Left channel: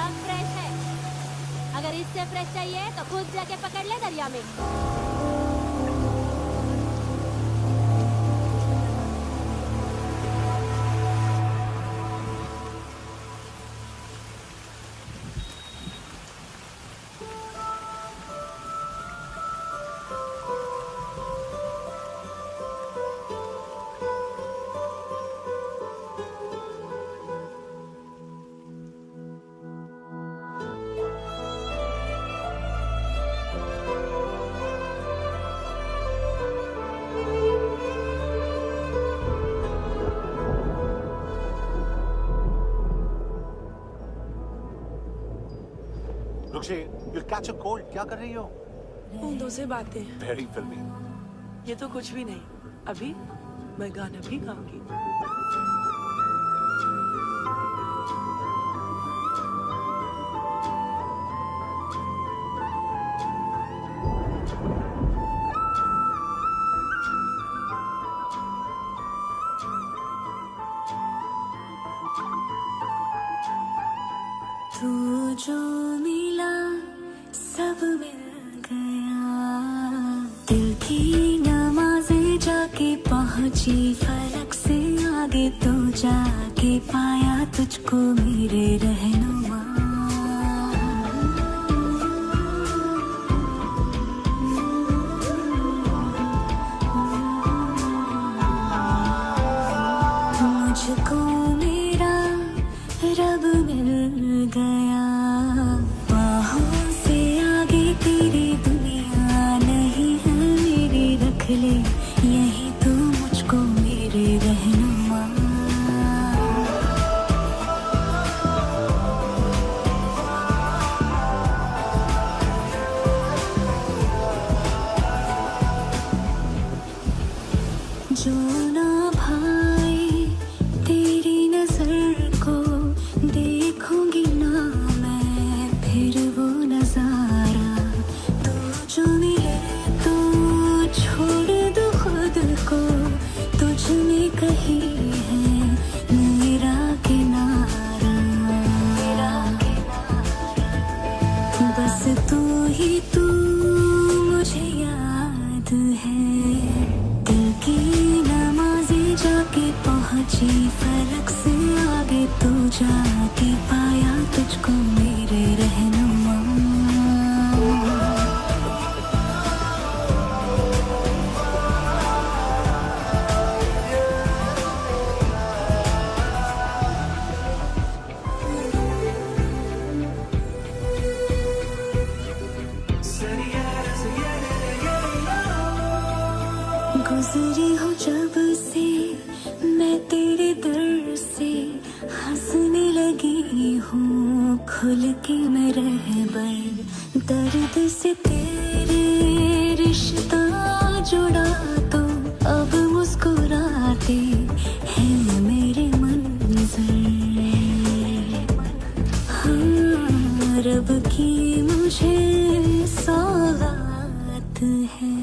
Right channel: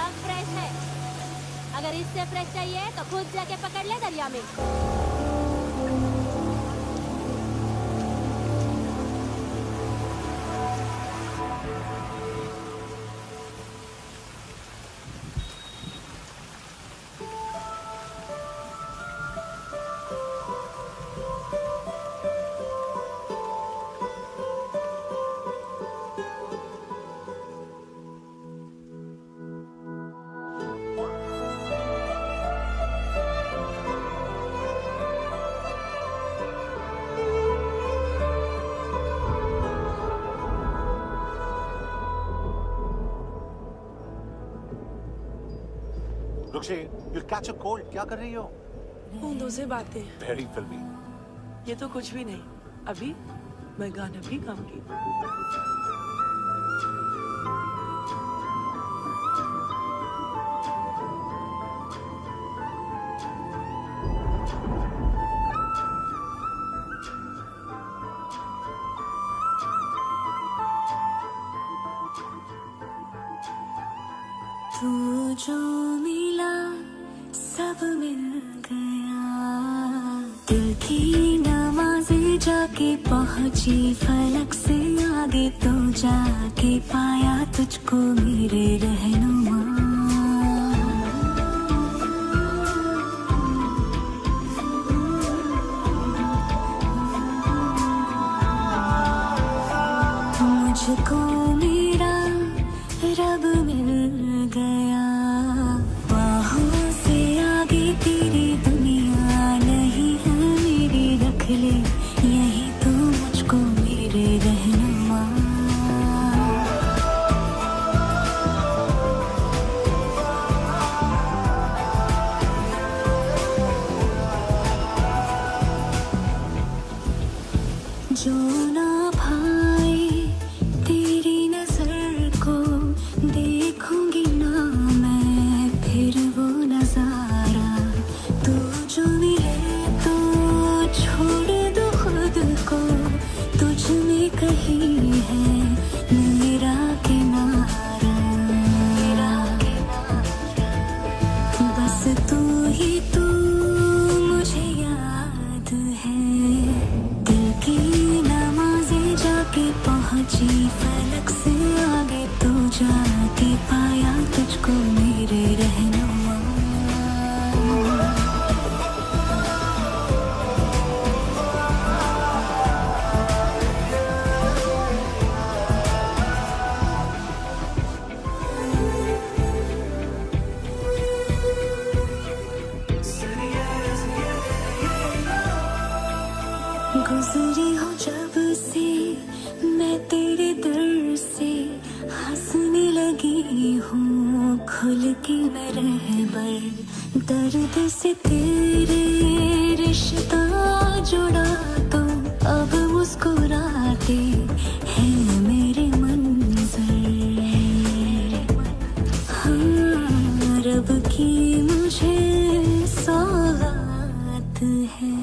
सब फ्रेश है। अगर इससे फ्रेश चाहिए तो खुद जाके पकड़ ले दरिया में। रुक्षी, you'll catch a cold. क्या कर रही हो? ऊँटों से बातें। Very filmy. ये तो कुछ भी नहीं। अभी मैं गाना भी गाऊंगी। तू जो मिला सब मिल गया, दिल की नमाज़ें जाके पहुंची फलक से आगे, तो जाके पाया तुझको मेरे रहनुमा। मुझको मेरा रब मिल गया, बाहों से आगे तेरी दुनिया नहीं है मेरी, रख ले यही तू मुझको मेरे रहनुमा। जो ना भाई तेरी नजर को देखूंगी ना मैं फिर वो नजारा, तू जो मिले तो छोड़ दो खुद को, तुझ में कहीं है मेरा किनारा। बस तू ही तू मुझे याद है, दिल की नमाज़ें जाके पहुंची फलक से आगे, तो जाके पाया तुझको मेरे रहनुमा। गुजरी हूँ जब से मैं तेरे दर से, हंसने लगी हूँ खुल के मैं रहबर, दर्द से तेरे रिश्ता जुड़ा तो अब मुस्कुराते हैं मेरे मंजर। हाँ, रब की मुझे सौगात है,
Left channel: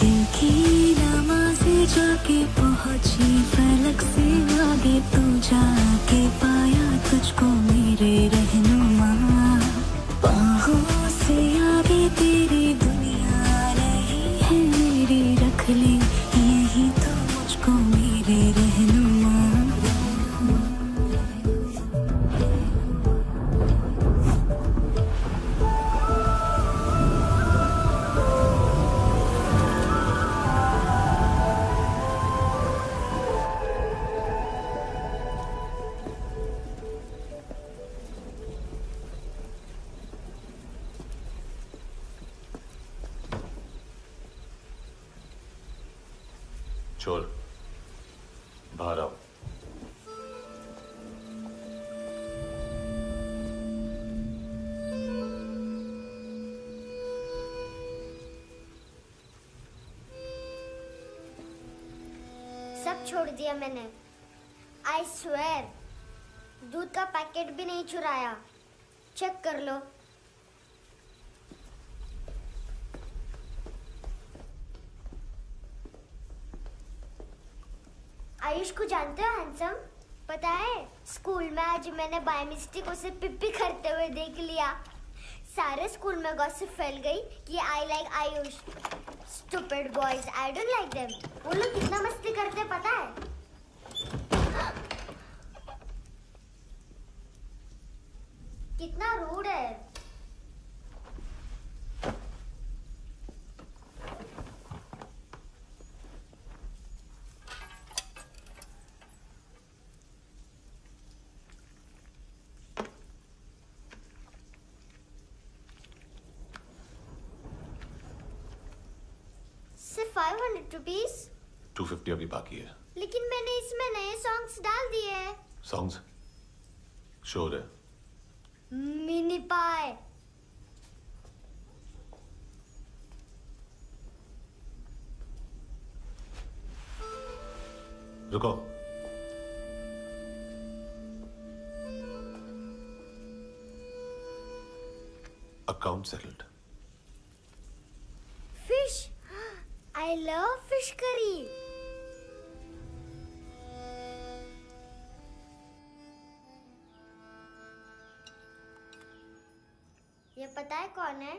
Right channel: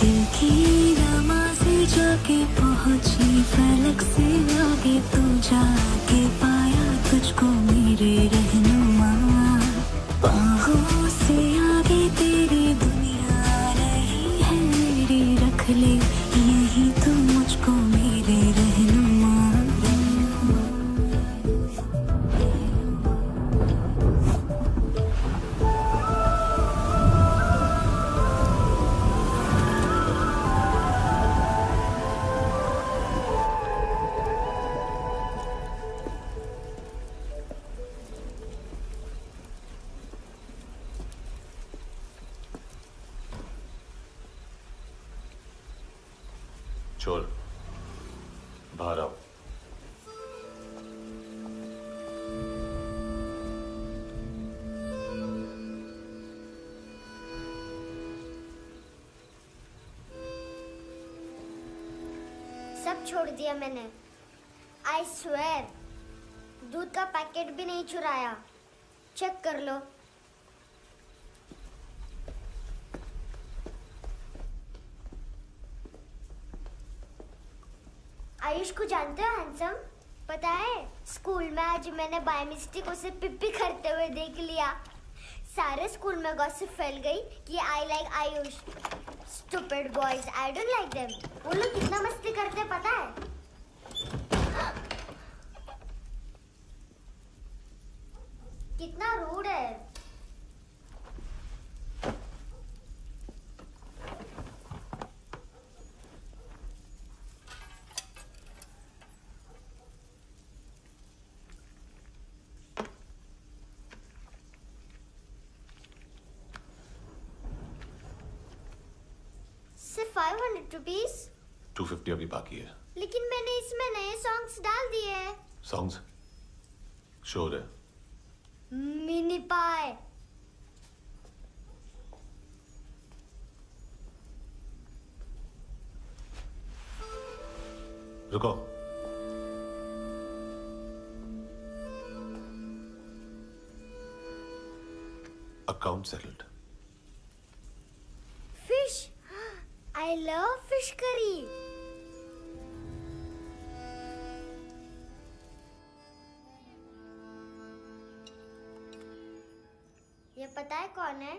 दिल की नमाज़ें जाके पहुंची फलक से आगे, तो जाके पाया तुझको मेरे रहनुमा। बाहों से आगे तेरी दुनिया नहीं है मेरी, रख ले यही तो मुझको मेरे रहनुमा। चोर, बाहर आओ। सब छोड़ दिया मैंने। आई स्वेयर, दूध का पैकेट भी नहीं चुराया। चेक कर लो। आयुष को जानते हो हैंडसम? पता है स्कूल में आज मैंने बाय मिस्टेक उसे पिप्पी करते हुए देख लिया। सारे स्कूल में गॉसिप फैल गई कि I like Ayush. Stupid boys, I don't like them. वो लोग कितना मस्ती करते हैं पता है? कितना रूड है। सिर्फ 500 रुपीज। 250 अभी बाकी है। लेकिन मैंने इसमें नए सॉन्ग्स डाल दिए हैं। सॉन्ग्स शोर है। मिनी पाए। रुको। Account settled. Fish. I love fish curry. ये पता है कौन है?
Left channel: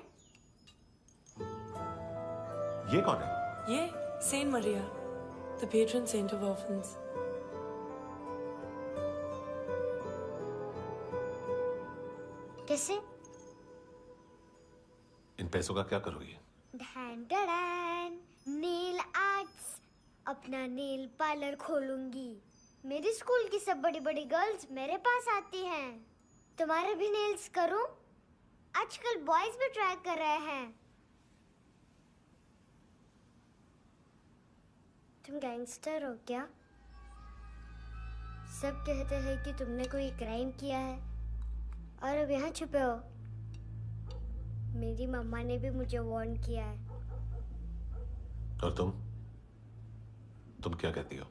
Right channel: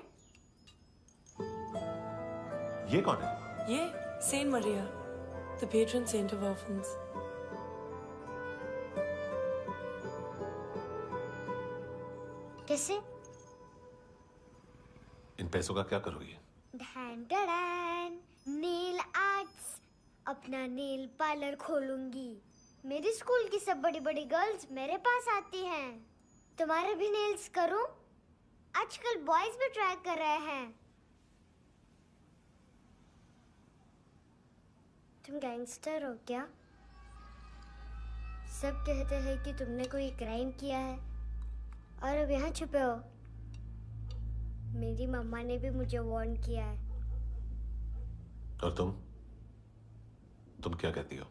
ये कौन है? ये Saint Maria, the patron saint of orphans. कैसे? इन पैसों का क्या करोगी? ढैन ढैन, नेल आर्ट्स। अपना नेल पार्लर खोलूंगी। मेरी स्कूल की सब बड़ी बड़ी गर्ल्स मेरे पास आती हैं। तुम्हारे भी नेल्स करूं? आजकल बॉयज भी ट्राई कर रहे हैं। तुम गैंगस्टर हो क्या? सब कहते हैं कि तुमने कोई क्राइम किया है और अब यहाँ छुपे हो। मेरी मम्मा ने भी मुझे वार्न किया है। और तुम क्या कहती हो?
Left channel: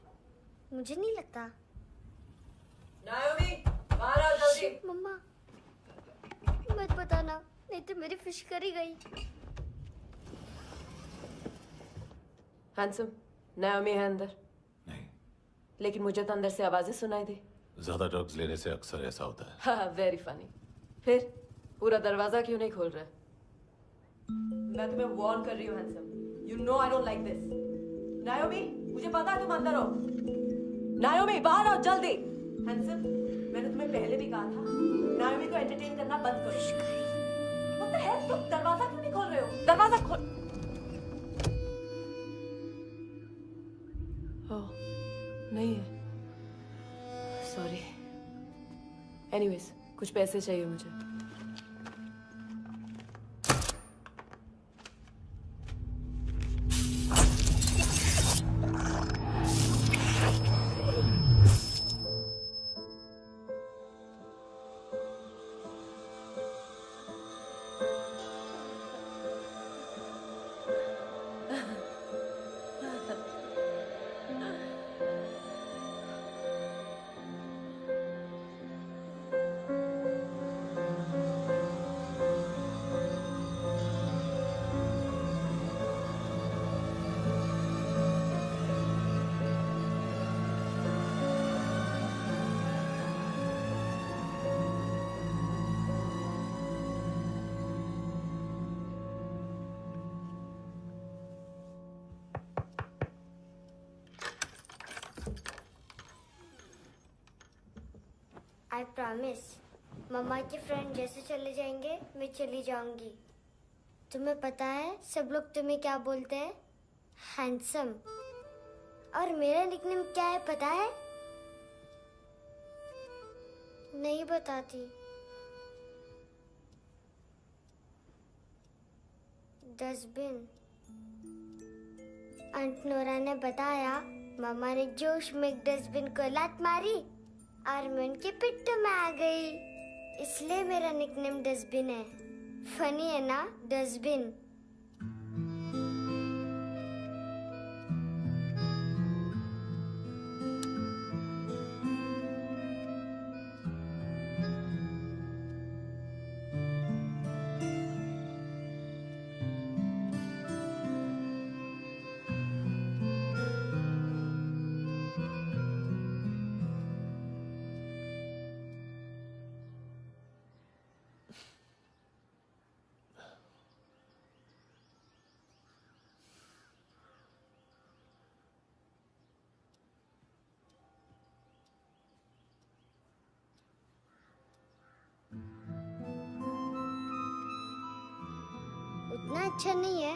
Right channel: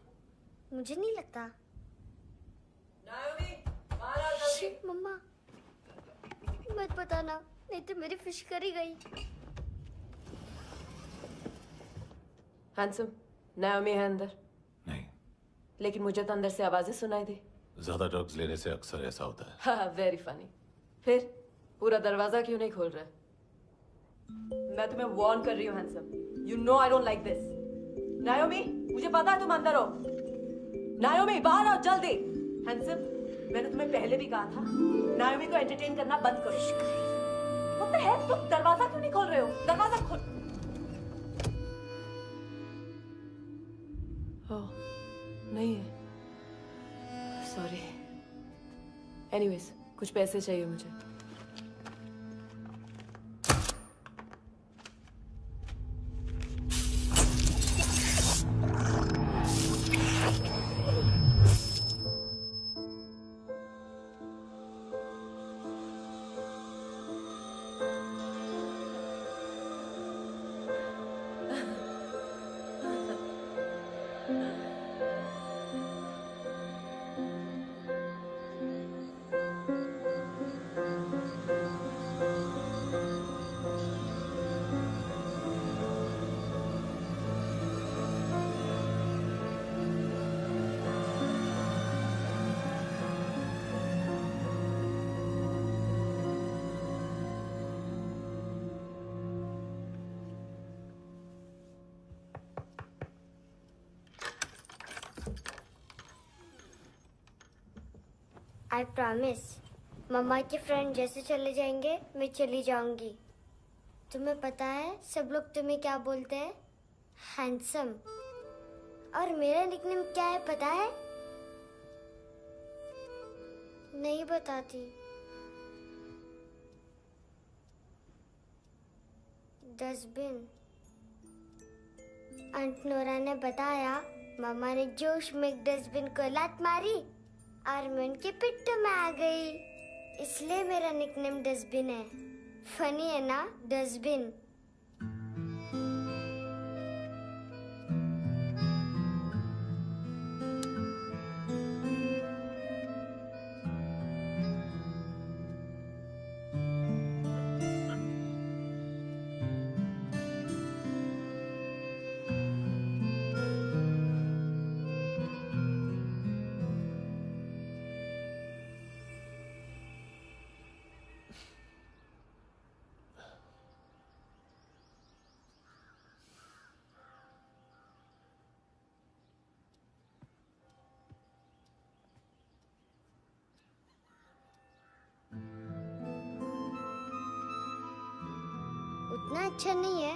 मुझे नहीं लगता। नायोमी, बाहर आओ जल्दी। शिट, मम्मा मत बताना, नहीं तो मेरी फिश करी गई। हैंडसम, नायोमी है अंदर। नहीं। लेकिन मुझे तो अंदर से आवाजें सुनाई दी। ज्यादा ड्रग्स लेने से अक्सर ऐसा होता है। हाँ, वेरी फनी। फिर पूरा दरवाजा क्यों नहीं खोल रहा? मैं तुम्हें वार्न कर रही हूँ handsome. You know I don't like this. नायोमी, मुझे पता है तुम अंदर हो। नायोमी, बाहर आओ जल्दी। हैंडसम, मैंने तुम्हें पहले भी कहा था नायोमी को एंटरटेन करना बंद करो। What the heck? तुम दरवाजा क्यों नहीं खोल रहे हो? दरवाजा खोल। ओह, नहीं है। सॉरी। एनीवेज, कुछ पैसे चाहिए मुझे। I promise. मम्मा के फ्रेंड जैसे चले जाएंगे मैं चली जाऊंगी। तुम्हें पता है सब लोग तुम्हें क्या बोलते हैं? हैंडसम। और मेरा निकनेम क्या है पता है? नहीं बताती। डस्टबिन। आंट नोरा ने बताया मामा ने जोश में एक डस्टबिन को लात मारी और मैं उनके पिट्ठू में आ गई, इसलिए मेरा निकनेम डस्टबिन है। फनी है ना डस्टबिन? इतना अच्छा नहीं है,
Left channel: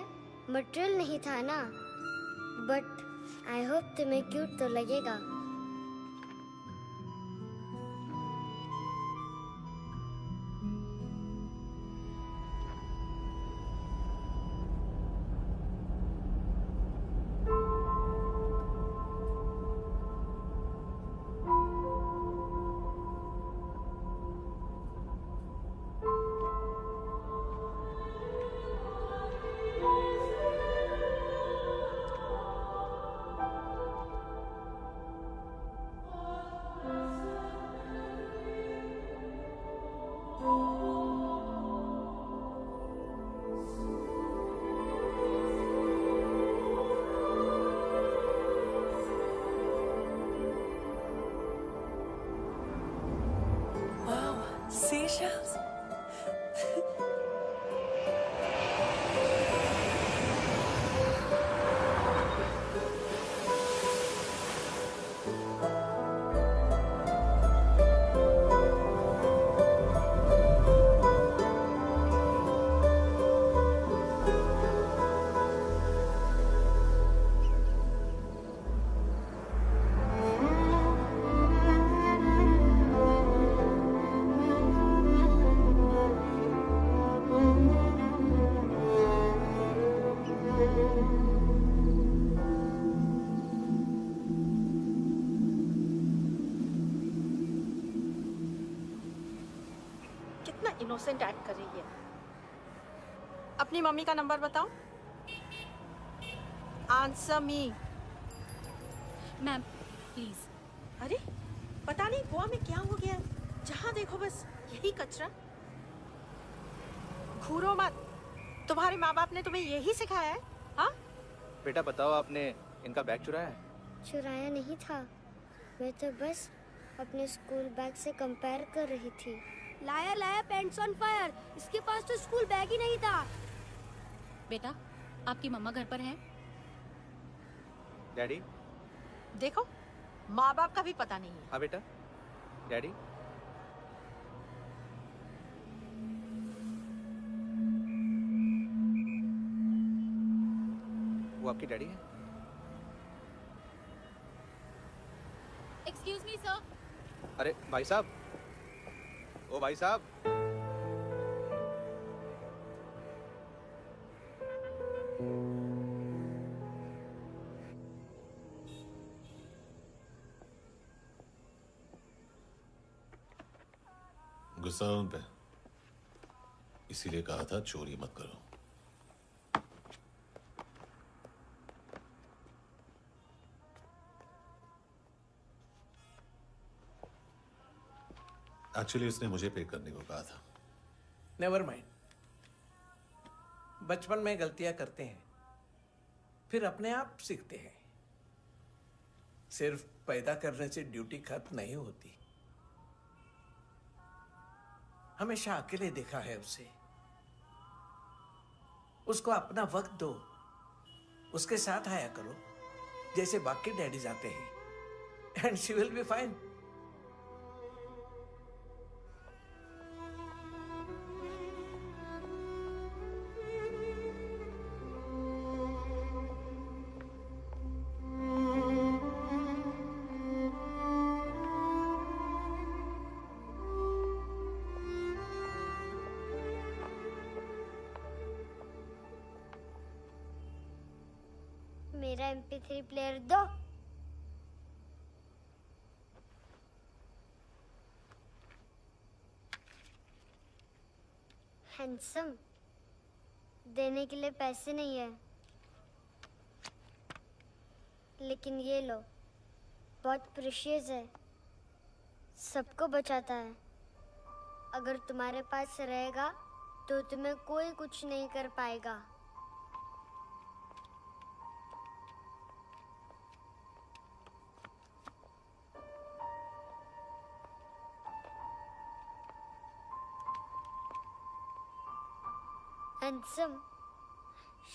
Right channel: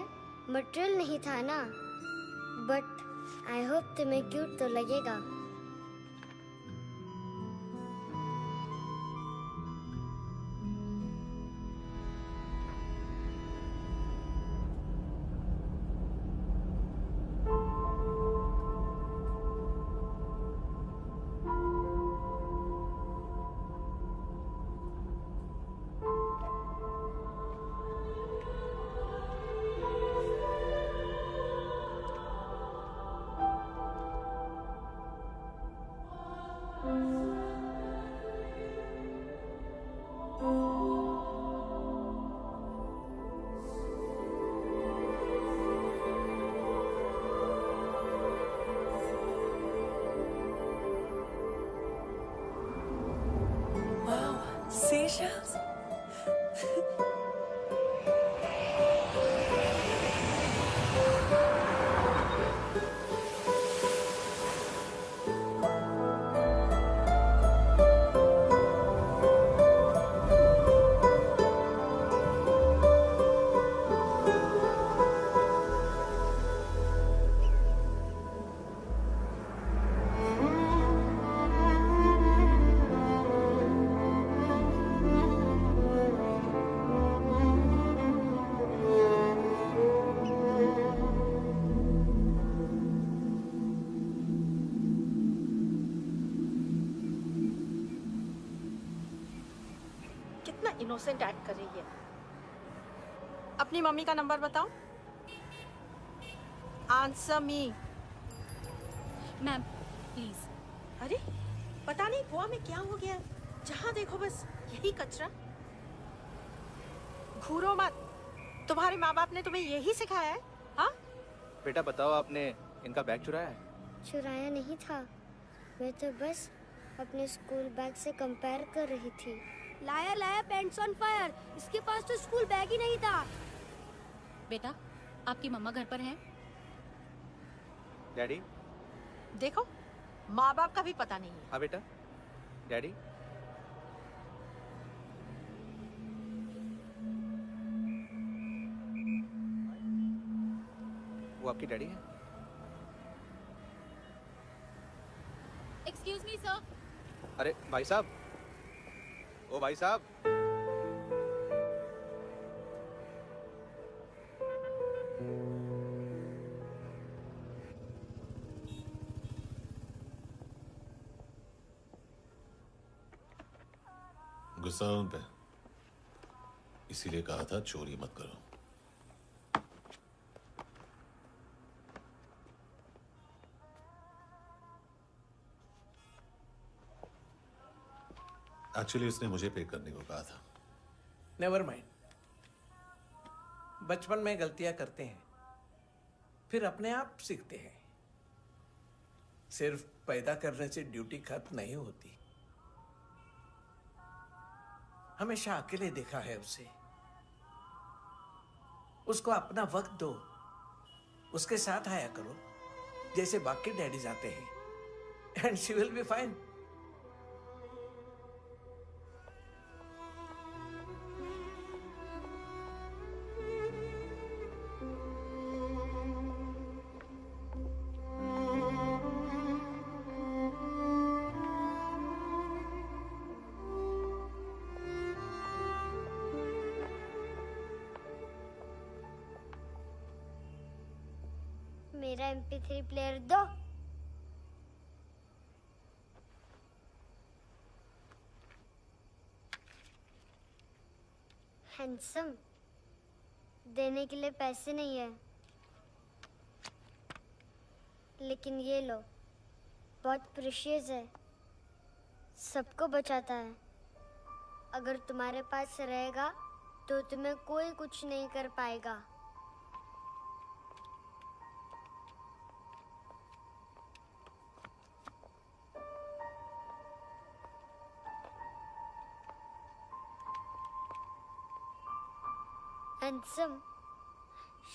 मटेरियल नहीं था ना। बट आई होप तुम्हें क्यूट तो लगेगा। Wow, seashells? कितना इनोसेंट एक्ट कर रही है। अपनी मम्मी का नंबर बताओ। Answer me. Ma'am please. अरे पता नहीं गोवा में क्या हो गया, जहाँ देखो बस यही कचरा। घूरो मत, तुम्हारे माँ बाप ने तुम्हें यही सिखाया है? हाँ बेटा बताओ, आपने इनका बैग चुराया है? चुराया नहीं था, मैं तो बस अपने स्कूल बैग से कंपेयर कर रही थी। लाया लाया पेंट्स ऑन फायर, इसके पास तो स्कूल बैग ही नहीं था। बेटा आपकी मम्मा घर पर हैं? डैडी? देखो माँ बाप का भी पता नहीं है। हाँ बेटा। डैडी? वो आपकी डैडी है? Excuse me sir. अरे भाई साहब, ओ भाई साहब। गुस्सा उन पे, इसीलिए कहा था चोरी मत करो। एक्चुअली उसने मुझे पे करने को कहा था। नेवर माइंड, बचपन में गलतियां करते हैं, फिर अपने आप सीखते हैं। सिर्फ पैदा करने से ड्यूटी खत्म नहीं होती। हमेशा अकेले देखा है उसे। उसको अपना वक्त दो, उसके साथ आया करो जैसे बाकी डैडीज आते हैं, and she will be fine. मेरा MP3 प्लेयर दो। हैंडसम, देने के लिए पैसे नहीं है, लेकिन ये लो, बहुत प्रीशियस है, सबको बचाता है। अगर तुम्हारे पास रहेगा तो तुम्हें कोई कुछ नहीं कर पाएगा। हैंडसम,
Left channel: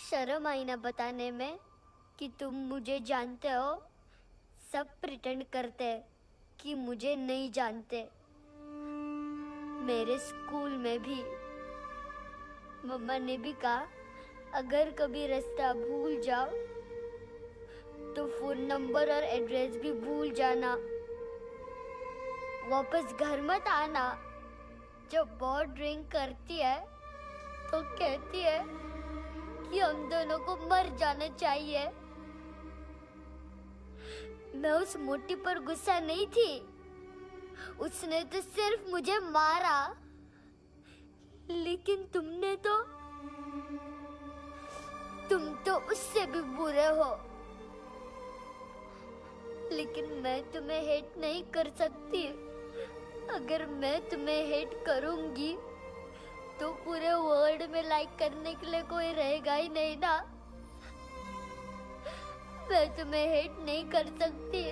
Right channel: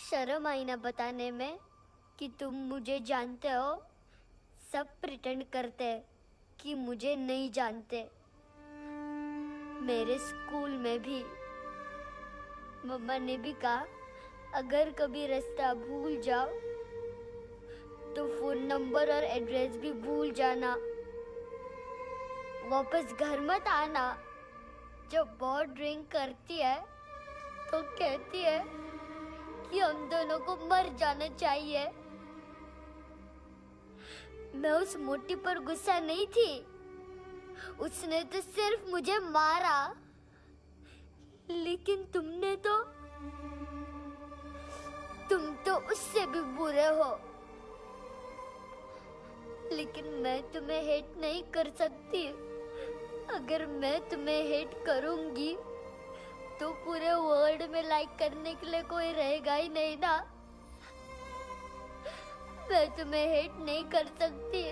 शर्म आई ना बताने में कि तुम मुझे जानते हो। सब प्रिटेंड करते हैं कि मुझे नहीं जानते। मेरे स्कूल में भी मम्मा ने भी कहा अगर कभी रास्ता भूल जाओ तो फोन नंबर और एड्रेस भी भूल जाना। वापस घर मत आना। जब बहुत ड्रिंक करती है तो कहती है कि हम दोनों को मर जाना चाहिए। मैं उस मोटी पर गुस्सा नहीं थी, उसने तो सिर्फ मुझे मारा। लेकिन तुम तो उससे भी बुरे हो। लेकिन मैं तुम्हें हेट नहीं कर सकती। अगर मैं तुम्हें हेट करूंगी तो पूरे वर्ल्ड में लाइक करने के लिए कोई रहेगा ही नहीं ना। मैं तुम्हें हेट नहीं कर सकती।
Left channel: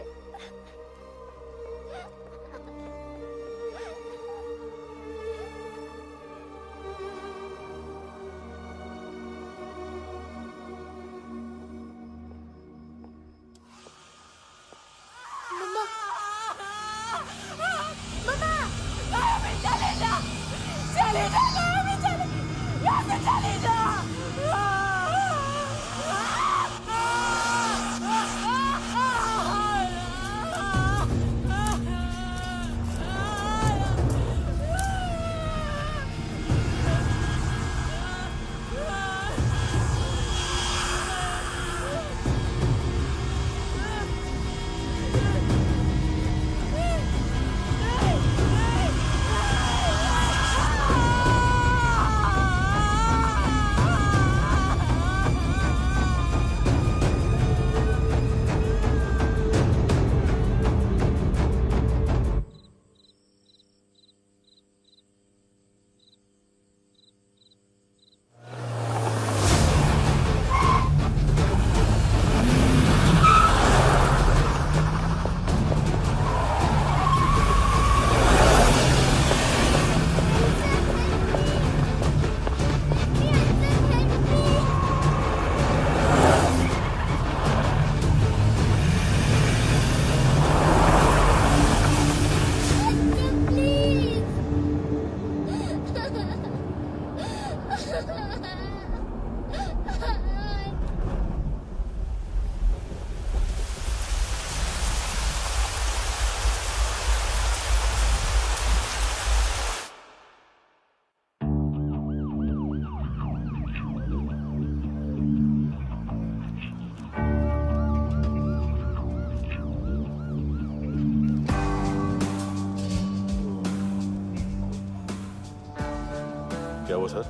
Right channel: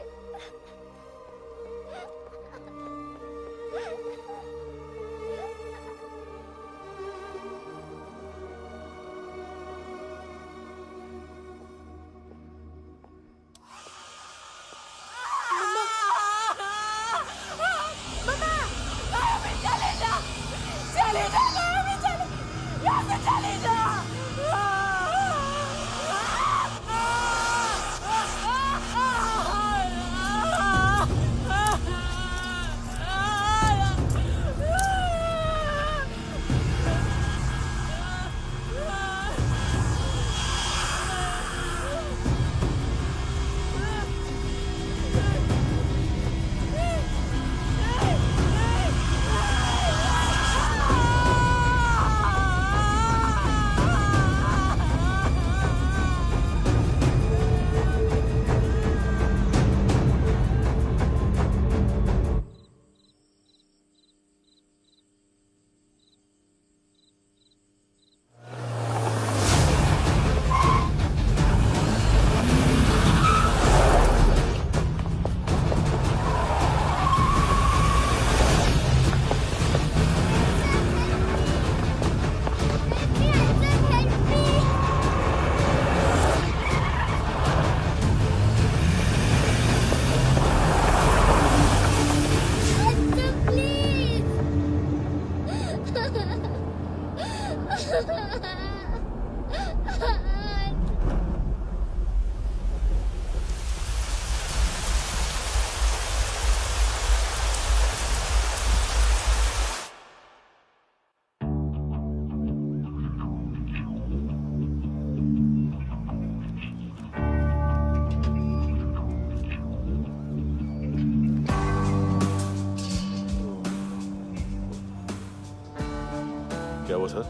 क्या हुआ सर?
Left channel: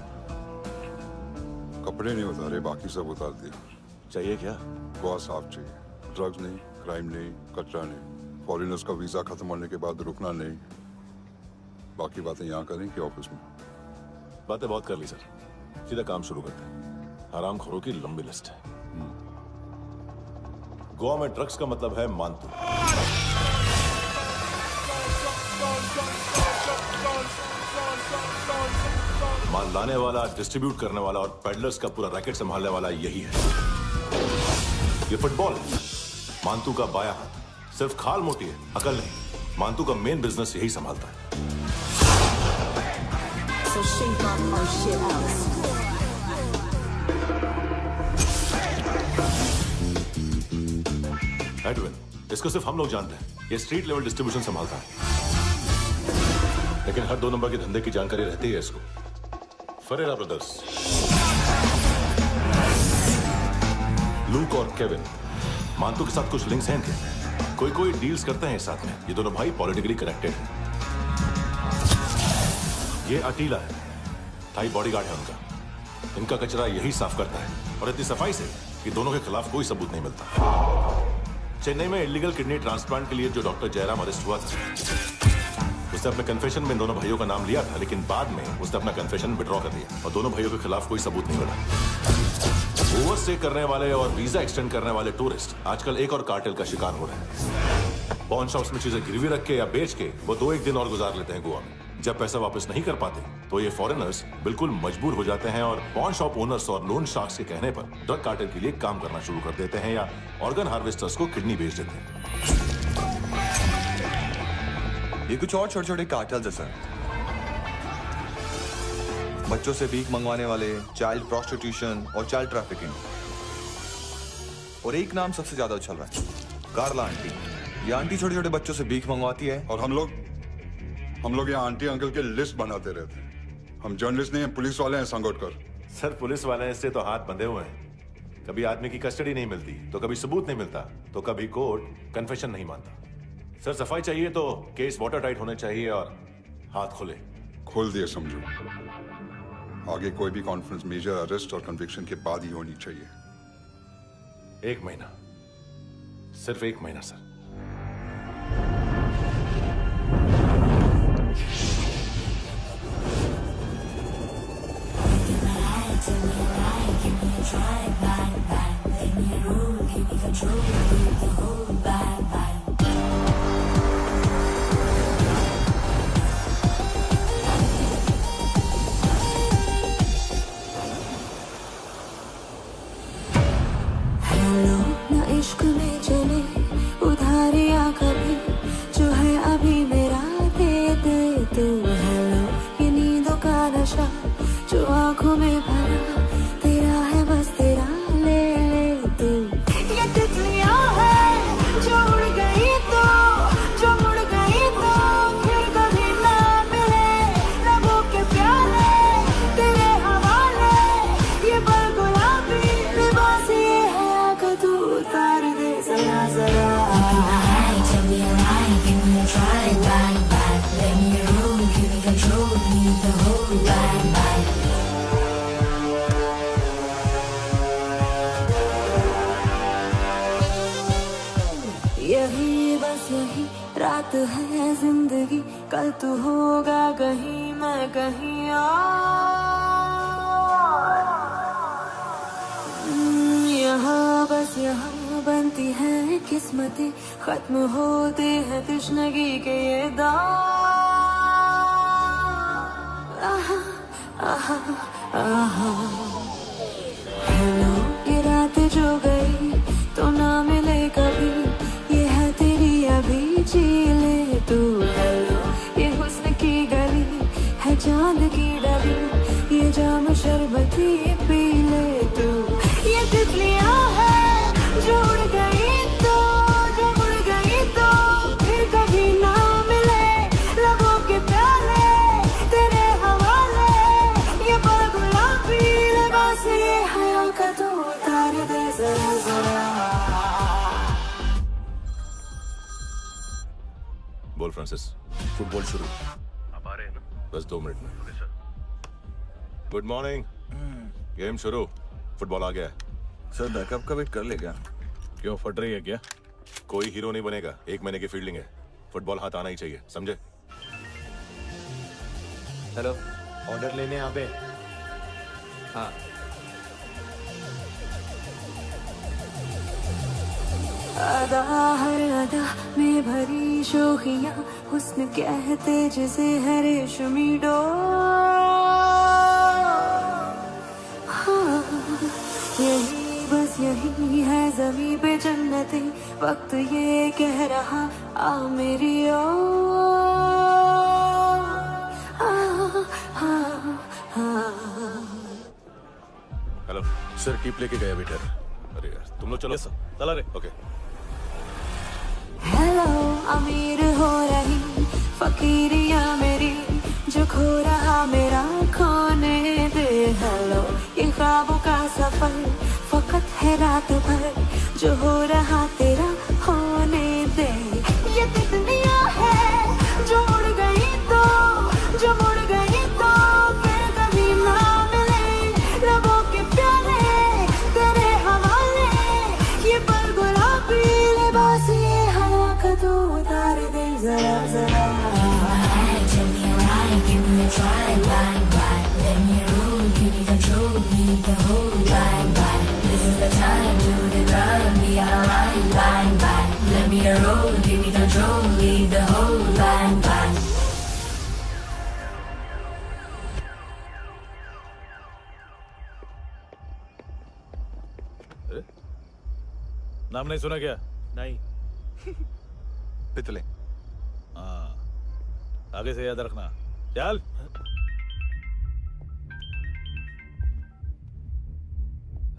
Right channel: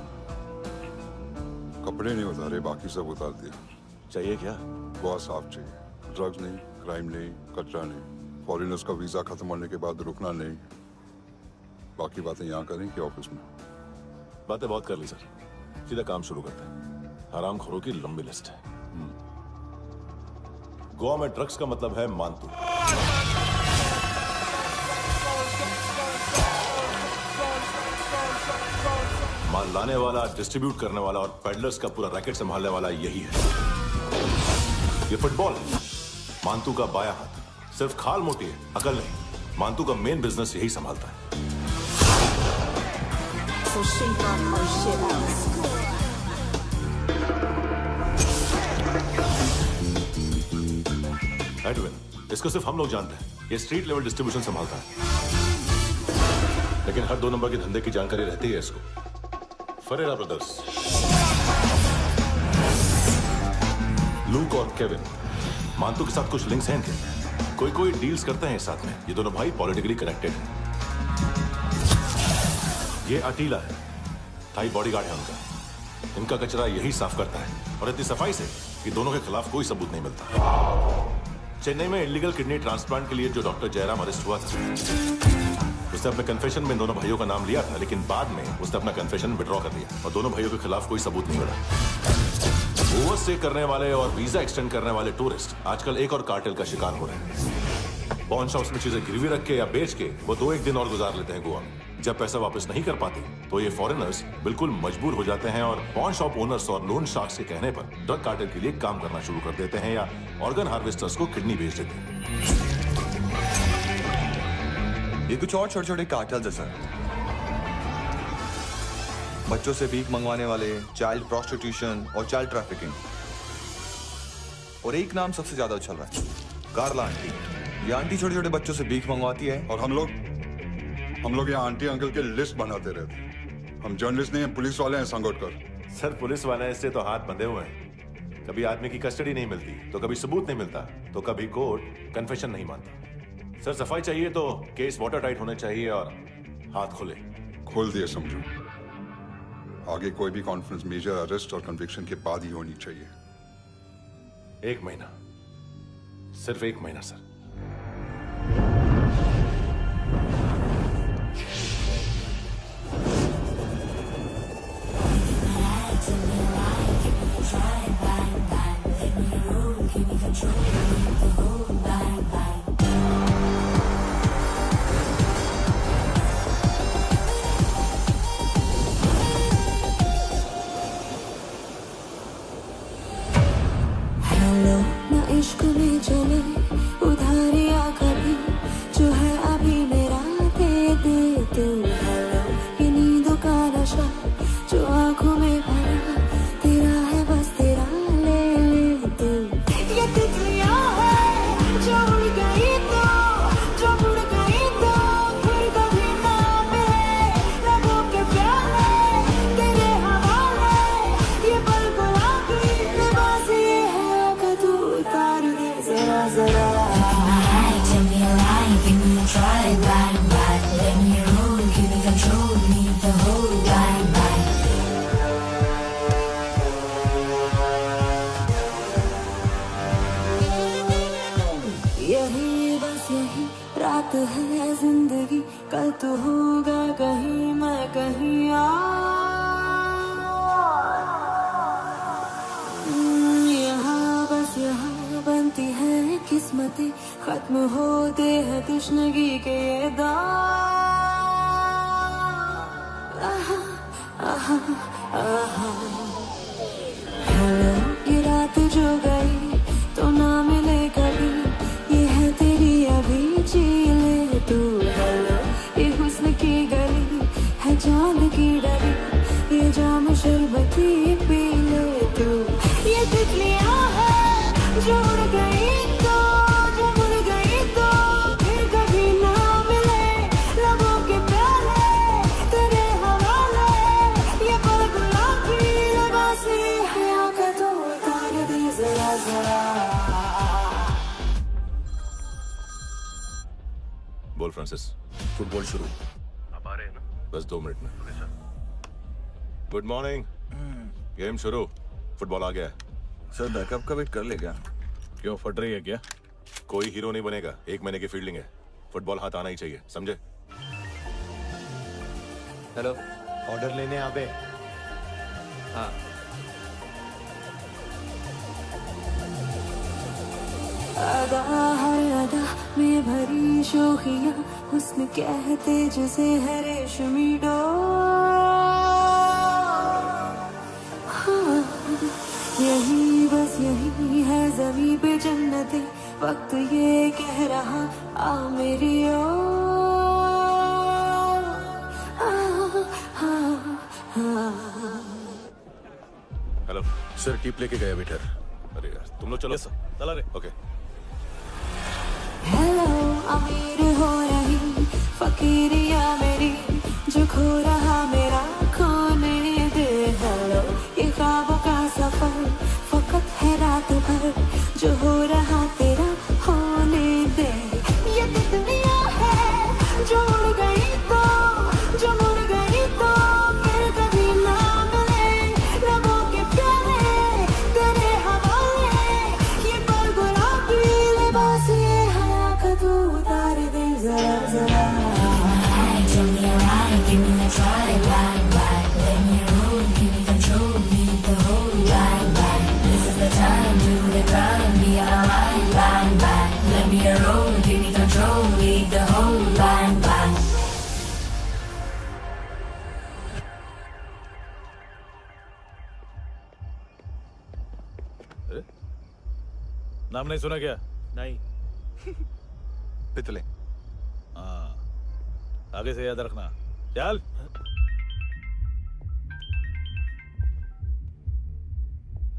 कपड़े नहीं उतारे, बाकी सब उतार दिया। चाहिए क्या? गोवा साफ चाहिए। ड्रग्स नहीं, क्राइम नहीं, कचरा नहीं। फॉरेनर्स का वीजा खत्म होने के बाद रुकना नहीं। बाकी बातें यहाँ करें कि ऑफिस में? बातें बहुत कर ली सर, सीधा काम शुरू करते हैं। हरामखोरों की लंबी लिस्ट है। गोवा में ड्रग्स का मतलब है मानतू। माल लाने वाला, डिस्ट्रीब्यूट करने वाला और पेडलर्स का पूरा रैकेट संभालने वाला यही है। ये फुटबॉल है, मानतू का बायां हाथ। सिर्फ खाल मोटी है, अकल नहीं। मानतू का मेन बिजनेस यही संभालता है। एडविन, इसको सिर्फ हम लोग जानते हैं। ये स्ट्रीट लेवल डिस्ट्रीब्यूशन संभालता है, लेकिन हर 2 नंबर के धंधे की जानकारी रहती है इसको। फरेरा ब्रदर्स, लूक और केविन, मानतू के साथ कुछ लिंक्स हैं इनके। कोई डील्स करते हैं साथ में। ये दोनों भाई पॉलिटिकली कनेक्टेड हैं। ये अटीला है, थाई बॉडीगार्ड है उनका। इनका कचरा यही साफ करता है, और इतनी सफाई से कि दोनों के खिलाफ कोई सबूत नहीं मिलता। चेन्नई में इलीगल किडनी ट्रांसप्लांट के लिए जो डॉक्टर जयराम अरेस्ट हुआ था, उसने अपने कन्फेशन में दोनों भाइयों का नाम लिया था, लेकिन बाद में उसने अपना कन्फेशन विड्रॉ कर लिया और दोनों भाइयों के खिलाफ कोई सबूत नहीं मिला। ओवरस्टे करने वाले और वीजा एक्सटेंड करने वाले टूरिस्ट आजकल एक और कार्टेल का शिकार हो रहे हैं। पॉन शॉप्स में चीजें गिरवी रख के या बेच के वो 2-1 दिन और गुजार लेते हैं गोवा में। जब पैसा वापस नहीं कर पाते तो ये फॉरेनर्स बिल्कुल मजबूर हो जाते हैं और पॉन शॉप ओनर्स और लोन शार्क्स के कहने पर ड्रग कार्टेल के लिए काम करना शुरू कर देते हैं या ऑर्गन हार्वेस्टर्स को किडनी बेच देते हैं। ये कुछ और छोटे-छोटे कार्टेल्स है सर। बच्चों से भीख मंगवाने वाले, चाइल्ड प्रोस्टिट्यूशन और चाइल्ड ट्रैफिकिंग। और एक नाम सबसे ज्यादा उछल रहा है, कार्ला आंटी। ये आंटी छोटे छोटे बच्चों से भीख मंगवाती है। और हम लोग यहाँ आंटी अंकल के लिस्ट बनाते रहते। हम जर्नलिस्ट नहीं हैं, पुलिस वाले हैं संगोटकर। सर पुलिस वाले इससे तो हाथ बंधे हुए हैं। कभी आदमी की कस्टडी नहीं मिलती, तो कभी सबूत नहीं मिलता, तो कभी कोर्ट कन्फेशन नहीं मानता। सर सफाई चाहिए तो केस वाटर टाइट होने चाहिए और हाथ खुले। खोल दिए समझो। आगे कोई भी कॉन्फ्रेंस मेजर अरेस्ट और कन्विक्शन के बाद ही होनी चाहिए। 1 महीना, सिर्फ 1 महीना सर। हेलो ना इश्क में चले उधारिया कभी, जो है अभी मेरा दे दे तू। हेलो ये नींदों का नशा जो आंखों में भरा, तेरा है बस तेरा, ले ले तू। ये तितलियां है जो उड़ गई तो, जो उड़ गई तो फिर कभी ना मिले। लबों के प्याले तेरे हवाले, ये पल गुलाबी लिबास ये है आका, तू उतार दे जरा जरा। Tell me a lie, give me a try, bye bye. Let me roll, give me control, need the whole bye bye. यही बस यही रात है जिंदगी, कल तू होगा कहीं मैं कहीं और। यहाँ बस यहाँ बनती है किस्मतें, खत्म होते हैं तश्नगी के ये दाग। आहा आहा आहा। हेलो ये रात जो गई तो ना मिले कभी, ये है तेरी अभी, जी ले तू। हेलो ये हुस्न की गली है चांद की डली, ये जाम शरबती पी ले तू। ये तितलियां है जो उड़ गई तो, जो उड़ गई तो फिर कभी ना मिले। लबों के प्याले तेरे हवाले, ये पल गुलाबी लिबास ये हया का, तो उतार दे जरा जरा। बोल फ्रांसिस। फुटबॉल शुरू। आप आ रहे हैं ना? बस 2 मिनट में। Good morning. गेम शुरू। फुटबॉल आ गया है। सर बैकअप का वेट कर ले क्या? क्यों फट रही है क्या? कोई हीरो नहीं बनेगा, 1 महीने की फील्डिंग है। फुटबॉल हाथ आना ही चाहिए, समझे? हेलो, ऑर्डर लेने आबे। हाँ। अदा हर अदा में भरी शोखियां, हुस्न कहते जिसे है रेशमी हाँ, यही बस यही है ज़मीं पे जन्नते, वक्त ये कह रहा आ मेरी हेलो सर, टिप लेके गया वेटर। अरे यार तुम लोग चलो। चला रे। ओके। हेलो अमीर हो रही फकीरिया मेरी, जो खो रहा मेरा खोने दे। हेलो ये ख्वाबों का सफर फकत है रात भर, जो हो रहा तेरा होने दे। ये तितलियां है जो उड़ गई तो, जो मुड़ गई तो फिर कभी ना मिले। लबों के प्याले तेरे हवाले, ये पल गुलाबी लिबास ये हवा का, तू उतार दे जरा जरा। Tell me a lie, give me a try, bye bye. Let me roll, give me control, need the whole bye bye. This is the time, do the crime, be alive, bye bye. Let me roll, give me control, leave the whole bye bye. नाम नहीं सुना क्या? नहीं। पितले। हाँ, आगे से याद रखना। चल।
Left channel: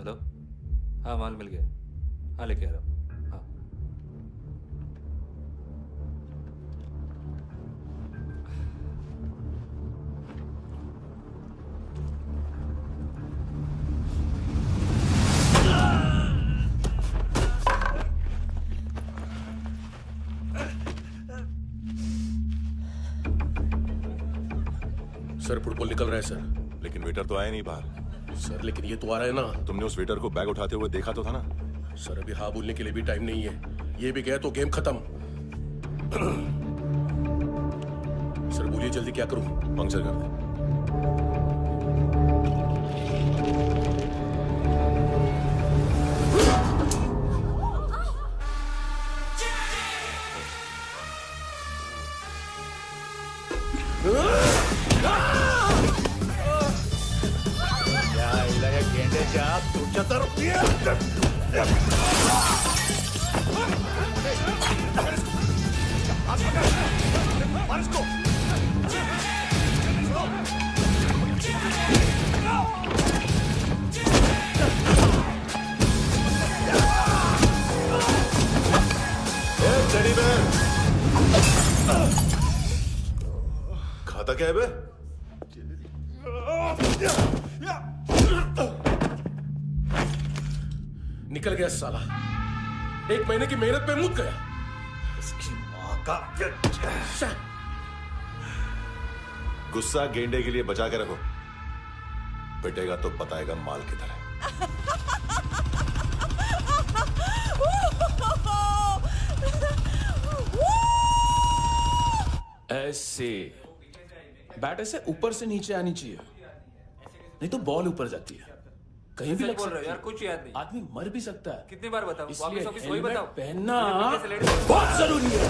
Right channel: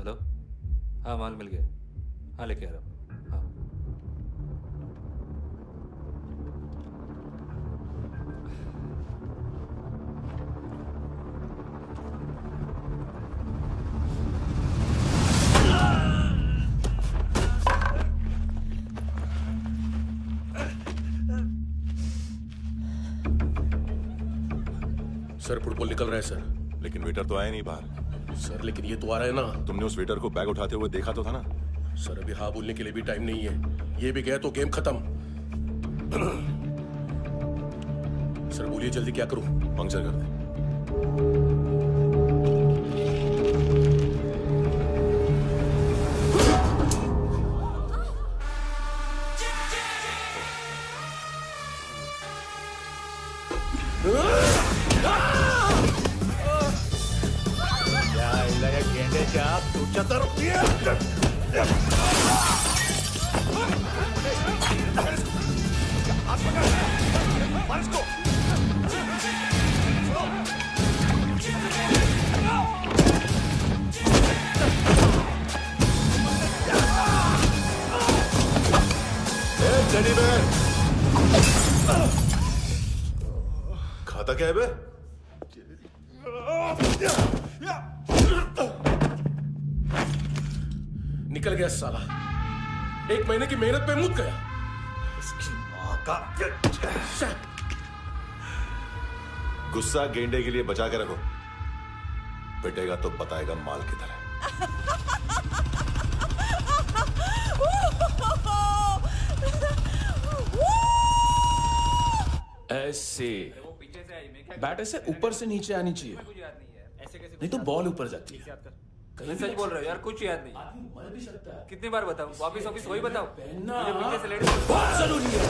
हेलो, हाँ माल मिल गया, हाँ लेके आ रहा हूँ, हाँ। सर फुटबॉल निकल रहा है सर। लेकिन वेटर तो आया नहीं बाहर। सर लेकिन ये तो आ रहा है ना। तुमने उस वेटर को बैग उठाते हुए देखा तो था ना। सर अभी हाँ बोलने के लिए भी टाइम नहीं है, ये भी गया तो गेम खत्म। सर बोलिए जल्दी क्या करूं? पंक्चर कर दे। खाता क्या है बे? निकल गया साला, 1 महीने की मेहनत पे मुक गया। इसकी माँ का गुस्सा गेंडे के लिए बचा के रखो, पिटेगा तो बताएगा माल किधर है। ऐसे बैट ऐसे ऊपर से नीचे आनी चाहिए, नहीं तो बॉल ऊपर जाती है। कहीं भी बोल रहे हो यार, कुछ याद नहीं। आदमी मर भी सकता है। कितनी बार बताओ? वापिस ऑफिस वही बताओ। पहनना बहुत जरूरी है,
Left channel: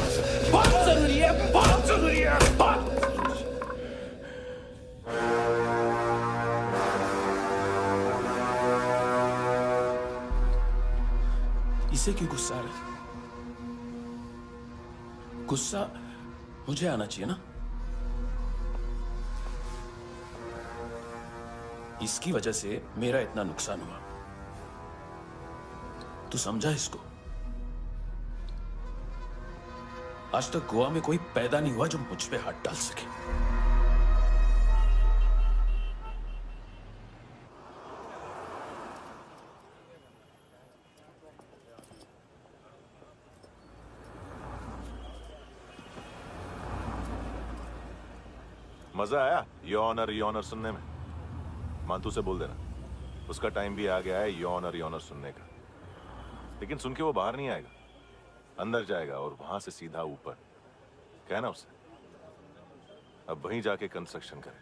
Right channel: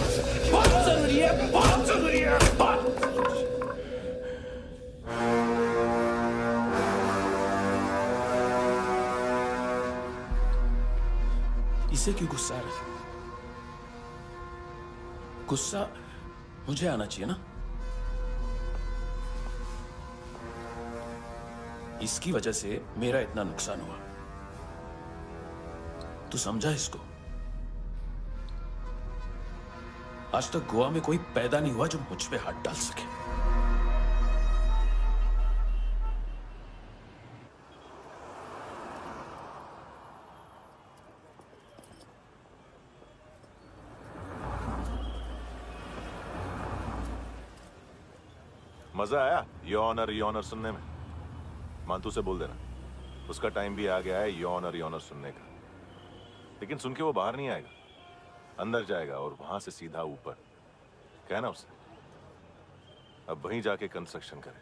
बहुत जरूरी है, बहुत जरूरी है, बहुत जरूरी है। इसे क्यों गुस्सा आ रहा है? गुस्सा मुझे आना चाहिए ना। इसकी वजह से मेरा इतना नुकसान हुआ, तू समझा इसको? आज तक गोवा में कोई पैदा नहीं हुआ जो मुझ पे हाथ डाल सके। मजा आया यॉनर सुनने में? मानतू से बोल देना, उसका टाइम भी आ गया है यॉनर सुनने का। लेकिन सुन के वो बाहर नहीं आएगा, अंदर जाएगा और वहां से सीधा ऊपर। कहना उसे अब वहीं जाके कंस्ट्रक्शन करे।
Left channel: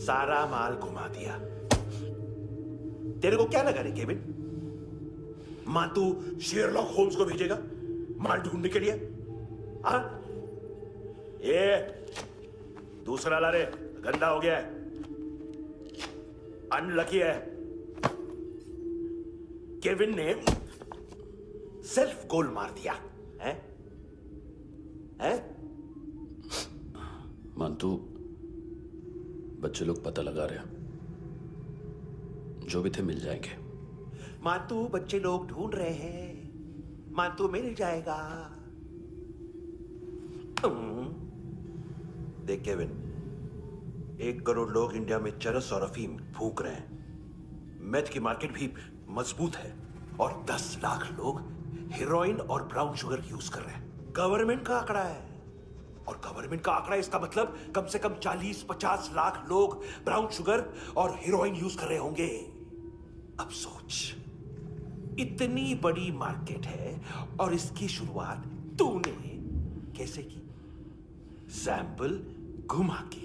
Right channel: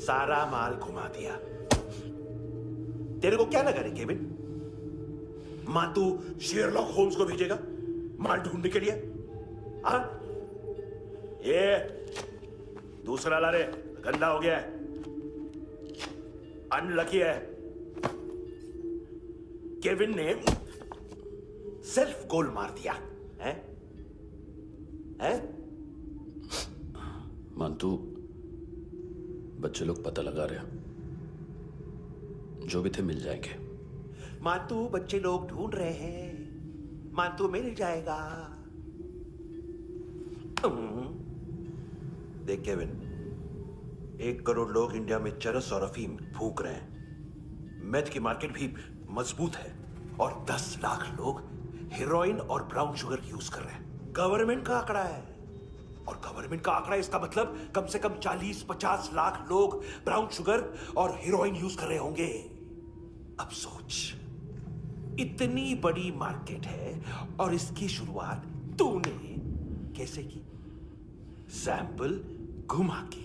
सारा माल घुमा दिया। तेरे को क्या लगा रे केविन? मां तू शेरलॉक होम्स को भेजेगा माल ढूंढने के लिए? हाँ? ये दूसरा ला रे, गंदा हो गया है, अनलकी है। केविन ने सेल्फ गोल मार दिया है? है? मानतू, बच्चे लोग पता लगा रहे हैं, जो भी थे मिल जाएंगे। मानतू बच्चे लोग ढूंढ रहे हैं, मानतू मिल जाएगा। देख केविन, 1 करोड़ लोग इंडिया में चरस और अफीम फूंक रहे हैं। मेथ की मार्केट भी मजबूत है और 10 लाख लोग हेरोइन और ब्राउन शुगर यूज कर रहे हैं। गवर्नमेंट का आंकड़ा है, और गवर्नमेंट का आंकड़ा इसका मतलब कम से कम 40-50 लाख लोग ब्राउन शुगर और हेरोइन यूज कर रहे होंगे। अब सोच, इतनी बड़ी मार्केट है और इसकी शुरुआत तूने कैसे की? सैंपल घुमा के।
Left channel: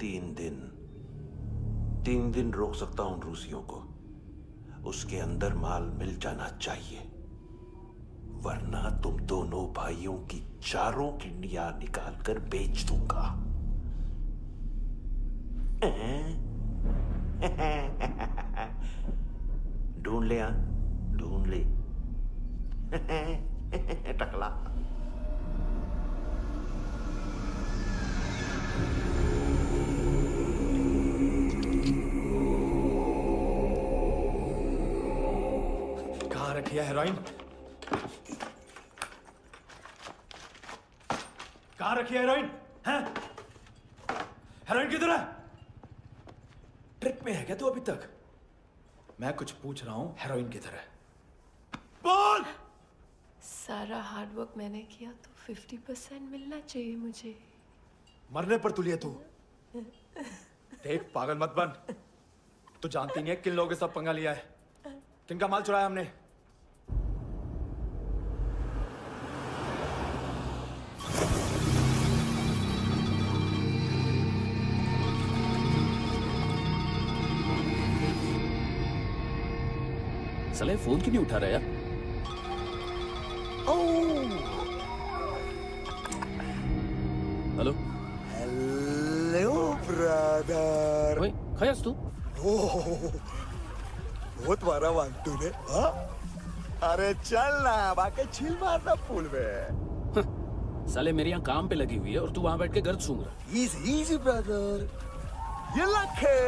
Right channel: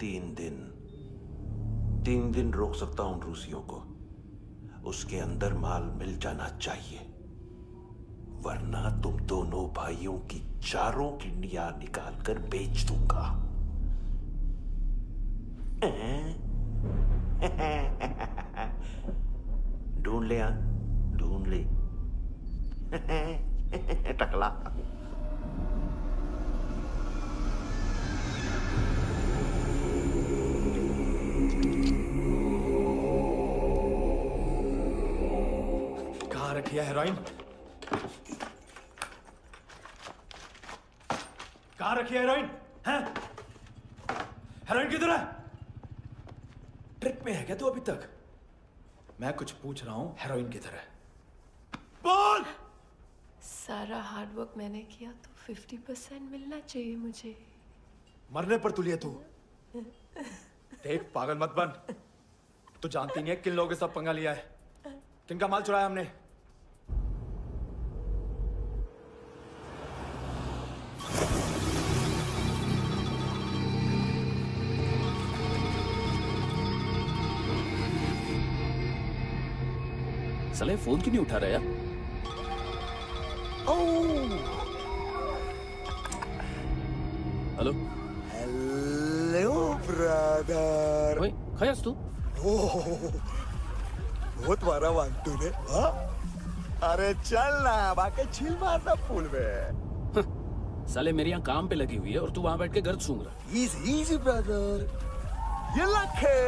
3 दिन रोक सकता हूं रूसियों को, उसके अंदर माल मिल जाना चाहिए, वरना तुम दोनों भाइयों की 4 किडनियां निकाल कर बेच दूंगा। ढूंढ ले, ढूंढ ले। टकला। कहाँ रखी है हेरोइन? कहाँ रखी है हेरोइन? हैं? हेरोइन किधर है? ट्रिप में है क्या तू अभी तक? मैं कुछ पूछ रहा हूँ, हेरोइन किधर है? बोल! सारा हार्डवर्क मैंने किया तो 50% मिलना चाहिए मुझे। मरने पर तुलिए तू। देख पागल मत बन। तू जानती नहीं है किन लोगों के साथ पंगा लिया है, किनका माल चुराया हमने। साले फोन क्यों नहीं उठा रहा यार? Hello hello brother. ओए खयास तू? बहुत मारा वांग तूने, हाँ? अरे चल ना, बाकी चिल मारना पूल में। साले मेरे यहाँ काम पे लगी हुई है और तू वहां बैठ के गर्द सूंघ रहा। इजी ब्रदर, ये लक है।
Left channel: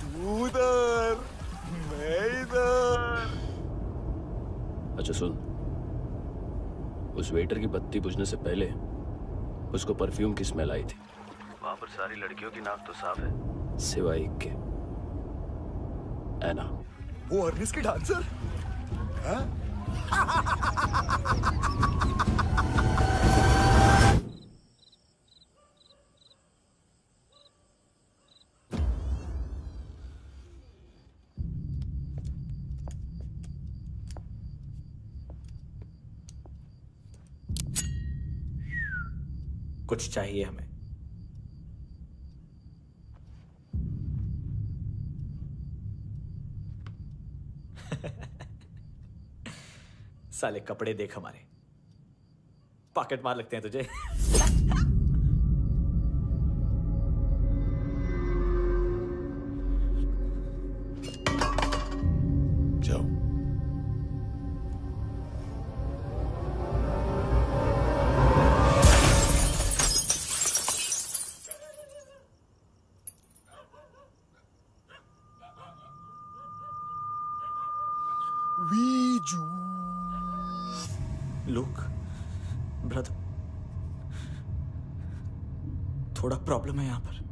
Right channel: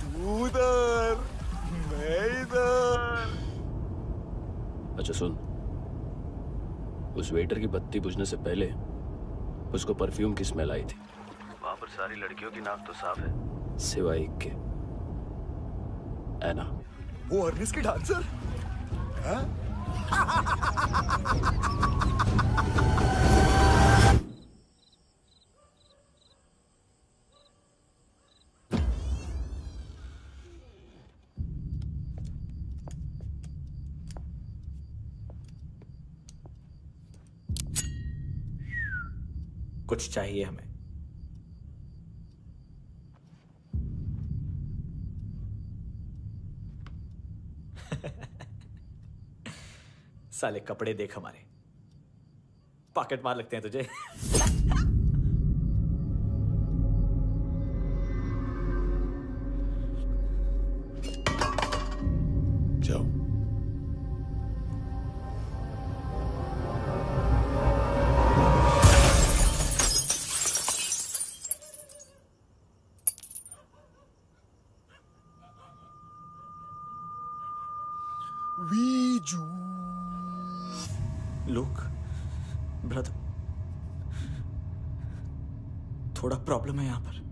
तू उधर, मैं इधर। अच्छा सुन, उस वेटर की बत्ती बुझने से पहले उसको परफ्यूम की स्मेल आई थी। वहां पर सारी लड़कियों की नाक तो साफ है, सिवाय एक के, एना। वो अर्निस की डांसर? हाँ? कुछ चाहिए हमें। साले कपड़े देख हमारे, पॉकेट मार लगते हैं तुझे। जाओ। लुक ब्रदर, थोड़ा प्रॉब्लम है यहां पर।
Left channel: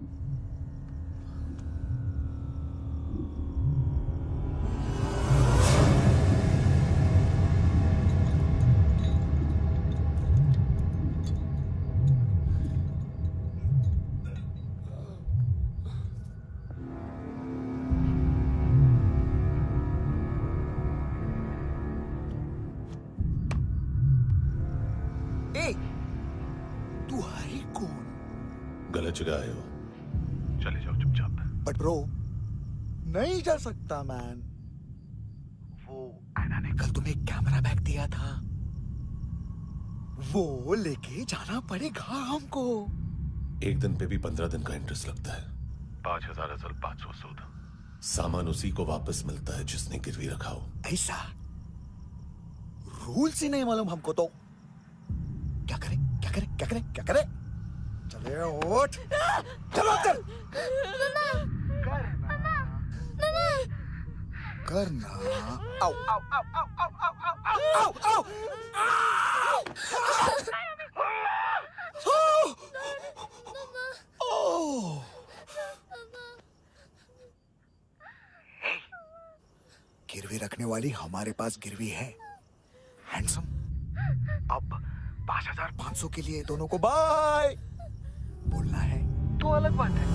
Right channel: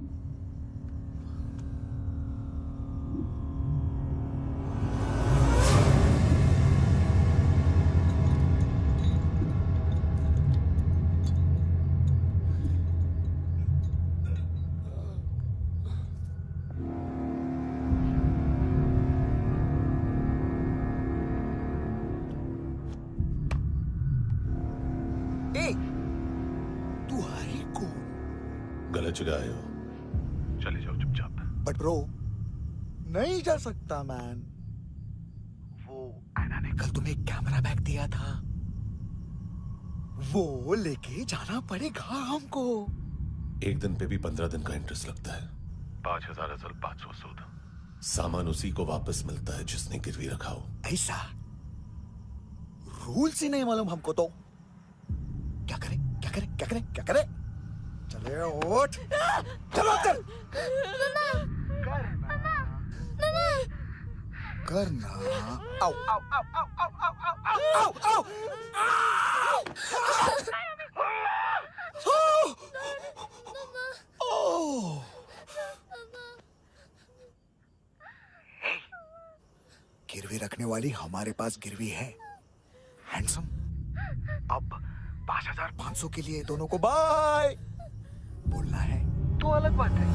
तू है कौन? गलत जगह आए हो, चले जाओ चुपचाप। बट ब्रो, नहीं जा सकता मैन। वो एना ने कल तुम्हें एक कैमरा बैग दिया था, वो लेके जाना पड़ेगा हमको। एक दिन पे भी 15 दिन का इंटरेस्ट लगता है। 5,000 असल 500 सूद। सामान उसी को वापस मिलता है जिसने गिरवी रखा हो। ऐसा रूल्स ही नहीं मालूम हमको तो। क्या करें क्या करें क्या करें क्या करें? चले उठ, चलो कर करना। आओ आओ आओ आओ आओ आओ आओ आओ। गिरवी रखने वाली हमारे पास गिरवी है। हैंडसम, अब 5,500 के लिए दोनों को बाय बोलना है तो अलग बात है।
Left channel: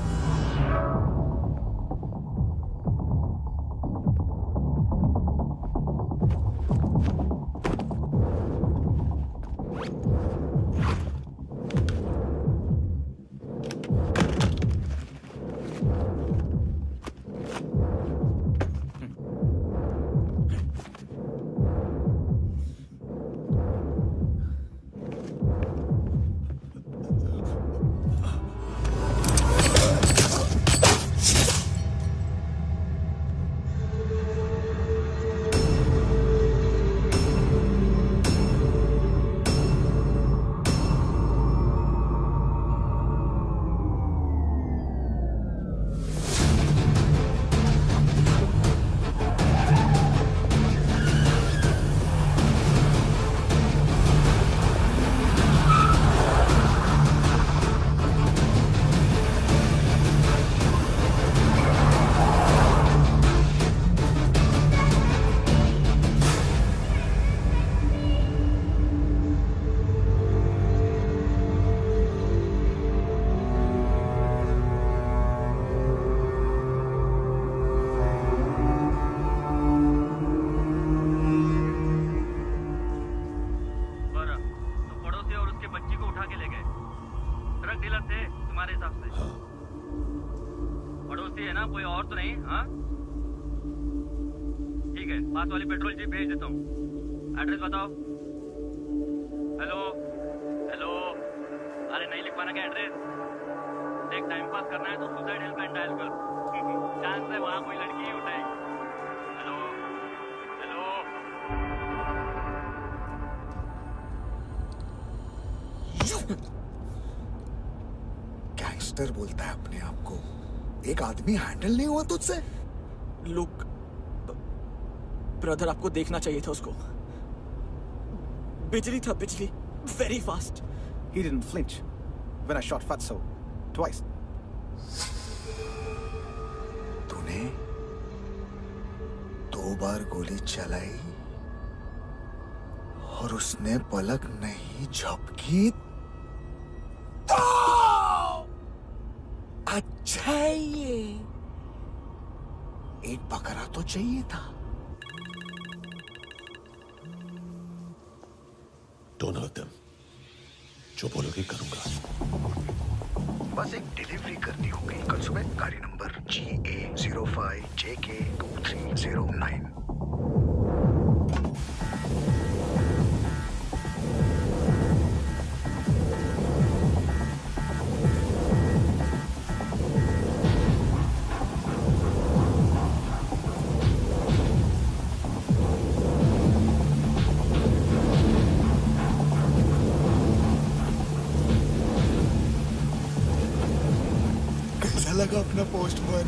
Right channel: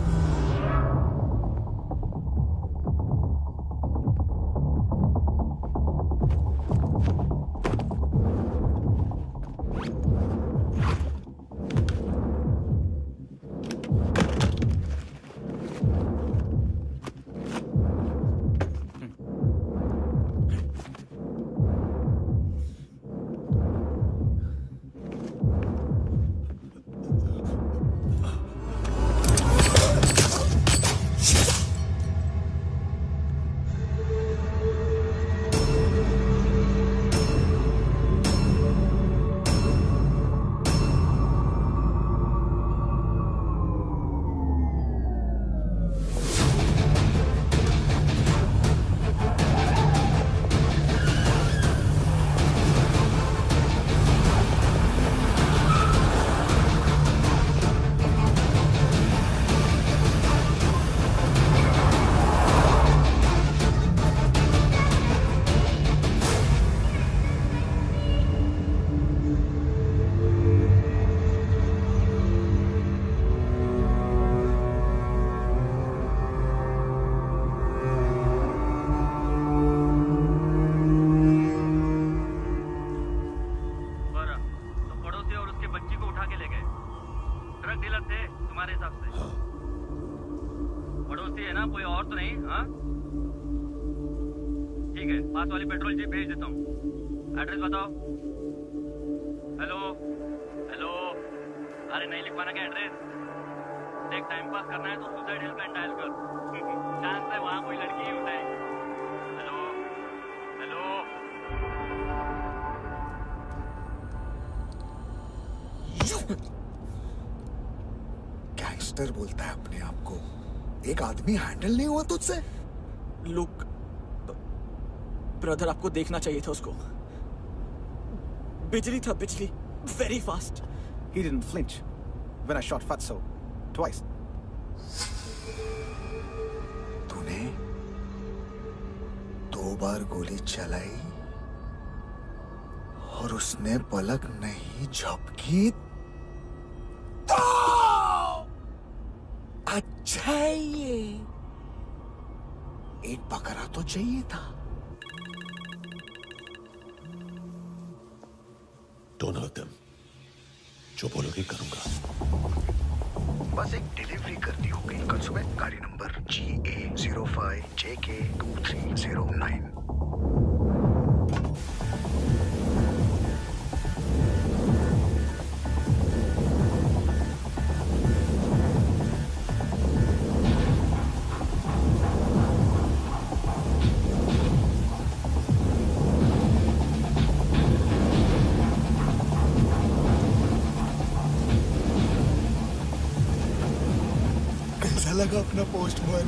ड्रग डीलर थे तुम्हारे हिसाब से? हाँ। पड़ोसी है ना, कोई और तो नहीं? हाँ ठीक है, पास वाली पेट्रोल जीप भेज देता हूँ। एड्रेस बताओ। हेलो हेलो, अरे नहीं लिख पाना क्या एड्रेस? देख टाइम पास करना है तो सुसाइड हेल्पलाइन डायल कर। चांस है वहाँ कोई लड़की ही उठाएगी। Hello hello. गैंगस्टर बोलता है अपने आप को। एक आदमी हैंडल नहीं हुआ तुझसे? लुक ब्रदर, आपको देखना चाहिए था उसको। बिजली था, बिजली, very fast. He didn't flinch when I shot Fatso twice. तूने 2 बार गोली चलाई और उसने पलक नहीं झपकी तो अच्छा है ये। एक बकरा तो चाहिए था। Don't hurt them. जो बोलोगे करूंगा। बस एक डिलीवरी करनी होगी कल सुबह। गाड़ी नंबर GA05JK2309। कैसा लगा अपना पोस्टमैन?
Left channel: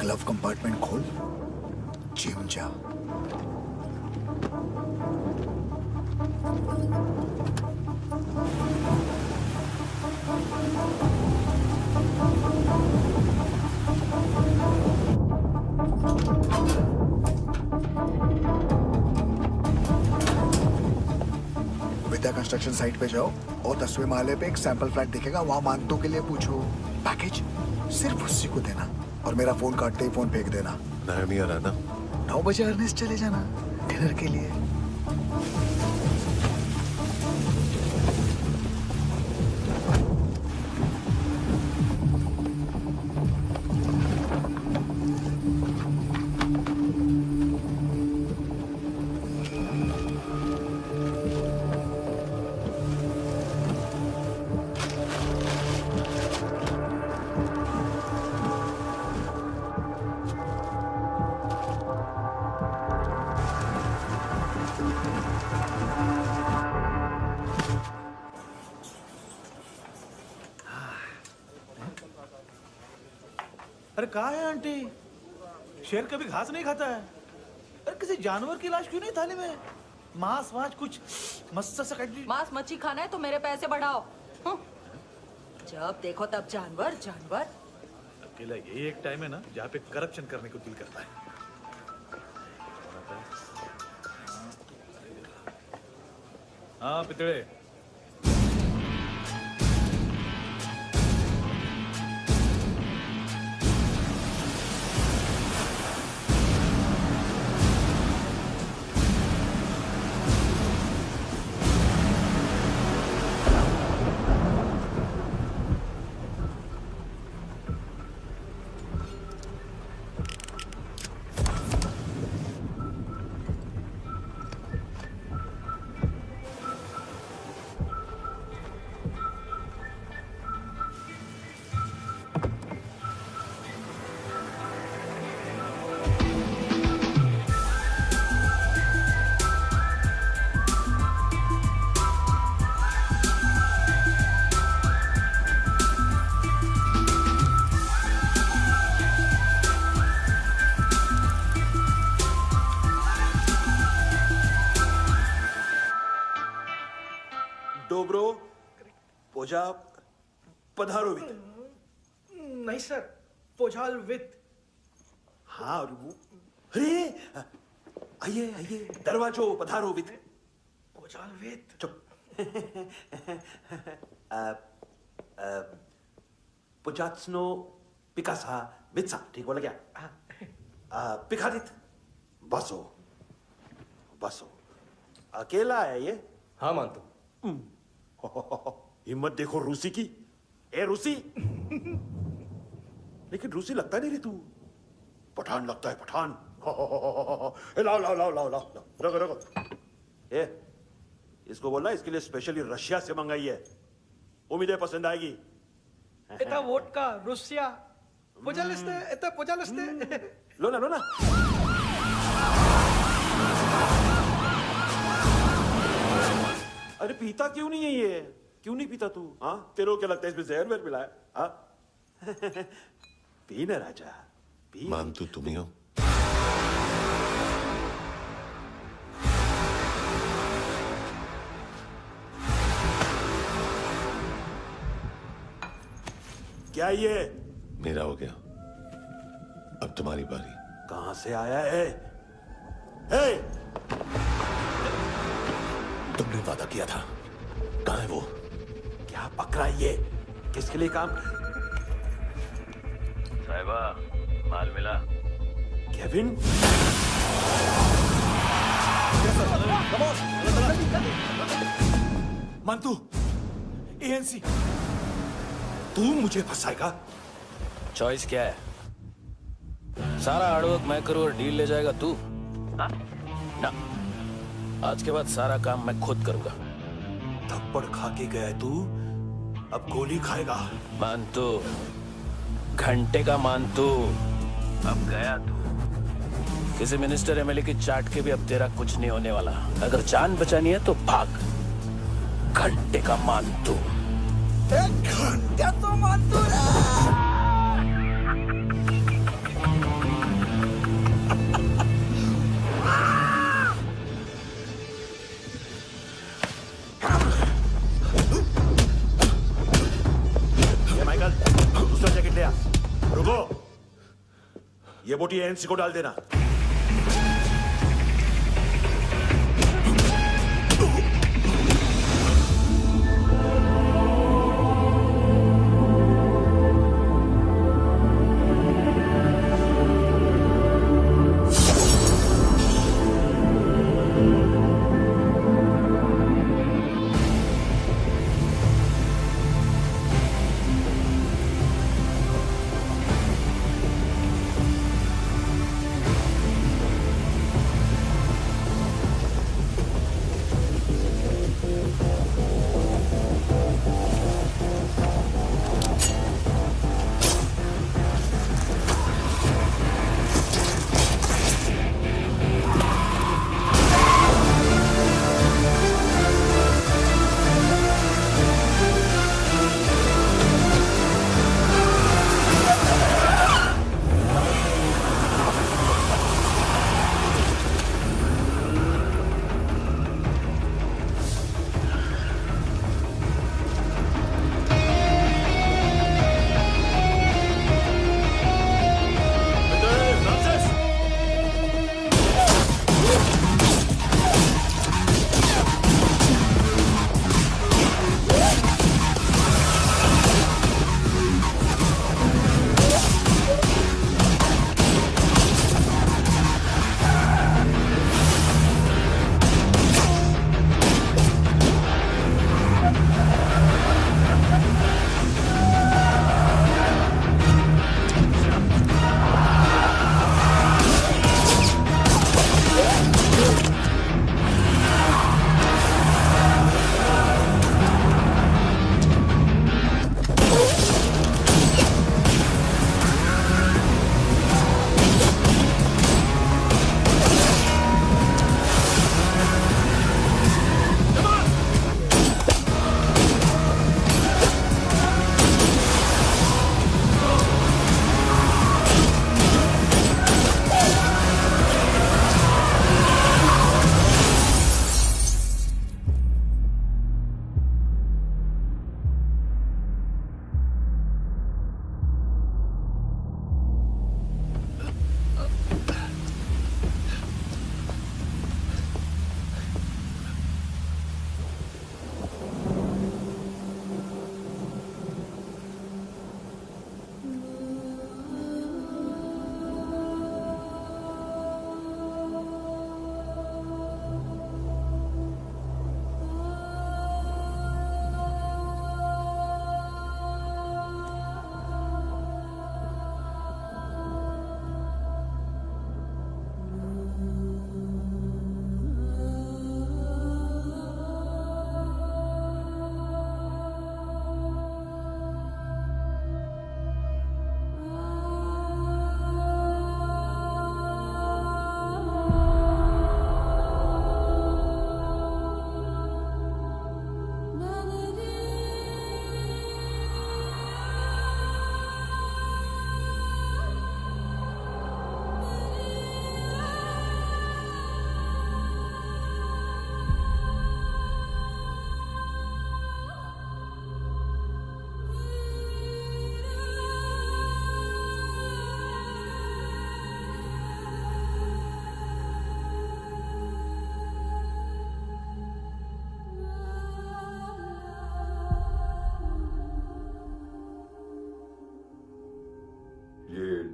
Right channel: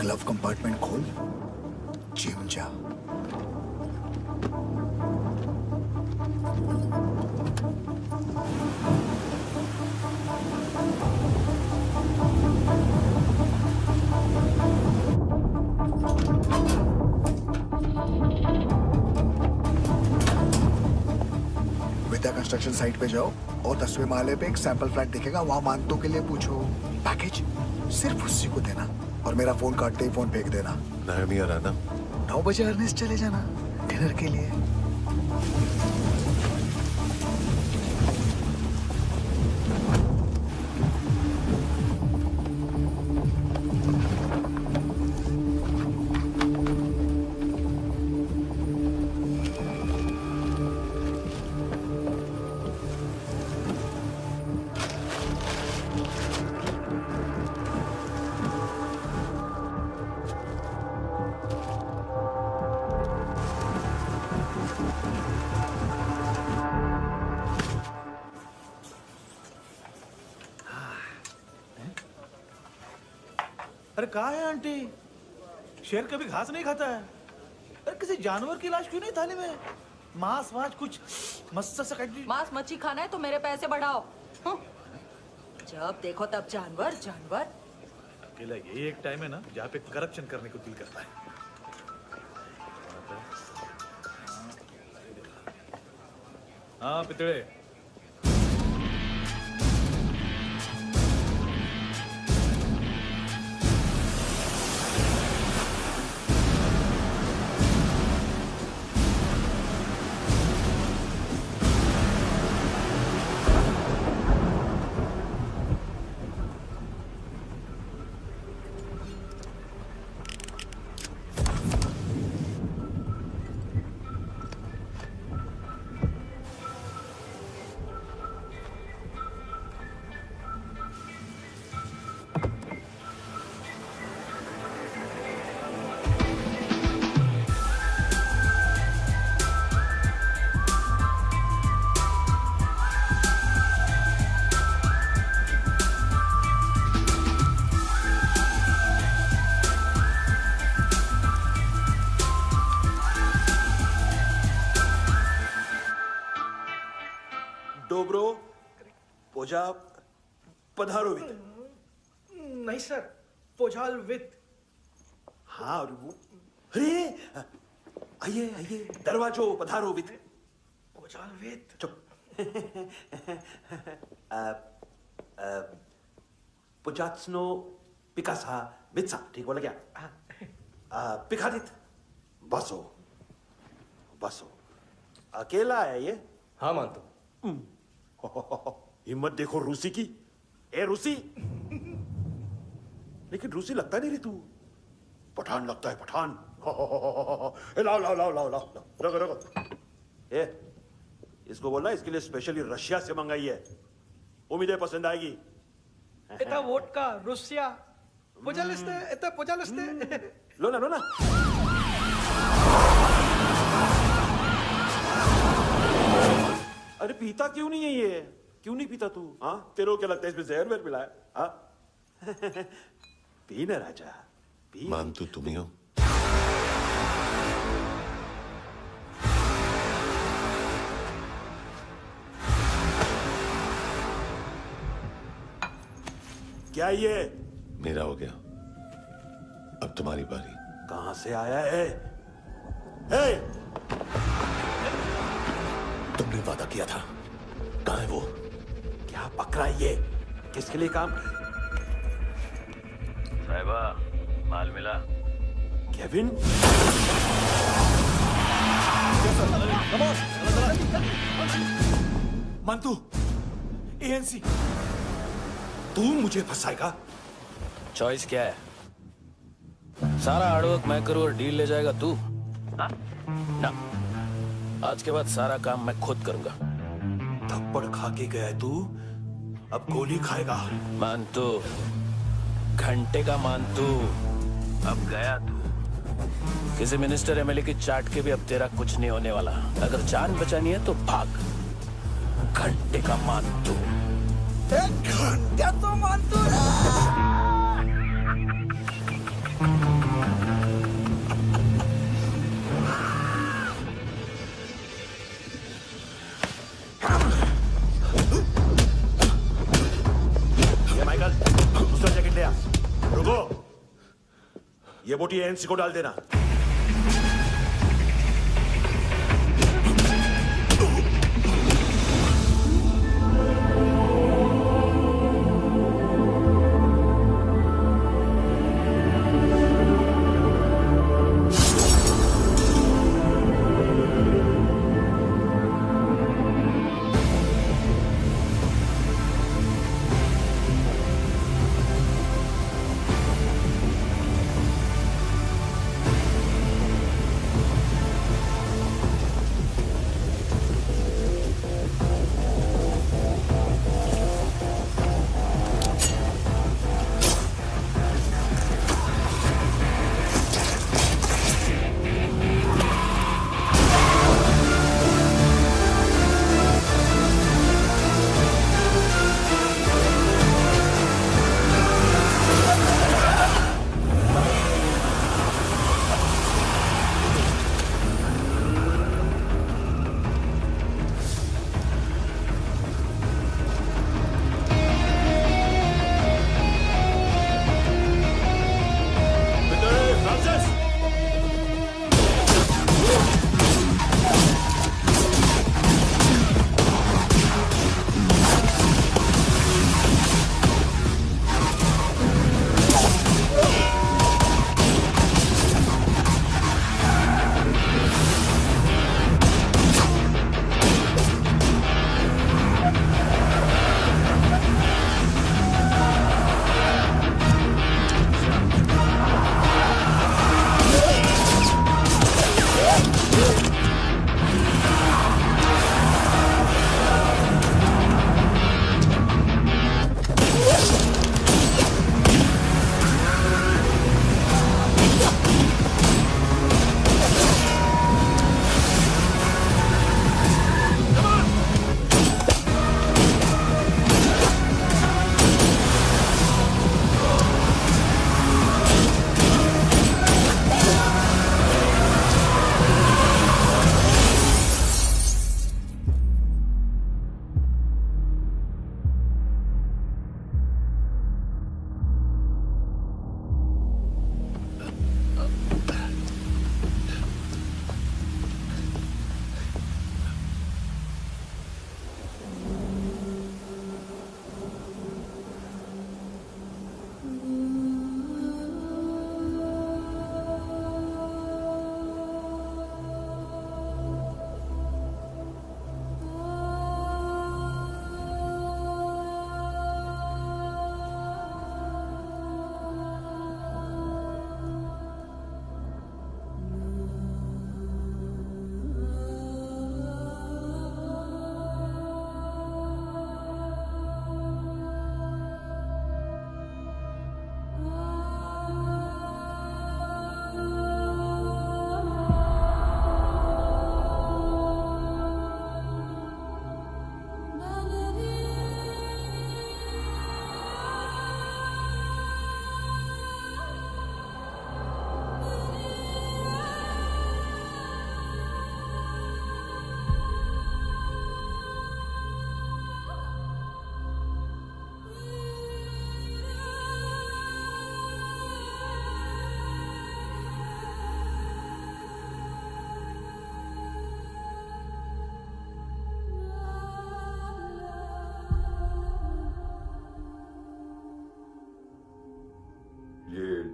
ग्लव कंपार्टमेंट खोल, जिम जा। विद्या कंस्ट्रक्शन साइट पे जाओ और 10वें माले पे एक सैंपल फ्लैट दिखेगा, वहां मानतों के लिए पूछो। पैकेज सिर्फ उसी को देना और मेरा फोन काटते ही फोन फेंक देना। नायोमी आ रहा ना? 9 बजे अर्नेस्ट चले जाना डिनर के लिए। अरे कहाँ है आंटी? शेर कभी घास नहीं खाता है। अरे किसी जानवर की लाश क्यों नहीं थाली में? मांस वास कुछ मस्त सा कट। मांस मच्छी खाना है तो मेरे पैसे बढ़ाओ। जब देखो तब जानवर जानवर। अकेला यही एक टाइम है ना जहाँ पे करप्शन करने को दिल करता है। हाँ पितड़े। डोब्रो पोजा पधारोवित। नहीं सर, पोझाल विथ। हाँ और वो, अरे आइए आइए, दरवाजो पधारोवित। पोझाल विथ। चुप, पुचात्सनो पिकासा मित्सा, ठीक बोला क्या? पिकादित बसो बसो। अकेला है ये? हाँ मानतो। हिम्मत देखो रूसी की। ए रूसी, लेकिन रूसी लगता नहीं रे तू, पठान लगता है, पठान। लाओ लाओ लाओ लाओ लाओ, रखो रखो। ए, इसको बोलना इसके लिए स्पेशली रशिया से मंगाई है, उम्मीद है पसंद आएगी। इतना वोडका रुसिया पोजालिस्ते, इतना पोजालिस्ते। लो ना लो ना। अरे पीता क्यों नहीं है ये? क्यों नहीं पीता तू? हाँ, तेरे को क्या लगता है इसमें जहर वहर मिला है? हाँ? पी ना राजा, पी। मानतू तुम ही हो? क्या ये? मेरा हो गया, अब तुम्हारी बारी। कहां से आया है? हे! तुमने वादा किया था, कहां है वो? क्या पकड़ा ये? किसके लिए काम? साहिबा, माल मिला? केविन? मंतू, एएनसी। तू मुझे फंसाएगा? चॉइस क्या है? सारा हार्डवर्क मैं करूं और डील ले जाएगा तू? ना, आज के बाद सारा काम मैं खुद करूंगा। थप्पड़ खा के गया तू, अब गोली खाएगा। मानतू, घंटे का मानतू, अब गया तू। किसी मिनिस्टर एमएलए की चाट के भी अब तेरा कुछ नहीं होने वाला। अगर जान बचानी है तो भाग। घंटे का मानतू। एक घंटे तो मानतू रे। ये माइकल, दूसरा जैकेट ले आ। रुको, ये बोटी एएनसी को डाल देना।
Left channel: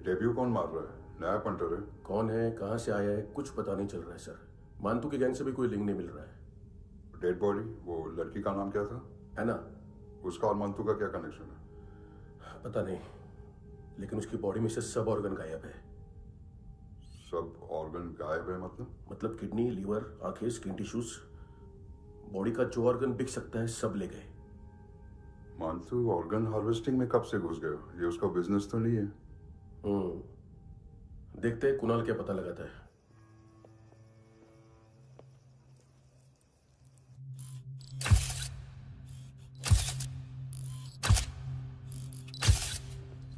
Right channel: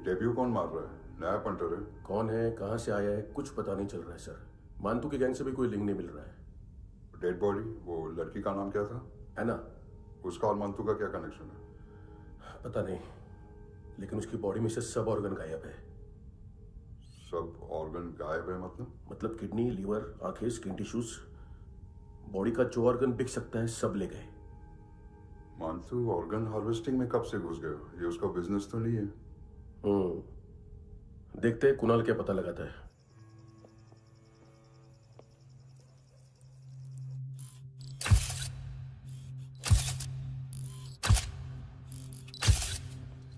डेब्यू कौन मार रहा है? नया पंटर है। कौन है, कहां से आया है, कुछ पता नहीं चल रहा है सर। मानतू के गैंग से भी कोई लिंक नहीं मिल रहा है। डेड बॉडी, वो लड़की का नाम क्या था? एना। उसका और मानतू का क्या कनेक्शन है? पता नहीं, लेकिन उसकी बॉडी में से सब ऑर्गन गायब है। सब ऑर्गन गायब है मतलब किडनी, लीवर, आंखें, स्किन टिश्यूज, बॉडी का जो ऑर्गन बिक सकता है सब ले गए। मानतू ऑर्गन हार्वेस्टिंग में कब से घुस गए? ये उसका बिजनेस तो नहीं है? देखते हैं कुणाल क्या पता लगाता है।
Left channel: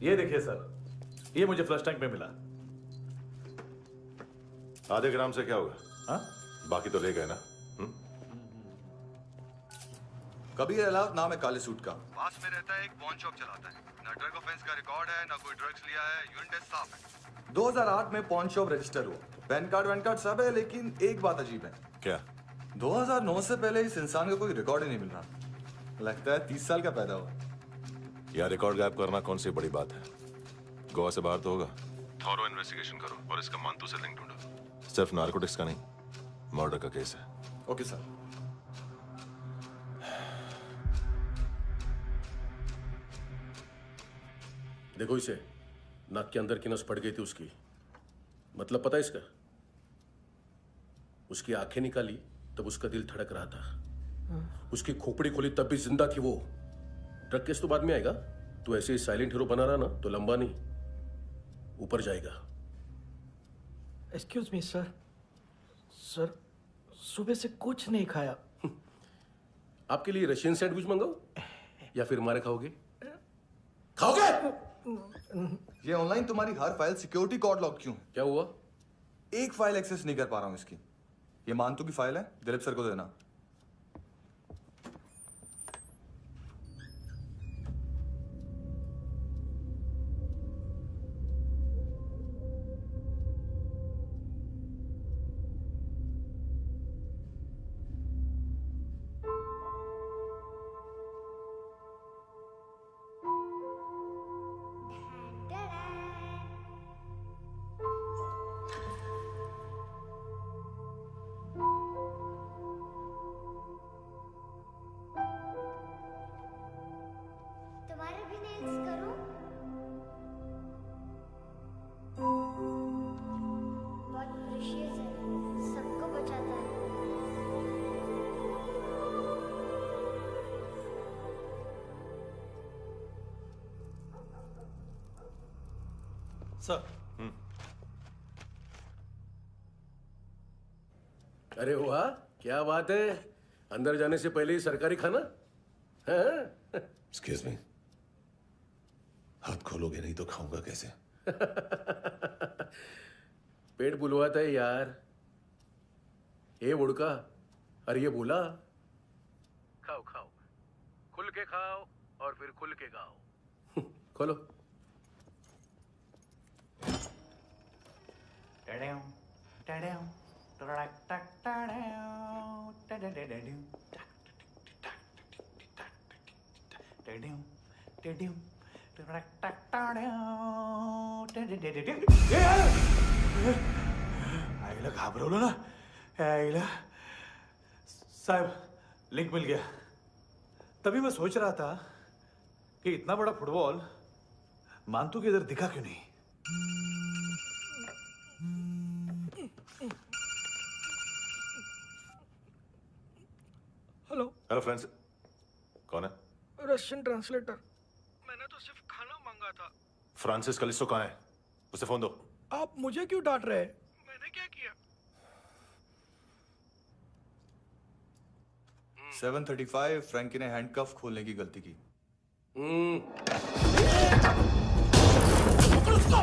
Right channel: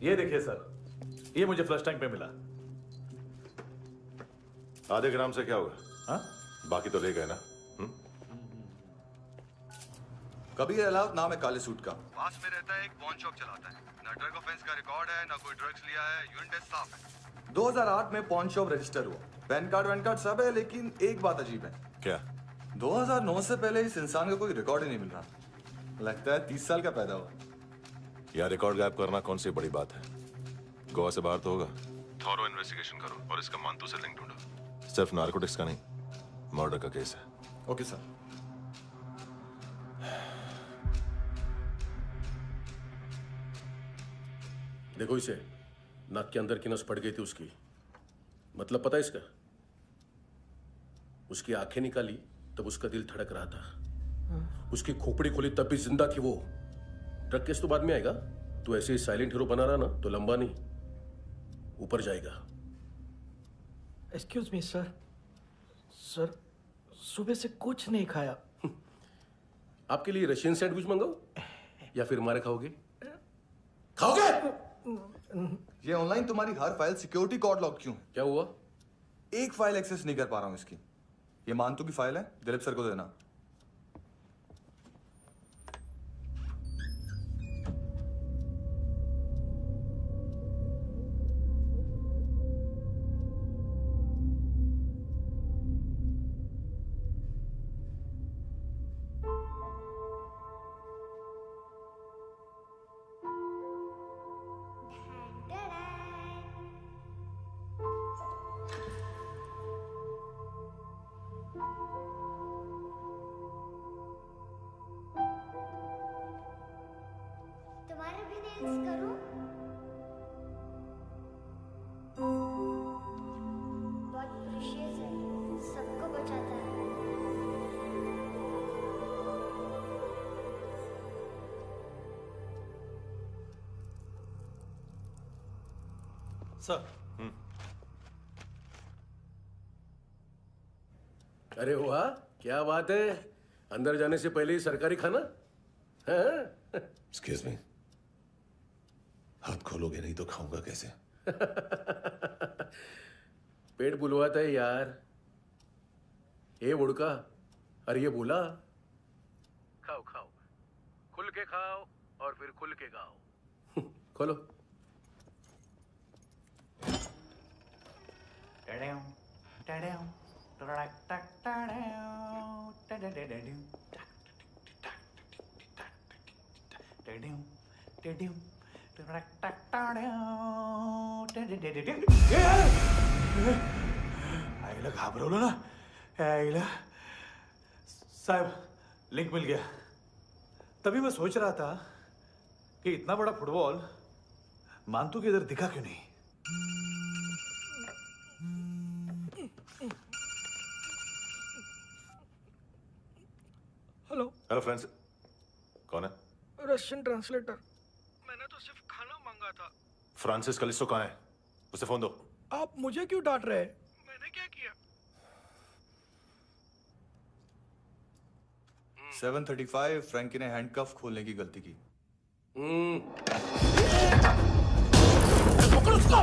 ये देखिए सर, ये मुझे फ्लश टैंक में मिला। आधे ग्राम से क्या होगा? हाँ? बाकी तो ले गए ना? कबीर अलाउद नाम है काले सूट का, पास में रहता है, एक पॉन शॉप चलाता है। ना ड्रग ऑफेंस का रिकॉर्ड है, ना कोई ड्रग्स लिया है, यूरिन टेस्ट साफ है। 2008 में पॉन शॉप रजिस्टर हुआ, पैन कार्ड सब है, लेकिन एक बात अजीब है। क्या? 2009 से पहले इस इंसान का कोई रिकॉर्ड ही नहीं मिल रहा। लगता है 30 साल का पैदा हुआ। यार रिकॉर्ड गायब करना कौन सी बड़ी बात है? गोवा से बाहर तो होगा। थॉरो इन्वेस्टिगेशन करो और इसका मानतू से लिंक ढूंढो। सिर्फ नारकोटिक्स का नहीं, मर्डर का केस है। Okay sir. देखो इसे, नाक के अंदर की नस फट गई थी उसकी। मतलब पता है इसका? उसकी आंखें निकाली तब उसका दिल धड़क रहा था। उसकी खोपड़ी खोली तब भी जिंदा थी वो। ड्रग केस तो बाद में आएगा। तो ऐसे ही साइलेंट हीरो बना रहा ना तो लंबा नहीं, ऊपर जाएगा। एक्सक्यूज मी सर, सर सुबह से कुछ नहीं खाया। आपके लिए रशियन सैंडविच मंगाओ या फिर मारे खाओगे? खाओगे? ये ऑनलाइन तुम्हारी हर फाइल सिक्योरिटी कोड लॉक क्यों? क्या हुआ? एक फाइल एक्सेस नहीं कर पा रहा हूं इसकी। ये मानतू की फाइल है, दिलीप सर को देना। तुम्हारे भी नेल्स करूं? बहुत प्रेशियस है, सबको बचाता है। सर। अरे वाह, क्या बात है। अंदर जाने से पहले ही सरकारी खाना। एक्सक्यूज मी, हाथ खोलोगे नहीं तो खाऊंगा कैसे? पेट बुलवाता है यार। ये बुड़का, अरे ये बोला। खाओ खाओ, खुल के खाओ और फिर खुल के गाओ। खोलो। आईला घाबरवलं ना। आईला साहब, लिंक मिल गया। तभी मैं सोच रहा था कि इतना बड़ा फुटबॉल मानतू के इधर दिखा क्यों नहीं। हेलो हेलो फ्रेंड्स, कौन है? Russian translator. मैंने तो सिर्फ खाना मांगा था। फ्रांसिस कलिस्टो कहाँ है? उसे फोन दो। आप मुझे क्यों डांट रहे हैं? मैंने क्या किया? 735 फ्रैंकी ने हैंडकफ खोलने की गलती की। पकड़ो उसको!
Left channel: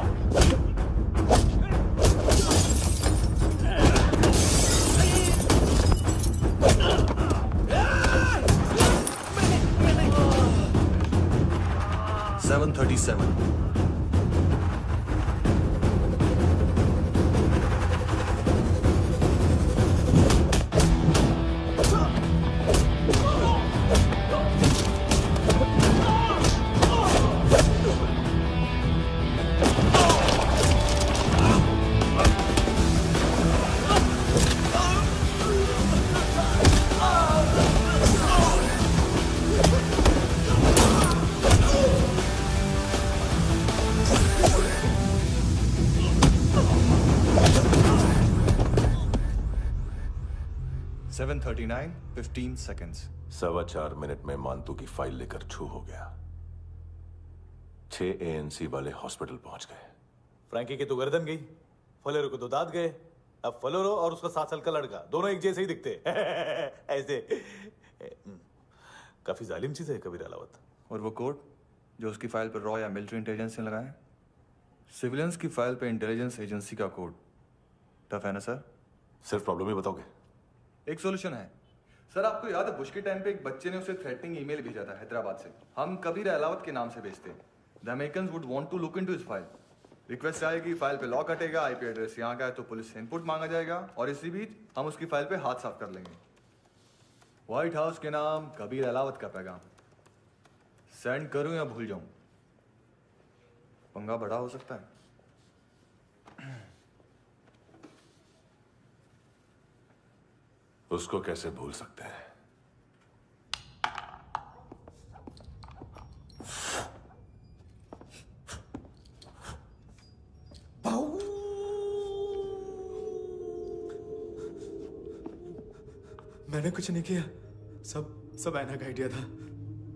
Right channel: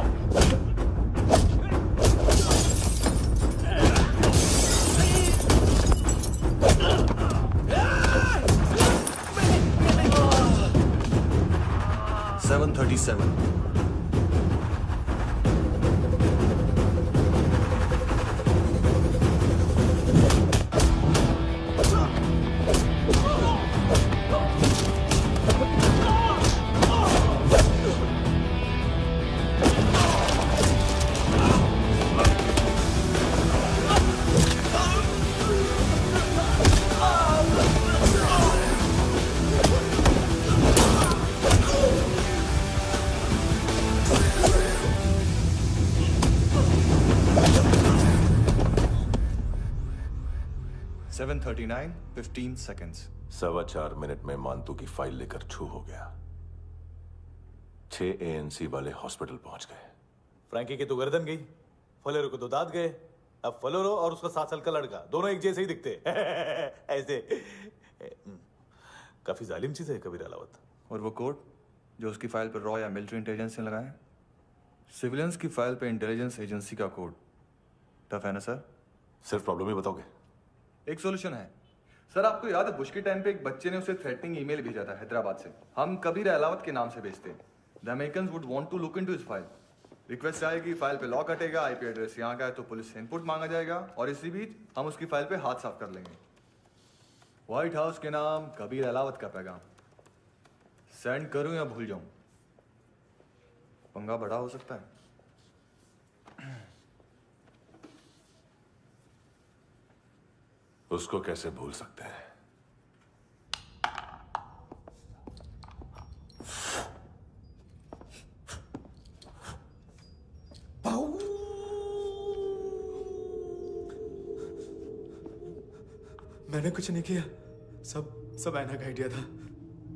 737 Oh! 7:39, 15 seconds. 4.25 मिनट में मानतू की फाइल लेकर छू हो गया। 6 ANC वाले हॉस्पिटल पहुंच गए। फ्रैंकी की तो गर्दन गई, फलेरो को तो दांत गए। अब फलेरो और उसका 7 साल का लड़का दोनों एक जैसे ही दिखते ऐसे। काफी जालिम चीज है कबीर अलावत। और वो कोड जो उसकी फाइल पर रॉ या मिलिट्री इंटेलिजेंस ने लगाया, सिविलियंस की फाइल पे इंटेलिजेंस एजेंसी का कोड। टफ है ना सर? सिर्फ प्रॉब्लम ही बताओगे? एक सॉल्यूशन है सर। आपको याद है बुश के टाइम पे एक बच्चे ने उसे थ्रेटनिंग ईमेल भेजा था हैदराबाद से। हम कबीर अलावत के नाम से भेजते हैं। The Americans would want to look into his file. Request आएगी, फाइल पे लॉक हटेगा, आईपी एड्रेस यहाँ का है तो पुलिस से इनपुट मांगा जाएगा और इसी बीच हम उसकी फाइल पे हाथ साफ कर लेंगे। व्हाइट हाउस के नाम कबीर अलावत का पैगाम। सेंड करूं या भूल जाऊं? पंगा बड़ा हो सकता है। उसको कैसे भूल सकते हैं? मैंने कुछ नहीं किया, सब ऐना का आइडिया था।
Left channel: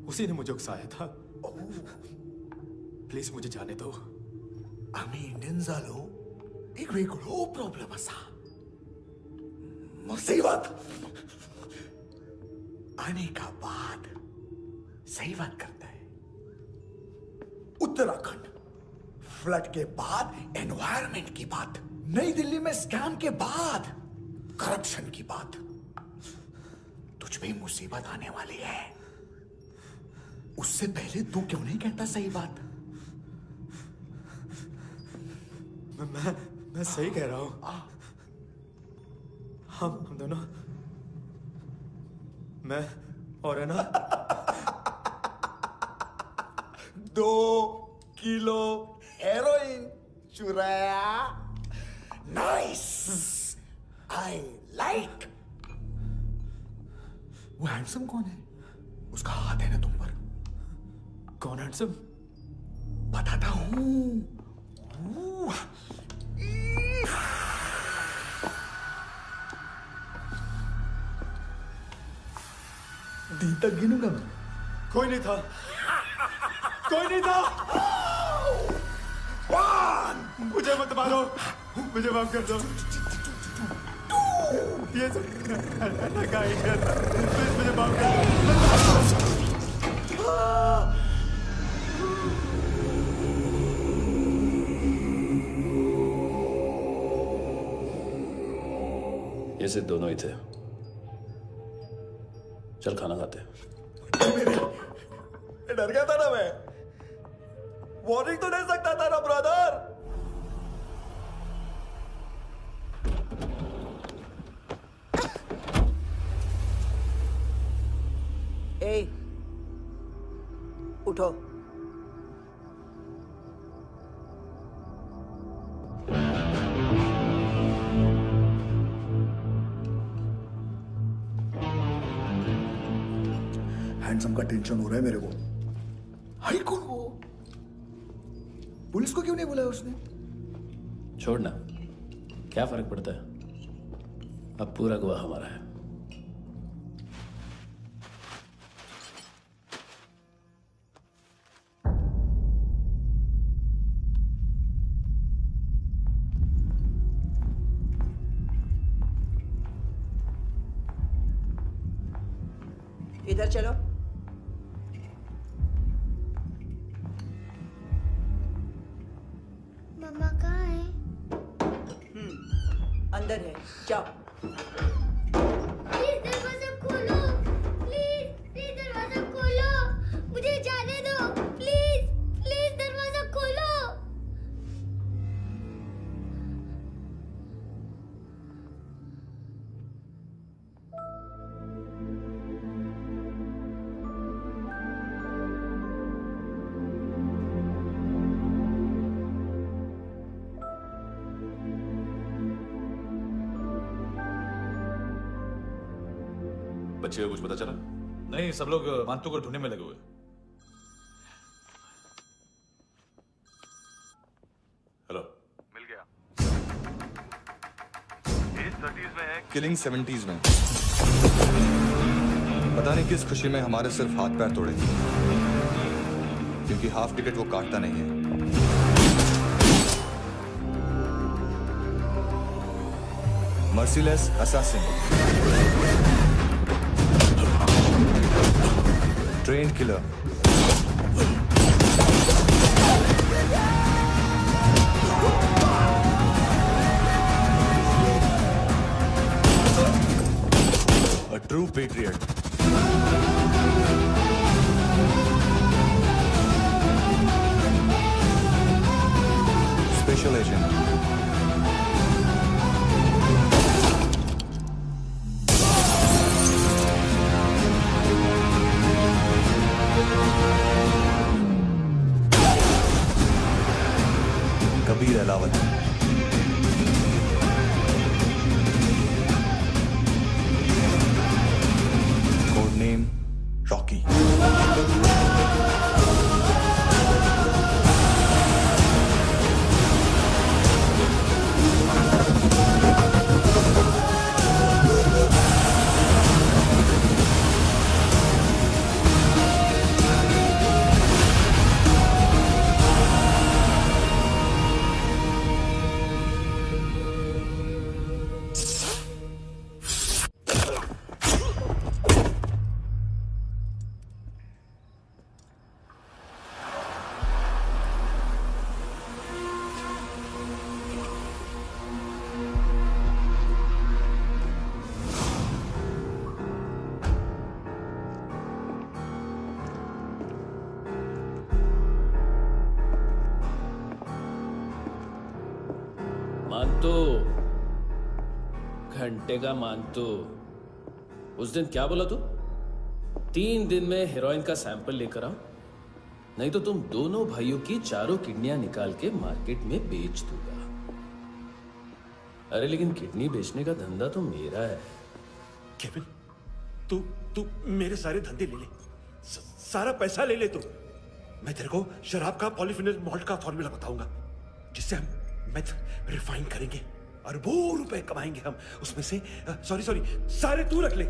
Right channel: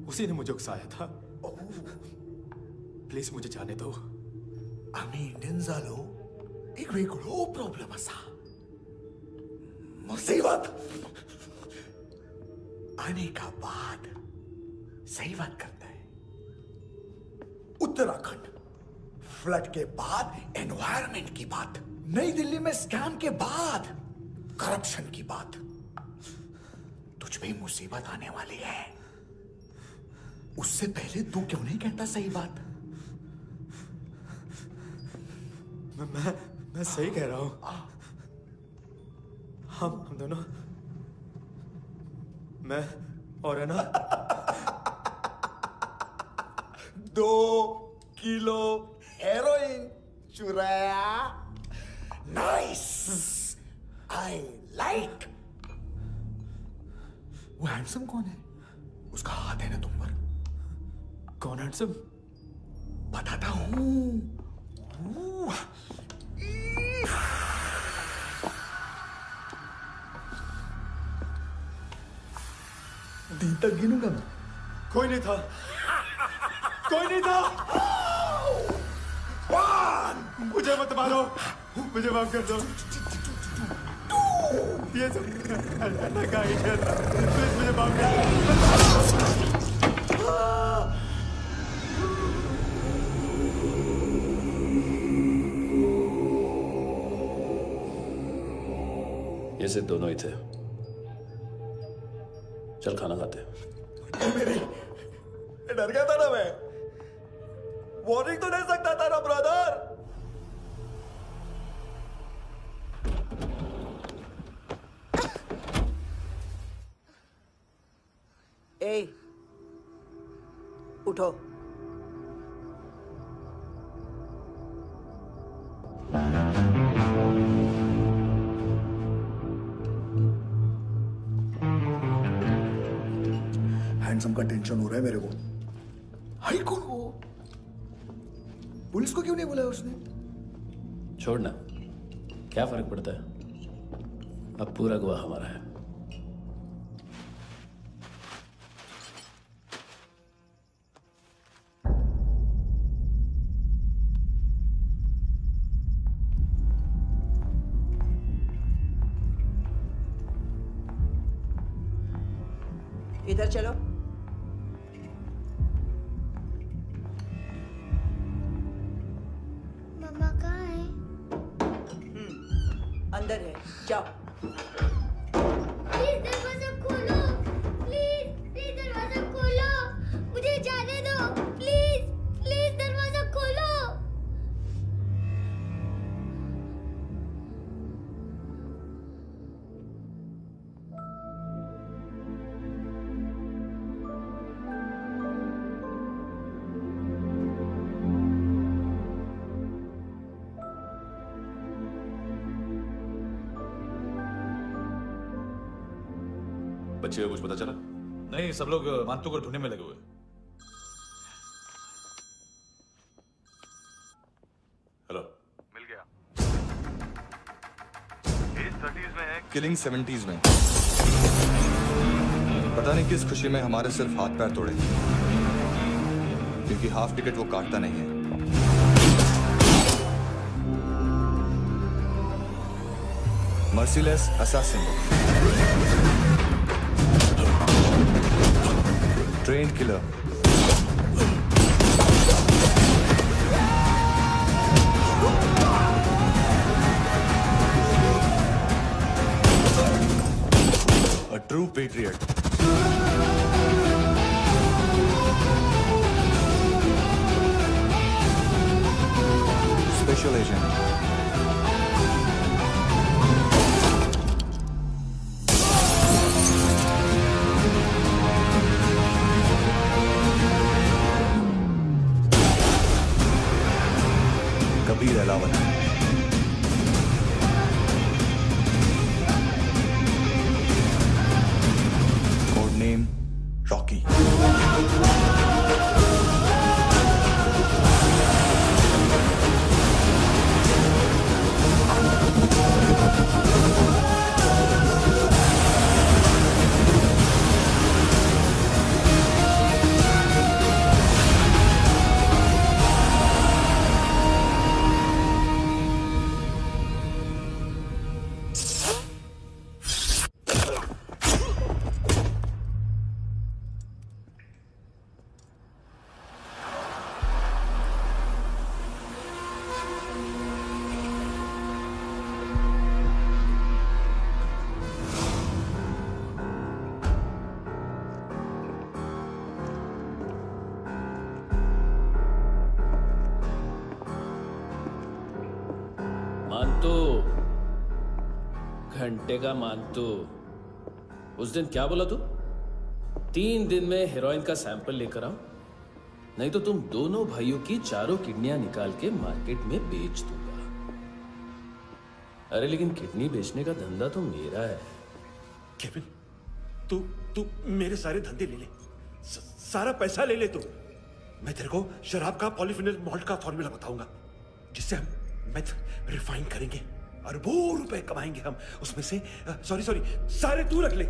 उसी ने मुझे उकसाया था। प्लीज मुझे जाने दो। आम्ही इंडियन्सालो एक वेगळो प्रॉब्लेम असा, मुसीबत आने का बाद सही बात करता है। उत्तराखंड फ्लड के बाद एनवायरनमेंट की बात, नई दिल्ली में स्कैम के बाद करप्शन की बात। तुझ पे मुसीबत आने वाली है, उससे पहले तू क्यों नहीं कहता सही बात? मैं सही कह रहा हूं। हम दोनों, मैं और है ना 2 किलो हेरोइन चुराया। Nice, I like. वो हैंडसम कौन है? उसका हाथ है ना तुम पर? कौन हैंडसम? बताता हूं। दी तक गिनूंगा मैं। कोई नहीं था, कोई नहीं था। मुझे मत मारो, मुझे माफ कर दो। ये सब ऐना का आइडिया था। प्लीज मुझे माफ कर दो। ये सिर्फ दोनों ही थे। चल खाना खाते। डर गया था ना मैं। वार्निंग तो दे सकता था ना ब्रदर। ए, उठो। हैंडसम का टेंशन हो रहा है मेरे को। हाई कौन वो? पुलिस को क्यों नहीं बुलाया उसने? छोड़ना, क्या फर्क पड़ता है? अब पूरा गवाह हमारा है। इधर चलो। मम्मा कहाँ है? अंदर है, जाओ। प्लीज दरवाजा खोलो, प्लीज दरवाजा खोलो, मुझे जाने दो, प्लीज दरवाजा खोलो। बच्चे को कुछ पता चला? नहीं, सब लोग मानतू को ढूंढने में लगे हुए। हेलो, मिल गया। एज 30s में है, किलिंग 70s में। पता नहीं किस खुशी में हमारे सिर्फ हाथ पैर तोड़े, क्योंकि हाफ टिकट वो काटता नहीं है। Merciless assassin, trained killer, a true patriot. Special agent. Kabir Alawat. Code name Rocky. मानतो, घंटे का मानतो। उस दिन क्या बोला तू? 3 दिन में हेरोइन का सैंपल लेकर आओ, नहीं तो तुम दोनों भाइयों की चारों किडनियां निकाल के मार्केट में बेच दूंगा। अरे लेकिन किडनी बेचने का धंधा तो मेरा है। केविन, तू मेरे सारे धंधे ले ले, सारा पैसा ले ले तू। मैं तेरे को शराब का पॉलीफिनल मॉल्ट का फॉर्मूला बताऊंगा, जिससे हम मेथ रिफाइन करेंगे, अरबों रुपए कमाएंगे हम उसमें से। सॉरी सारे तू रख ले।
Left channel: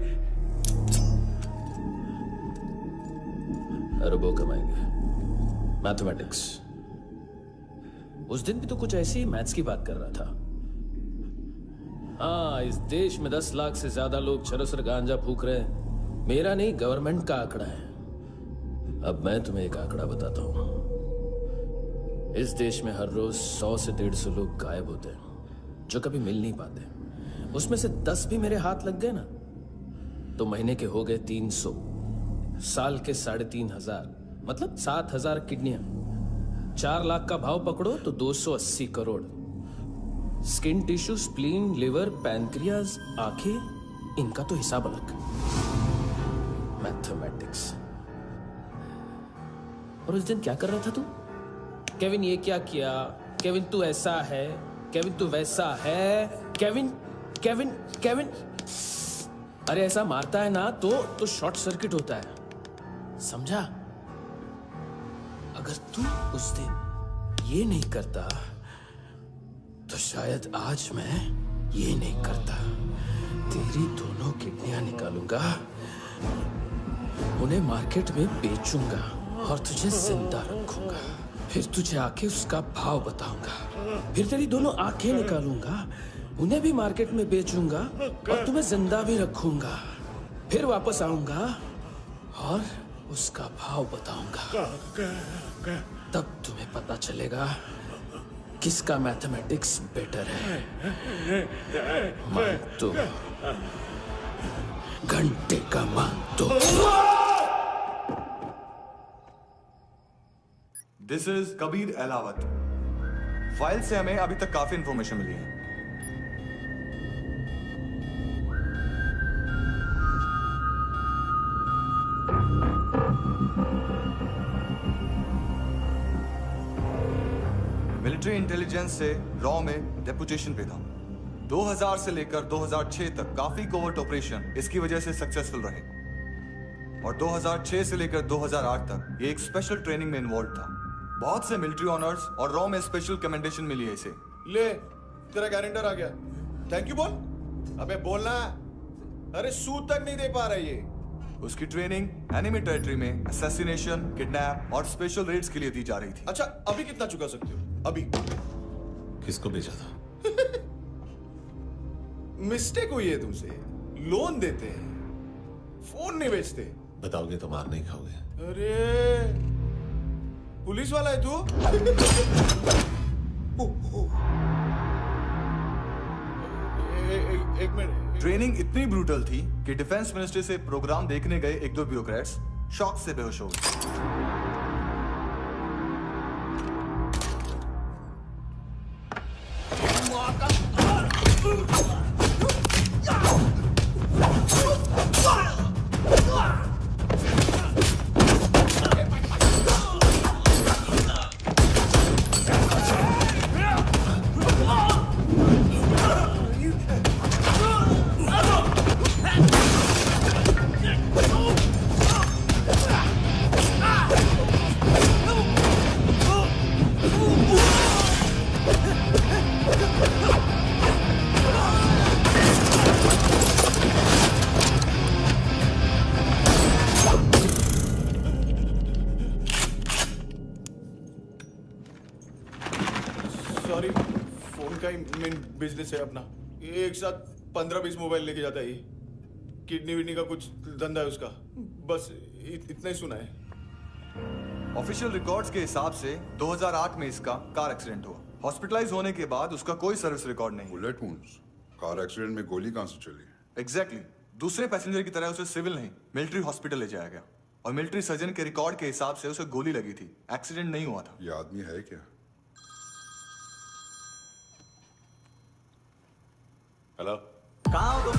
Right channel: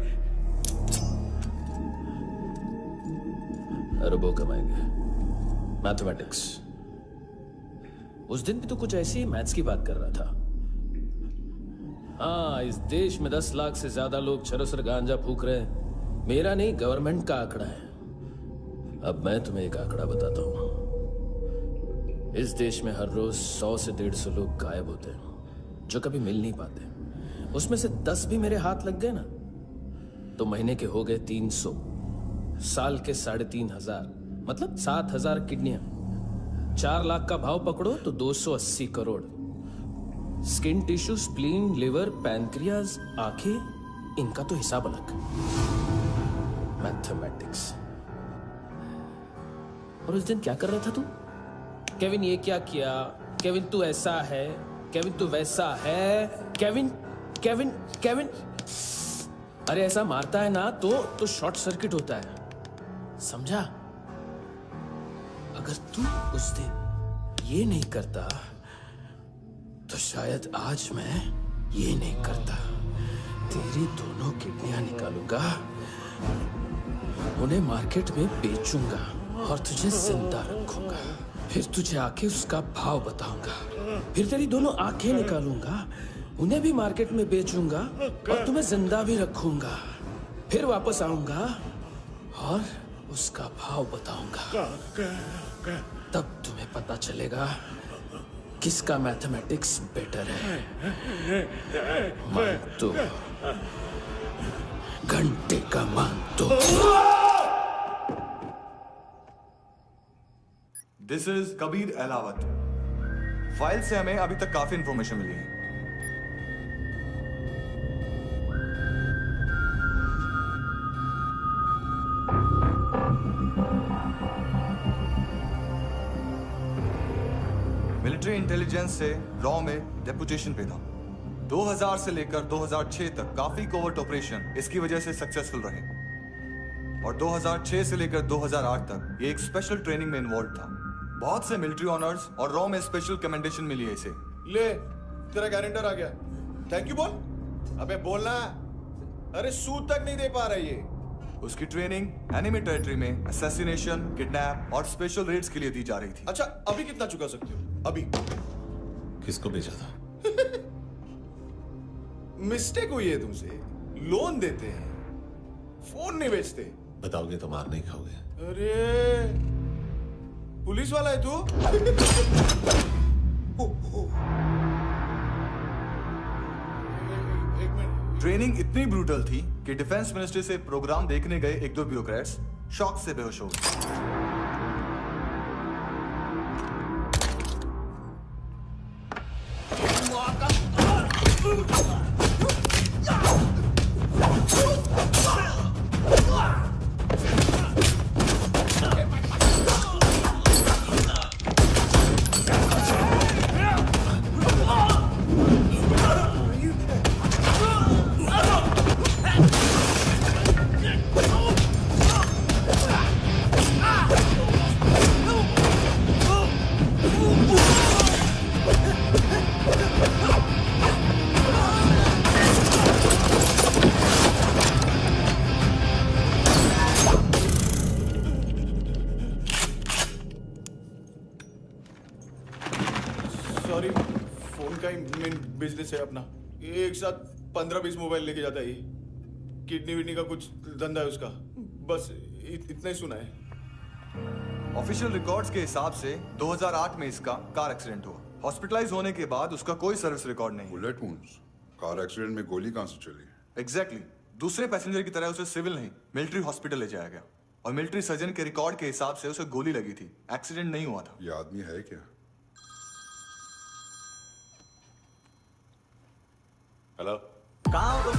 अरबों कमाएंगे, मैथमेटिक्स। उस दिन भी तो कुछ ऐसी मैथ्स की बात कर रहा था। हाँ, इस देश में 10 लाख से ज्यादा लोग चरस गांजा फूक रहे हैं। मेरा नहीं, गवर्नमेंट का आंकड़ा है। अब मैं तुम्हें एक आंकड़ा बताता हूं। इस देश में हर रोज 100 से 150 लोग गायब होते हैं, जो कभी मिल नहीं पाते। उसमें से 10 भी मेरे हाथ लग गए ना, तो महीने के हो गए 300, साल के 3500, मतलब 7000 किडनियां। 4 लाख का भाव पकड़ो तो 280 crore. Skin tissue, spleen, liver, pancreas, आंखें, इनका तो हिसाब अलग। मैथमेटिक्स। और उस दिन क्या कर रहा था तू? केविन ये क्या किया, केविन तू ऐसा है, केविन तू वैसा है, केविन केविन केविन। अरे ऐसा मारता है ना तो शॉर्ट सर्किट होता है, समझा? अगर तू उस दिन ये नहीं करता तो शायद आज मैं ये नहीं करता। तेरी दोनों किडनियां निकालूंगा, उन्हें मार्केट में बेचूंगा और तुझे जिंदा रखूंगा। फिर तुझे आके उसका भाव बताऊंगा। फिर तेरी दोनों आंखें निकालूंगा, उन्हें भी मार्केट में बेचूंगा और तुम्हें जिंदा भी रखूंगा। फिर वापस आऊंगा और उसका भाव बताऊंगा। तब तुम्हें पता चलेगा किसका मैथमेटिक्स बेटर है। मानतो, घंटे का मानतो। This is Kabir Ahlawat. File से हमें अभी तक काफी इंफॉर्मेशन मिली है। मिलिट्री इंटेलिजेंस से रॉ में डेपुटेशन पे था। 2000 से लेकर 2006 तक काफी कोवर्ट ऑपरेशन इसकी वजह से सक्सेसफुल रहे, और 2006 से लेकर 2008 तक ये एक स्पेशल ट्रेनिंग में इन्वॉल्व था। बहुत से मिलिट्री ऑनर्स और रॉ में स्पेशल कमेंडेशन मिली है इसे। ले, तेरा गारंटर आ गया। थैंक यू बोल। अबे बोलना। अरे सूद तक नहीं दे पा रहा ये। उसकी ट्रेनिंग एनिमी टेरिटरी में असैसिनेशन, किडनैप और स्पेशल रेड्स के लिए दी जा रही थी। अच्छा, अभी कितना चुका सकते हो? अभी किसको भेजा था? मिस्टेक हुई है तुमसे। लोन देते हैं, फोन नहीं बेचते। बताओगे तो मार नहीं खाओगे। अरे पुलिस वाला है तू? एक मिनट। ट्रेनिंग इतनी ब्रूटल थी कि डिफेंस मिनिस्ट्री से प्रोग्राम देखने गए एक दो ब्यूरोक्रेट्स शॉक से बेहोश हो गए। सॉरी, फोन का ही मेन बिजनेस है अपना। एक साथ 15-20 मोबाइल लेके जाता है ये। किडनी विडनी का कुछ धंधा है उसका। बस इतना ही सुना है। ऑफिशियल रिकॉर्ड्स के हिसाब से 2008 में इसका कार एक्सीडेंट हुआ। हॉस्पिटलाइज होने के बाद उसका कोई सर्विस रिकॉर्ड नहीं। Bullet wounds. कार एक्सीडेंट में गोली कहां से चली? एग्जैक्टली। दूसरे पैसेंजर की तरह उसे सिविल नहीं, मिलिट्री हॉस्पिटल ले जाया गया और मिलिट्री सर्जन के रिकॉर्ड के हिसाब से उसे गोली लगी थी। एक्सीडेंट नहीं हुआ था। ये आदमी है क्या? हेलो, कहाँ हो तुम?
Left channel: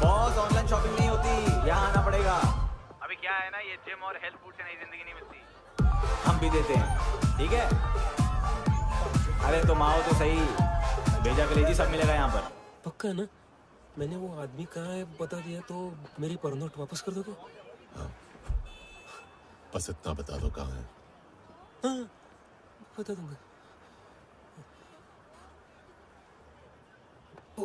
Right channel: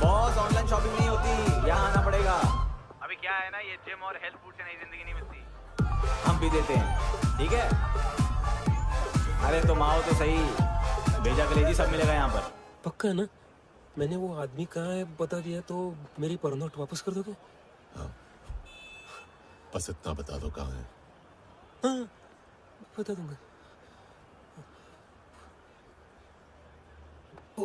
बॉस, ऑनलाइन शॉपिंग नहीं होती, यहाँ आना पड़ेगा। अभी क्या है ना, ये जिम और हेल्थ फूड से नई जिंदगी नहीं मिलती। हम भी देते हैं, ठीक है? अरे तुम आओ तो सही, भेजा कलेजी सब मिलेगा यहाँ पर। पक्का ना? मैंने वो आदमी कहाँ है बता दिया तो मेरी पर नोट वापस कर दोगे? हाँ, बस इतना बता दो कहाँ है। हाँ, बता दूंगा। वो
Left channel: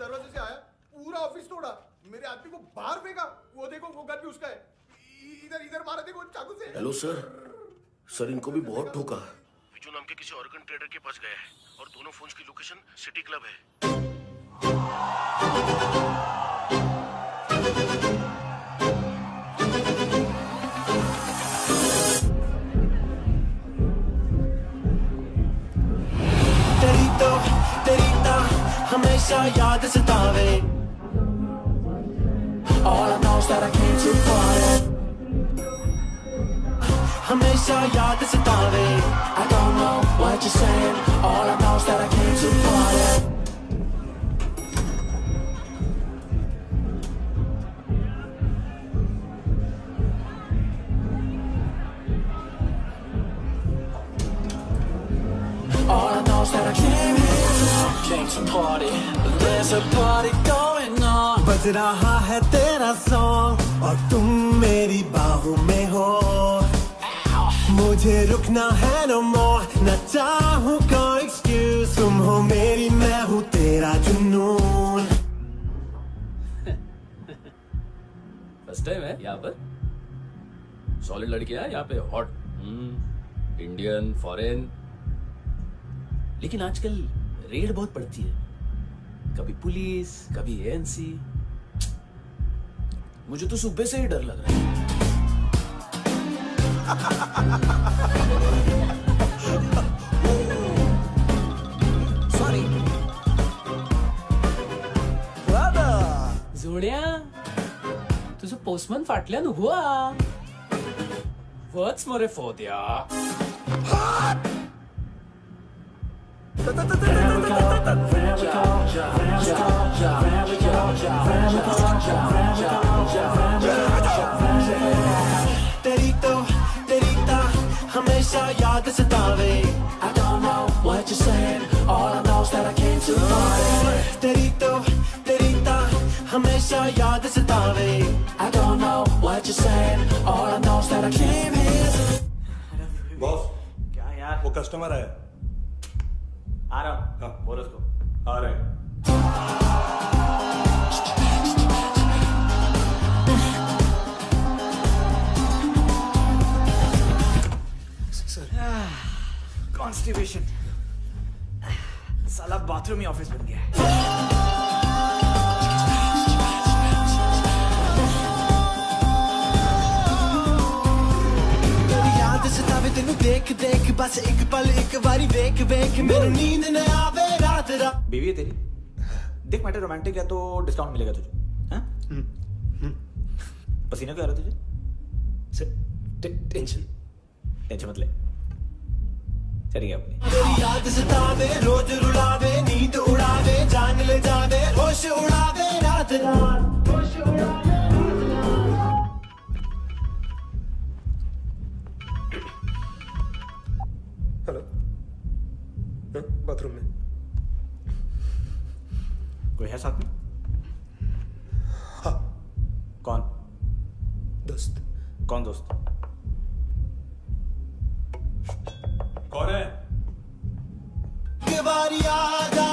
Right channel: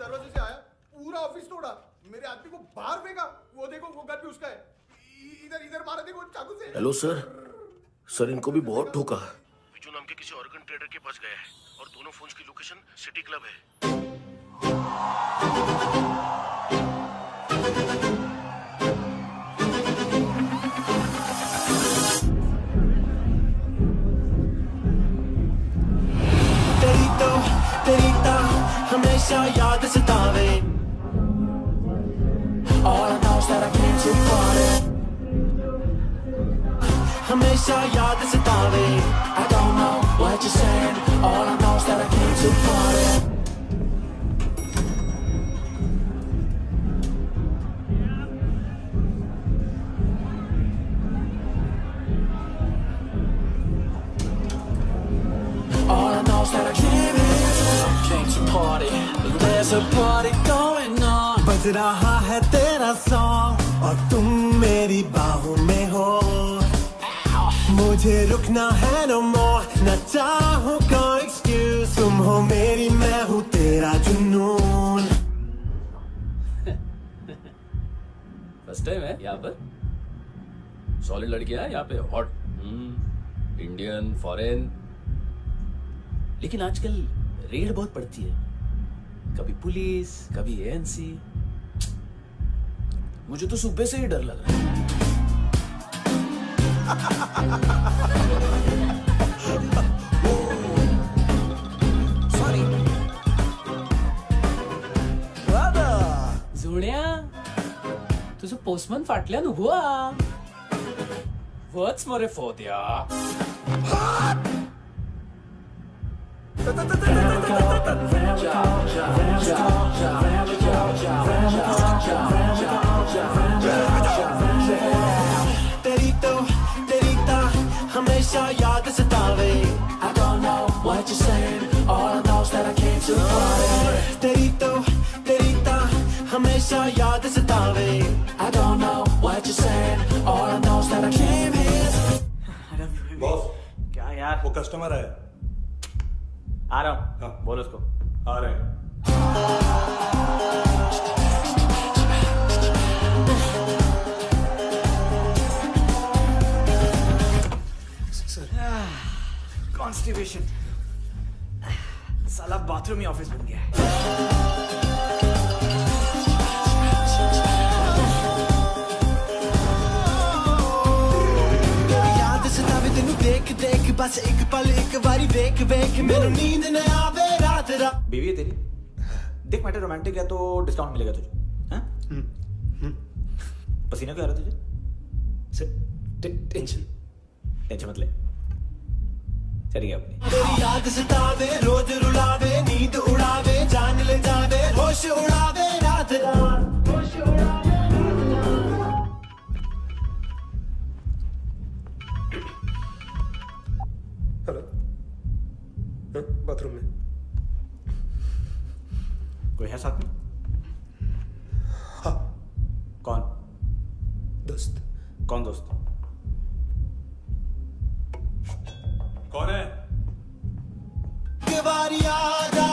दरवाजे से आया, पूरा ऑफिस तोड़ा, मेरे आदमी को बाहर फेंका। वो देखो, वो गन भी उसका है। इधर मारा, देखो चाकू से। हेलो सर, सर इनको भी बहुत ठोका। विजू नाम के किसी ऑर्गन ट्रेडर के पास गया है और दोनों फोन्स की लोकेशन सिटी क्लब है। तेरी ता हमेशा याद सतावे। All I know is that I came to party। हमेशा याद सतावे। I don't know what you're saying। All I know is that I came to party। All I know is that I came to party, there's a party going on। बज रहा है तेरा song और तुम मेरी बाहों में हो। मुझे रुकना है no more, न चाहूँ कोई excuse। तुम हो मेरी, मैं हूँ तेरा जुनून। फर्स्ट टाइम है यहाँ पर। सॉलिड लड़कियां हैं यहाँ पे, हॉट इंडियन, फॉरेन। लेकिन आजकल रेड बहुत पड़ती है, कभी पुलिस, कभी एएनसी। मुझे तो सुबह से ही डर लग रहा है। सॉरी जोड्या, तुझं पोस्टमन फाटल्यान हुआ वच मरे फोद्या। तेरी ता हमेशा याद सतावे। I don't know what you're saying, all I know is that I came to party। तेरी ता हमेशा याद सतावे। I don't know what you're saying, all I know is that I came here। Boss, क्या यार? वो कस्टमर है। आ रहा हूँ। हाँ, बोल उसको। आ रहे हैं। बाथरूम ही ऑफिस बन गया है। याद सतावे तेनू देख देख बस एक पल एक बारी वेख वेख मेनू नींद न आवे रात रात। बीवी है तेरी? देख मैटर रोमांटिक है तो डिस्काउंट मिलेगा तुझे। हाँ? पसीना क्यों आ रहा तुझे? टेंशन मत ले, चलिए अपनी। तेरी याद सतावे रोज रुलावे नींद उड़ावे जान ले जावे होश उड़ावे रात रात होश उड़ावे हेलो, बाथरूम में कोई है साथ में? हाँ। कौन? दोस्त। कौन दोस्त? कौन है? एक बारी आजा,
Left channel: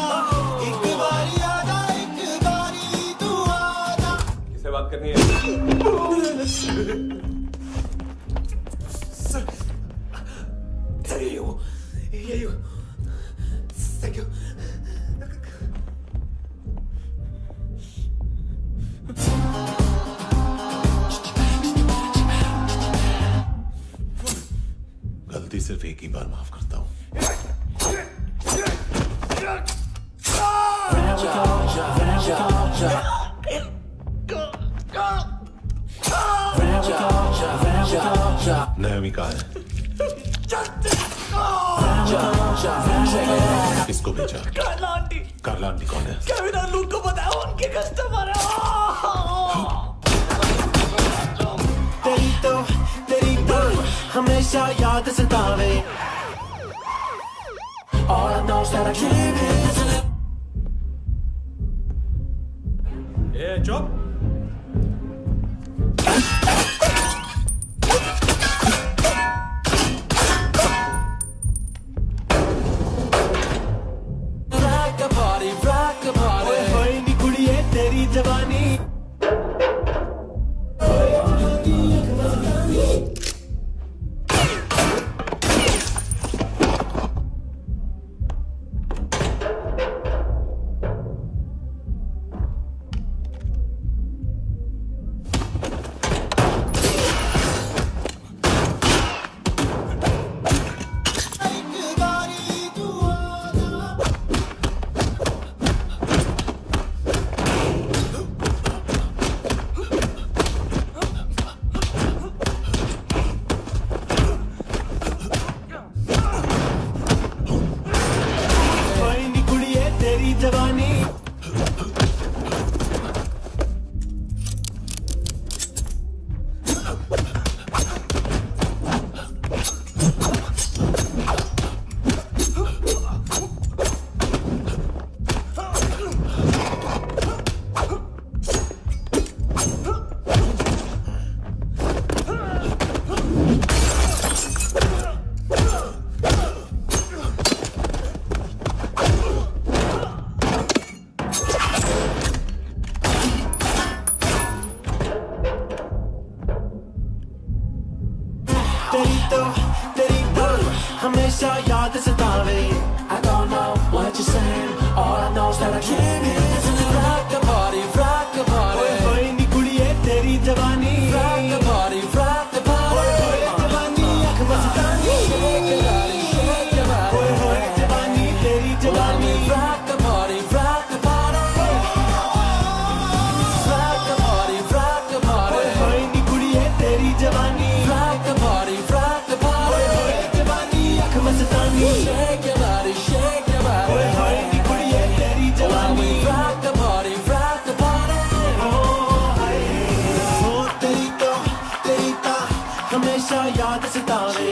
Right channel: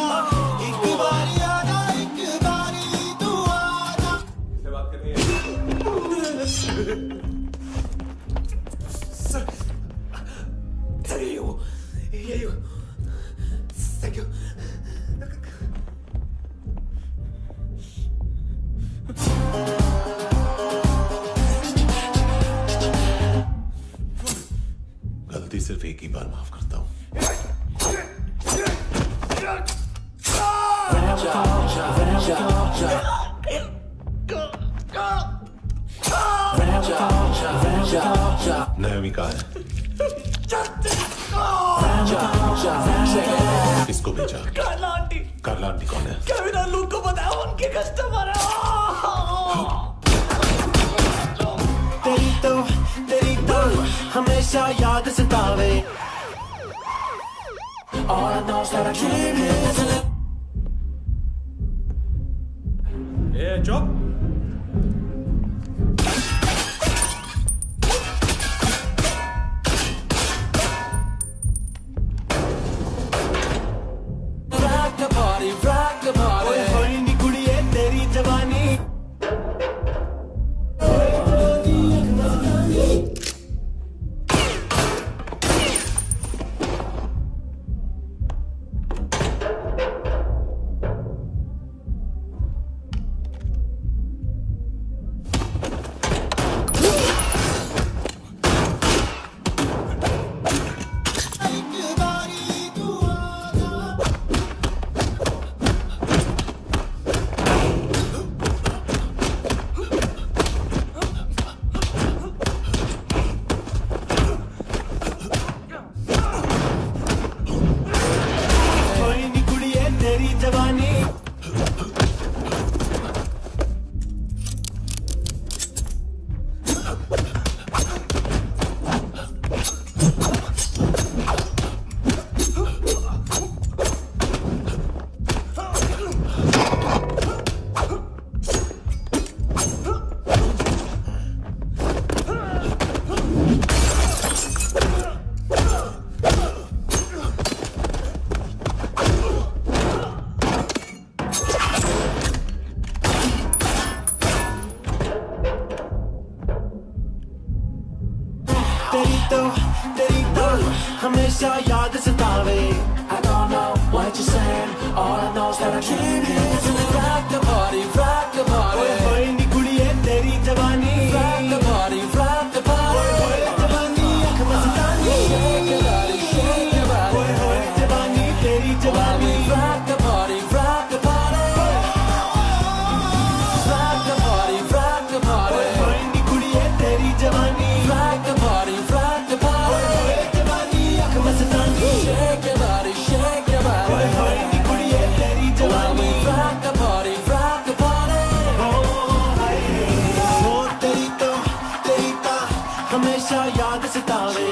एक बारी आजा, एक बारी तू आजा। किससे बात करनी है? सर, यही हो, यही हो। Thank you. गलती सिर्फ एक ही बार माफ करता हूं। नायोमी कहाँ है? किसको भेजा? कार्ला आंटी। कार्ला आंटी कौन है? केविन और लूक को बताया उनके कस्टमर है। तेरी तो हमेशा याद सतावे। All I know is that I came here to live. चुप। rock the party। ओए होए नी कुड़िए तेरी जवानी। तेरी तो हमेशा याद सतावे। I don't know what you're saying, all I know is that I came here to live. Rock the party, rock the party। ओए होए नी कुड़िए तेरी जवानी। Rock the party, rock the party। ओए होए जवानी आँख मस्तानी। Shake your body, shake your body। ओए होए जवानी तेरी जवानी। Rock the party, rock the party। Rock the party, rock the party। ओए होए नी कुड़िए तेरी जवानी। Rock the party, rock the party। ओए होए जवानी आँख मस्तानी। Shake your body, shake your body। ओए होए नी कुड़िए तेरी जवानी। Rock the party, rock the party। ओ तेरी तो हमेशा याद सतावे।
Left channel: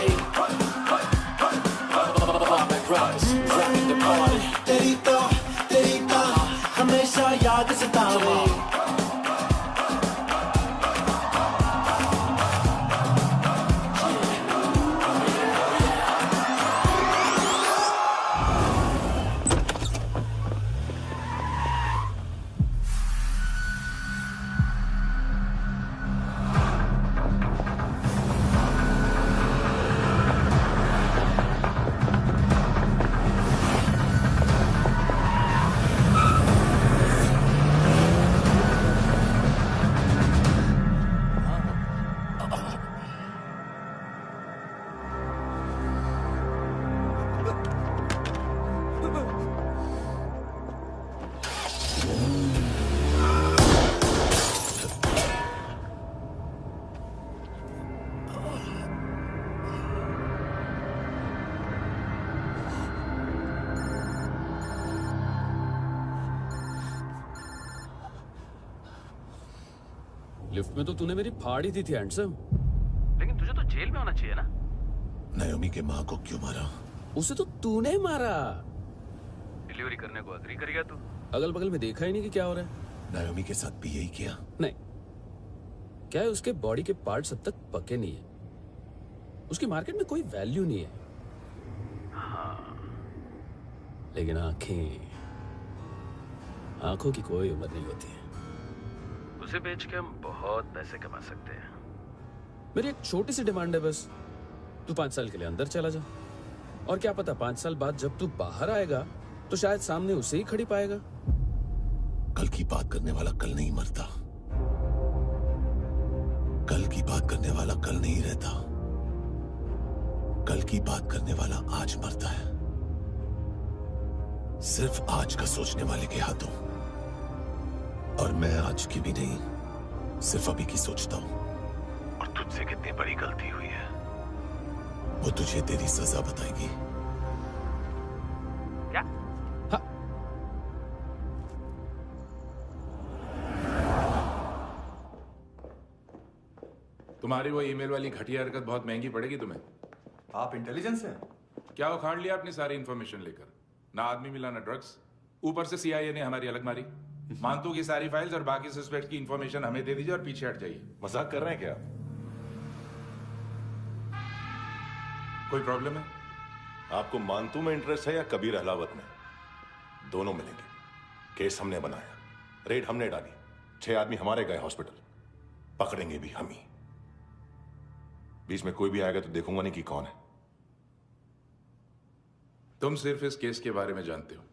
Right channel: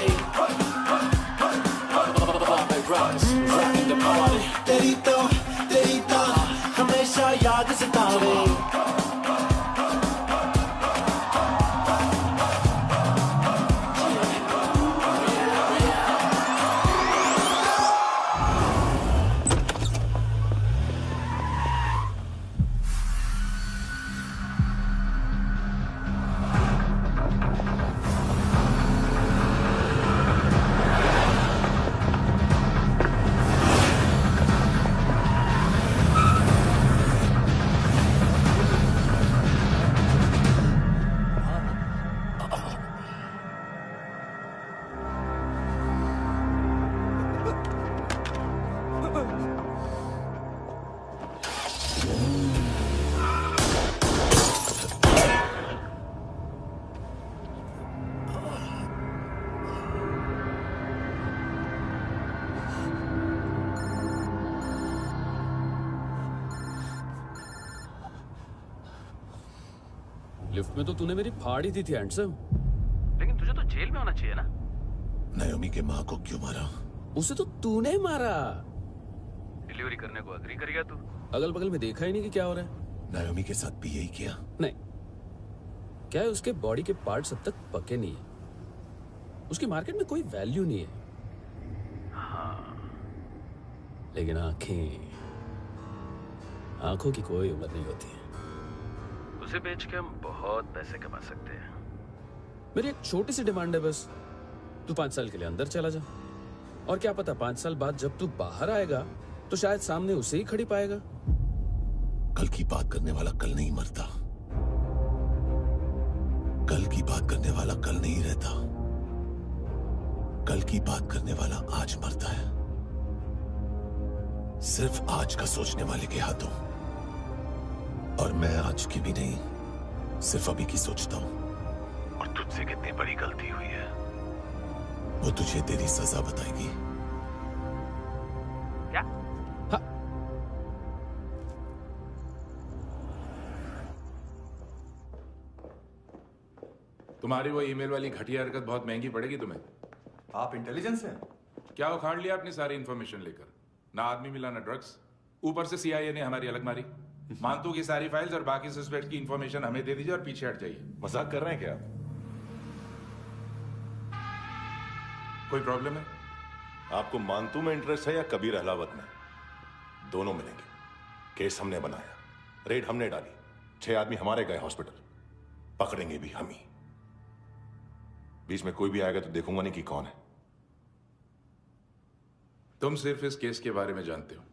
तेरी तो हमेशा याद सतावे। लिफ्ट में तो तूने मेरी फाड़ ही दी थी हैंडसम। लेकिन तुझे तो जेल में होना चाहिए ना। नायोमी के माँ को क्यों मारा? उसे तो तूने मारा। डिलीवरी करने को अग्री कर गया तू। अगल बगल में देखा ही नहीं कि क्या हो रहा है। नायोमी के साथ भी यही किया? नहीं, क्या है उसके बॉडी के पार्ट्स अब तक पके नहीं है, उसकी मार्केट में कोई वैल्यू नहीं है। हाँ, लेकिन आंखों की कोई उम्र नहीं होती है। उसे बेच के हम बहुत पैसे कमा सकते हैं। मेरी एक छोटी सी डिमांड है बस, तू 5 साल के लिए अंदर चला जा, और क्या पता 5 साल बाद जब तू बाहर आएगा तो शायद सामने उसे ही खड़ी पाएगा। कल की बात करने वाला कल नहीं मरता, कल की बात करने वाला कल नहीं रहता, कल की बात करने वाला आज मरता है। सिर्फ आज का सोचने वाले के हाथों। और मैं आज की भी नहीं, सिर्फ अभी की सोचता हूं। और तुझसे कितनी बड़ी गलती हुई है वो तुझे तेरी सजा बताएगी। क्या? हाँ। तुम्हारी वो ईमेल वाली घटिया हरकत बहुत महंगी पड़ेगी तुम्हें। आप इंटेलिजेंस हैं? क्या उखाड़ लिया अपनी सारी इंफॉर्मेशन लेकर? ना आदमी मिला ना ड्रग्स, ऊपर से CIA ने हमारी अलग मारी। मानतू की सारी फाइल्स और बाकी सस्पेक्ट की इंफॉर्मेशन हमें दे दीजिए और पीछे हट जाइए। मजाक कर रहे हैं क्या आप? कोई प्रॉब्लम है? आपको मानतू में इंटरेस्ट है या कबीर अहलावत में? दोनों मिलेंगे। केस हमने बनाया, रेड हमने डाली, 6 आदमी हमारे गए हॉस्पिटल, पकड़ेंगे भी हम ही। बीच में कोई भी आएगा तो देखूंगा नहीं कि कौन है। तुम सिर्फ इस केस के बारे में जानते हो,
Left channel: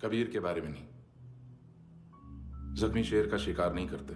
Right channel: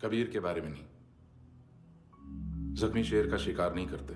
कबीर के बारे में नहीं। जख्मी शेर का शिकार नहीं करते।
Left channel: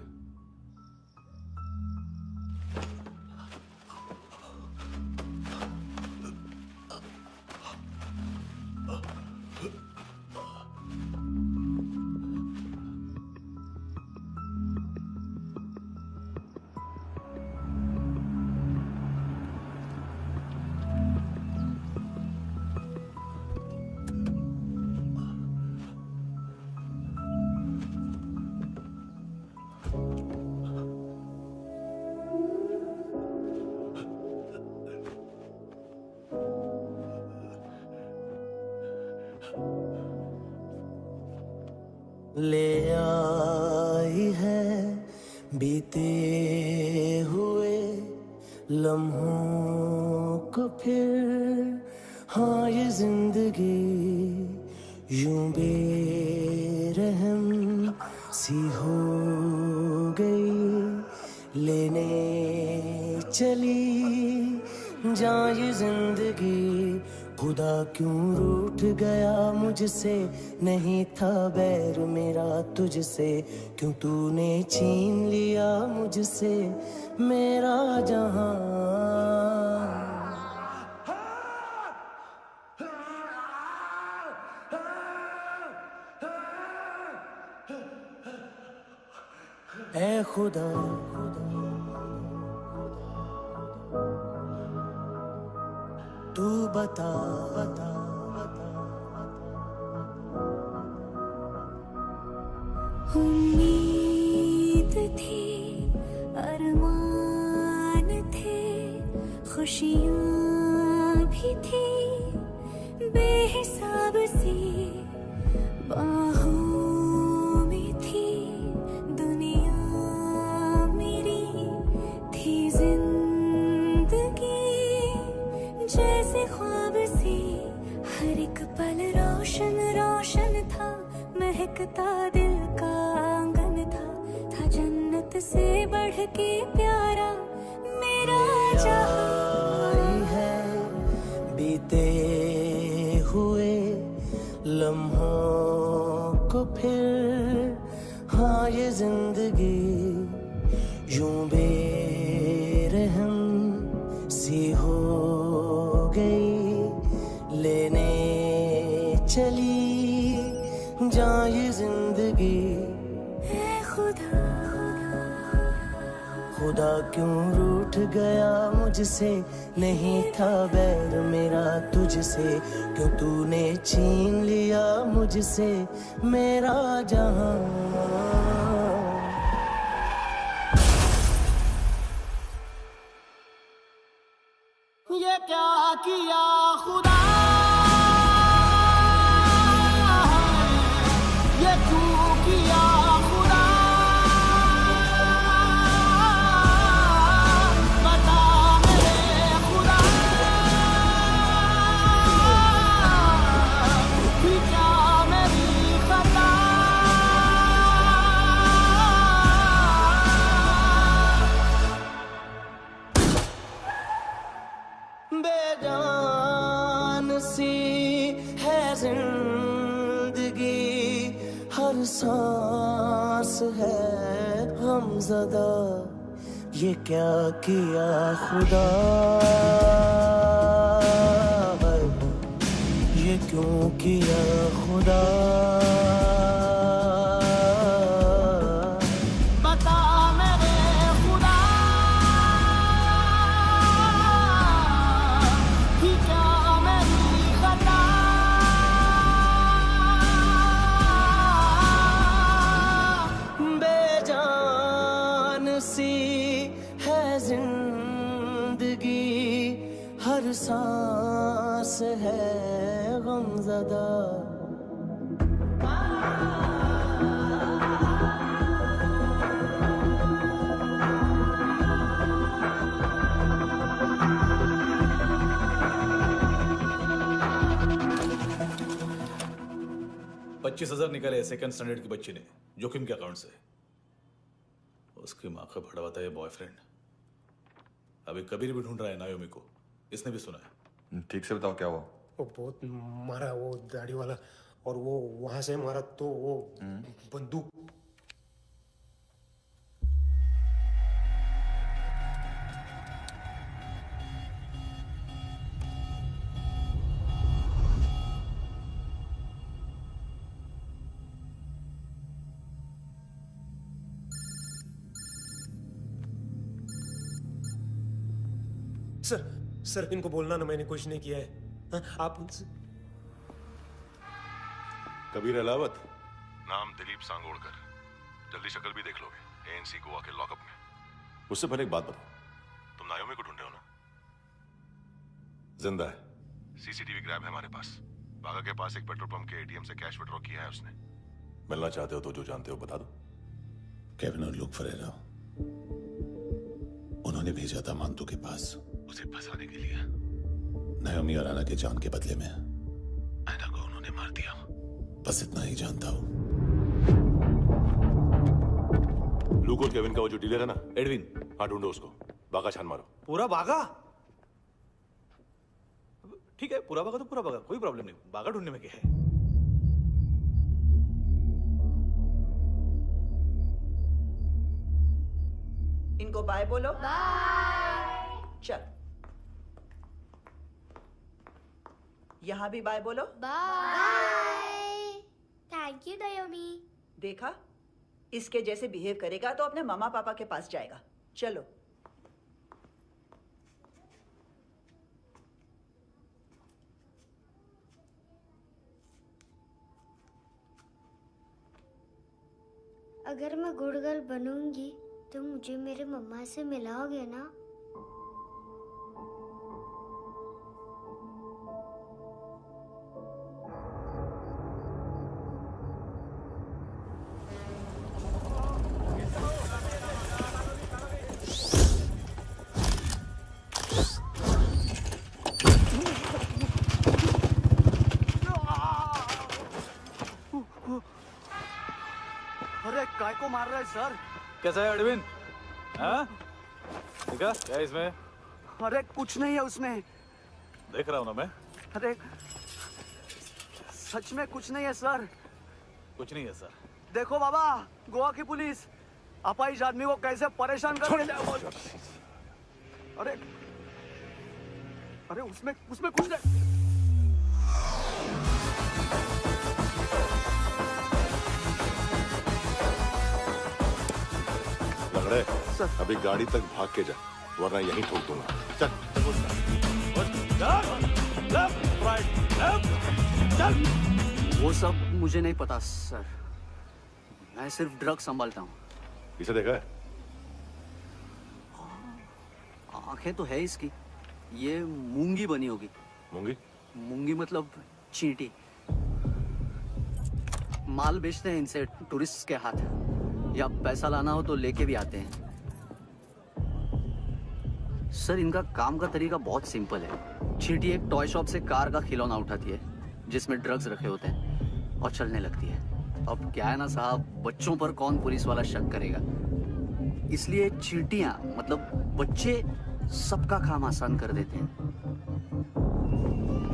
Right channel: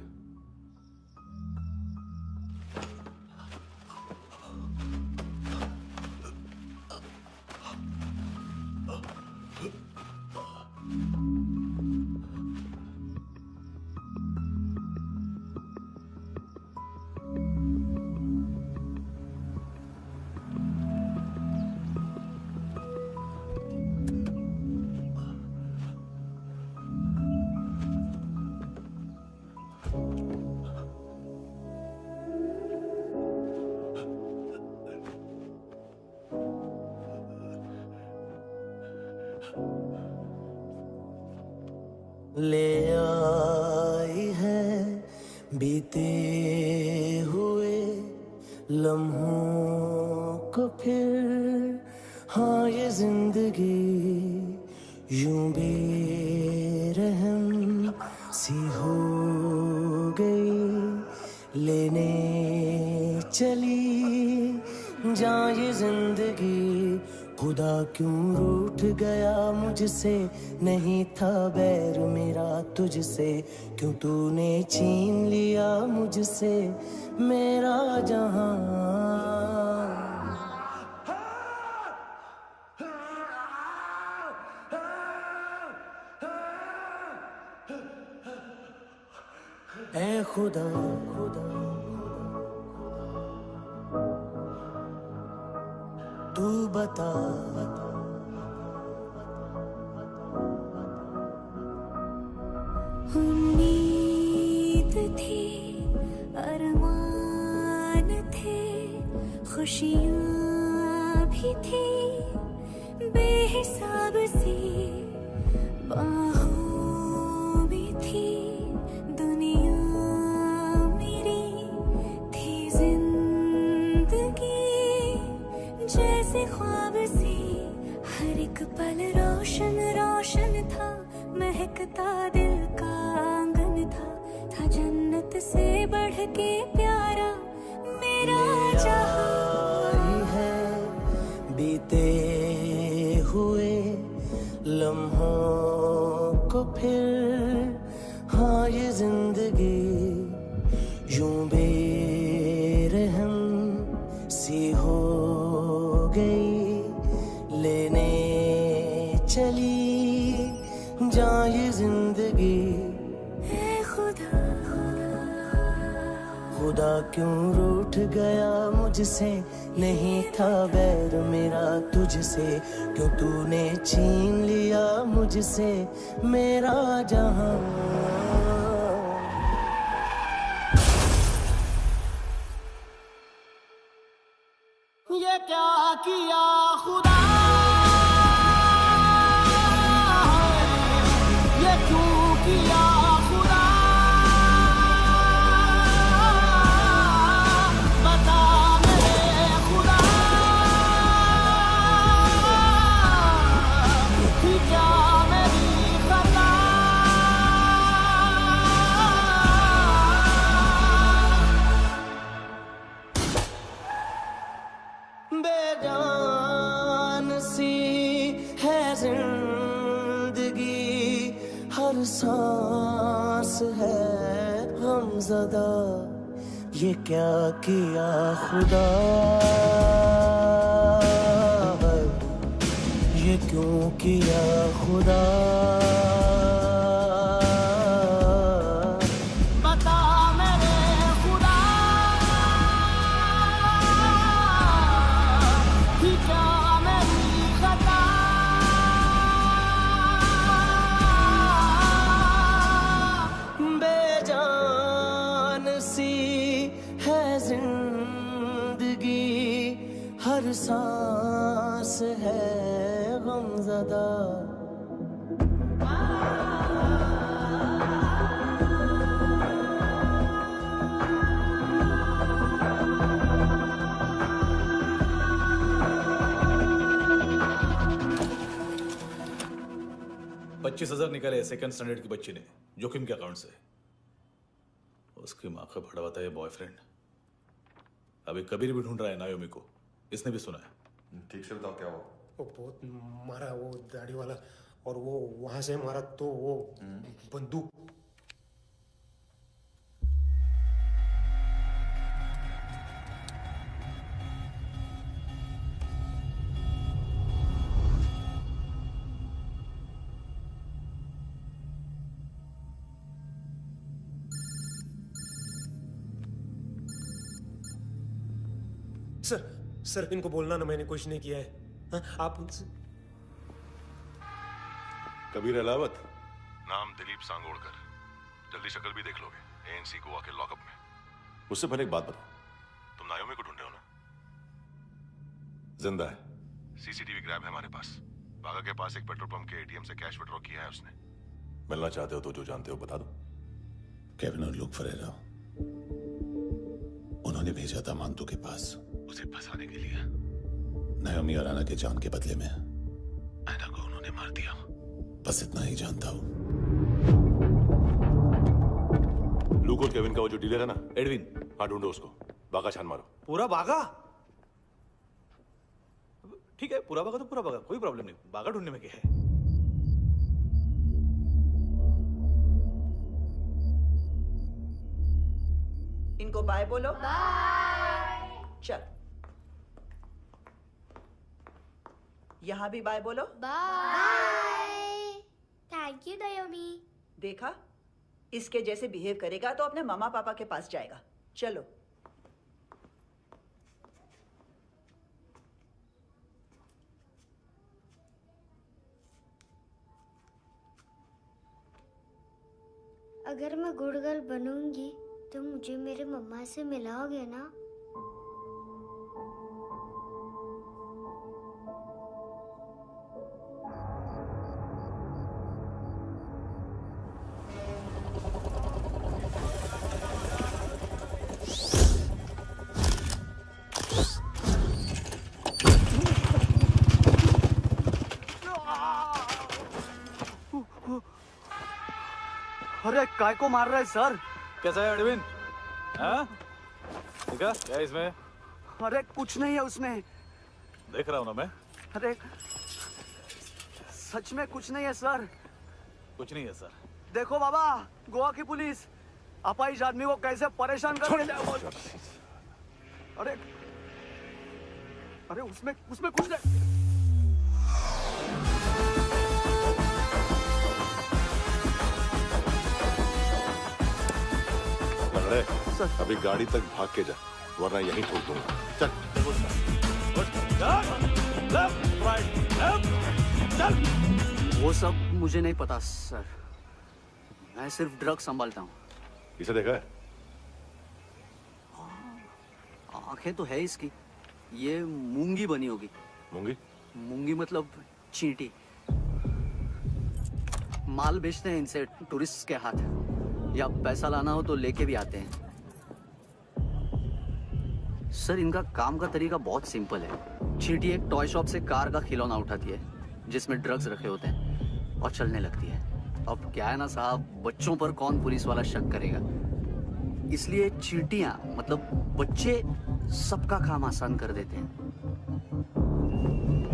ले आई है बीते हुए लम्हों को फिर, हाँ ये जिंदगी यूं बेरहम सी हो गई, लेने चली जा ये जिंदगी। खुदा क्यों रूठ गया मुझसे, नहीं था बैर मेरा तुझसे, क्यों तूने छीन लिया मुझसे मेरा जहां। ऐ खुदा तू बता उम्मीद थी, अरमान थे, खुशियाँ भी थी बेहिसाब सी, बाहों में थी दुनिया मेरी, थी जिंदगी जैसे ख्वाब सी, हर एक पल रोशन रोशन था, महकता दिल का आंगन था जन्नत से बढ़ के प्यारा मेरा जहां। है बीते हुए लम्हों को फिर, हाँ ये जिंदगी यूं बेरहम सी हो गई, लेने चली जा ये जिंदगी। ऐ खुदा खुदा क्यों रूठ गया मुझसे, नहीं था बैर मेरा तुझसे, क्यों तूने छीन लिया मुझसे मेरा जहां। किया खुदा, ये क्यों किया खुदा, बता मेरे खुदा, कि क्या मेरी खता, बेजान सी है जिंदगी, हर सांस है गमज़दा, ये क्या किया खुदा, ये क्यों किया खुदा, बता मेरे खुदा, कि क्या मेरी खता, बेजान सी है जिंदगी, हर सांस है गमज़दा। $25,000 निकाले सेकंड स्टैंडर्ड की बच्ची ने जोखिम के अकाउंट से। उसकी माँ का भड़ा हुआ ये बॉयफ्रेंड अभी कबीर भी ढूंढ रहा है नायोमी को, इसने भी सुना है। ठीक से बताओ क्या हुआ। वो बहुत मारा, वो दाढ़ी वाला, और वो वहां से मारा तो वो बंदूक। सर इनको बोलना ना मैंने कुछ नहीं किया है। हाँ, आप उनसे। कबीर अलावत, नाम दिलीप सांगोड़कर, जल्दी शक्ल भी देख लोगे एएनसी गोवा के लॉकअप में। मुझसे पहले एक बात बताओ, तुम नायोमी को ढूंढ रहे हो ना? जिंदा है, सीसीटीवी ग्रैब है हमारे पास। बागा के पास एक पेट्रोल पंप के एटीएम से कैश विड्रॉ किया है उसने। मिलना चाहते हो तो जो जानते हो बता दो। केविन और लुक फरेरा, उन्होंने भेजा था मांतू के पास उसे फंसाने के लिए। नायोमी और आना के जान के बदले में आना को उन्होंने मार दिया। बस इतना ही जानता हूं। लुक और केविन का वो जो डीलर है ना, एडविन, हाँ ढूंढो उसको। बागा छान मारो। पूरा बागा? ठीक है, पूरा बागा तो पूरा बागा, कोई प्रॉब्लम नहीं। बागा ढूंढने में क्या है? इनको बाय बोलो। बाय। चल, यहां भी बाय बोलो। बाय। Thank you नायोमी। देखा, इसके जैसे बिहेव करेगा तो अपने मामा पापा के पास जाएगा। चलो। अगर मैं गुड गर्ल बनूंगी तो मुझे मेरे मम्मा से मिलाओगे ना? अरे काय को मार रहा है सर? कैसा है एडविन? हाँ? देखा क्या इसमें? अरे कुछ नहीं है उसमें। देख रहा हूं ना मैं। अरे सच में कुछ नहीं है सर। कुछ नहीं है सर। देखो बाबा, गोवा की पुलिस अपाहिज आदमी को कैसे परेशान कर रही है। अरे अरे उसमें कुछ नहीं। लंगड़े, अभी गाड़ी तक भाग के जा, वरना यहीं ठोक दूंगा। चल। वो सब मुझे नहीं पता सर, मैं सिर्फ ड्रग संभालता हूँ। इसे देखा है? आंखें तो है इसकी, ये मूंगी बनी होगी। मूंगी? मूंगी मतलब चींटी। माल बेचते हैं इनसे टूरिस्ट के हाथ, या पैसा लाना हो तो लेके भी आते हैं। सर इनका काम का तरीका बहुत सिंपल है। चींटी एक टॉय शॉप से कार का खिलौना उठाती है जिसमें ड्रग्स रखे होते हैं और चलने लगती है। अब क्या है ना साहब, बच्चों पर कौन पुलिस वाला शक करेगा, इसलिए चींटियां मतलब बच्चे सबका काम आसान कर देते हैं।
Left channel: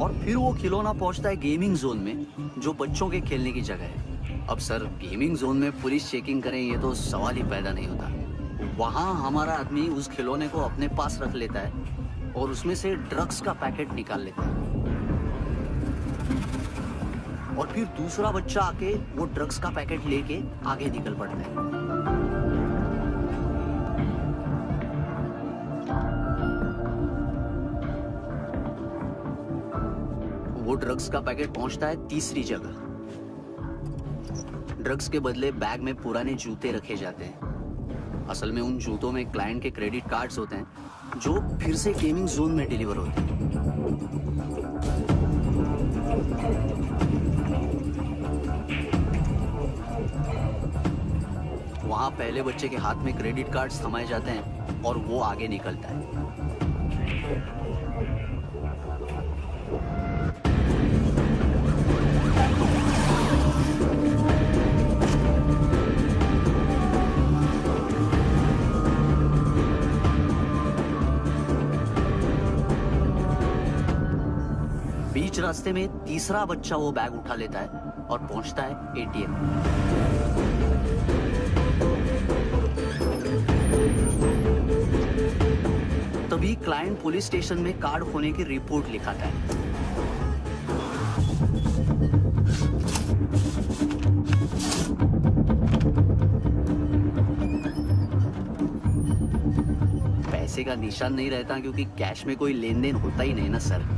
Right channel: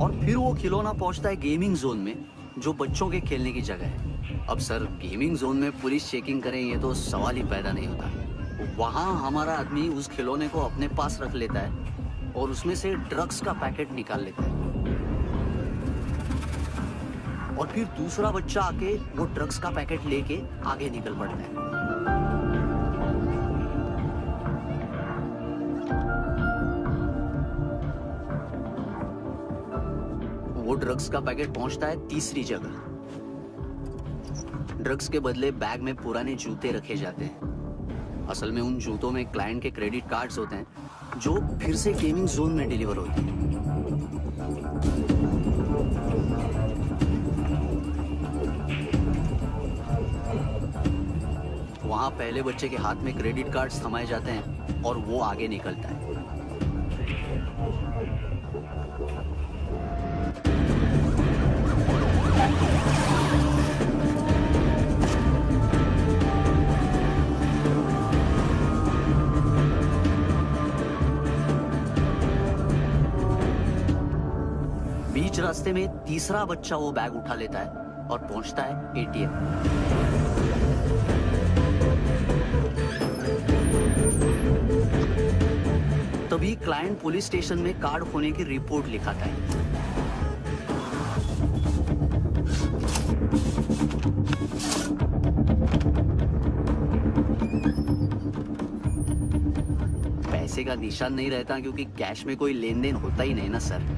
और फिर वो खिलौना पहुंचता है गेमिंग जोन में, जो बच्चों के खेलने की जगह है। अब सर गेमिंग जोन में पुलिस चेकिंग करें ये तो सवाल ही पैदा नहीं होता। वहां हमारा आदमी उस खिलौने को अपने पास रख लेता है और उसमें से ड्रग्स का पैकेट निकाल लेता है, और फिर दूसरा बच्चा आके वो ड्रग्स का पैकेट लेके आगे निकल पड़ता है। वो ड्रग्स का पैकेट पहुंचता है तीसरी जगह। ड्रग्स के बदले बैग में पुराने जूते रखे जाते हैं। असल में उन जूतों में क्लाइंट के क्रेडिट कार्ड्स होते हैं जो फिर से गेमिंग जोन में डिलीवर होते हैं। वहां पहले बच्चे के हाथ में क्रेडिट कार्ड्स थमाए जाते हैं और वो आगे निकलता है। बीच रास्ते में तीसरा बच्चा वो बैग उठा लेता है और पहुंचता है एटीएम। तभी क्लाइंट पुलिस स्टेशन में कार्ड खोने की रिपोर्ट लिखाता है। पैसे का निशान नहीं रहता क्योंकि कैश में कोई लेन देन होता ही नहीं ना सर।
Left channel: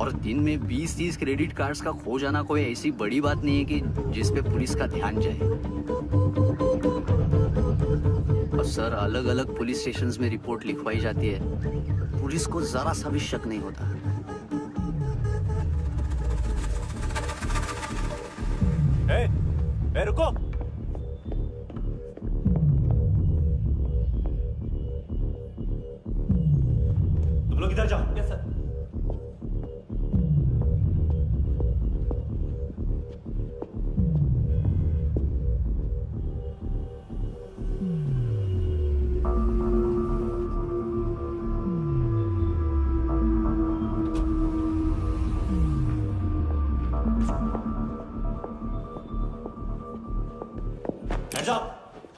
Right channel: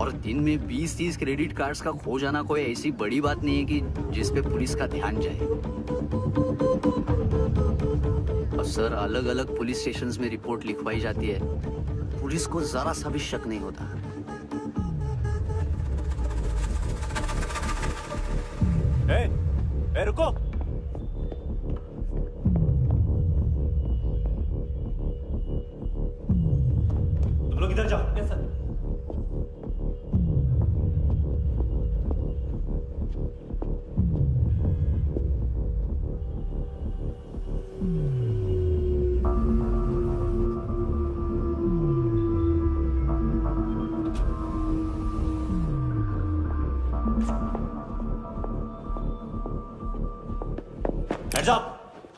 और दिन में 20-30 क्रेडिट कार्ड्स का खो जाना कोई ऐसी बड़ी बात नहीं है कि जिस पे पुलिस का ध्यान जाए। और सर अलग अलग पुलिस स्टेशंस में रिपोर्ट लिखवाई जाती है, पुलिस को जरा सा भी शक नहीं होता। ए, रुको। तुम लोग इधर जाओ। Yes sir. Hands up!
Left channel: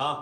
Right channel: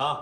हाँ।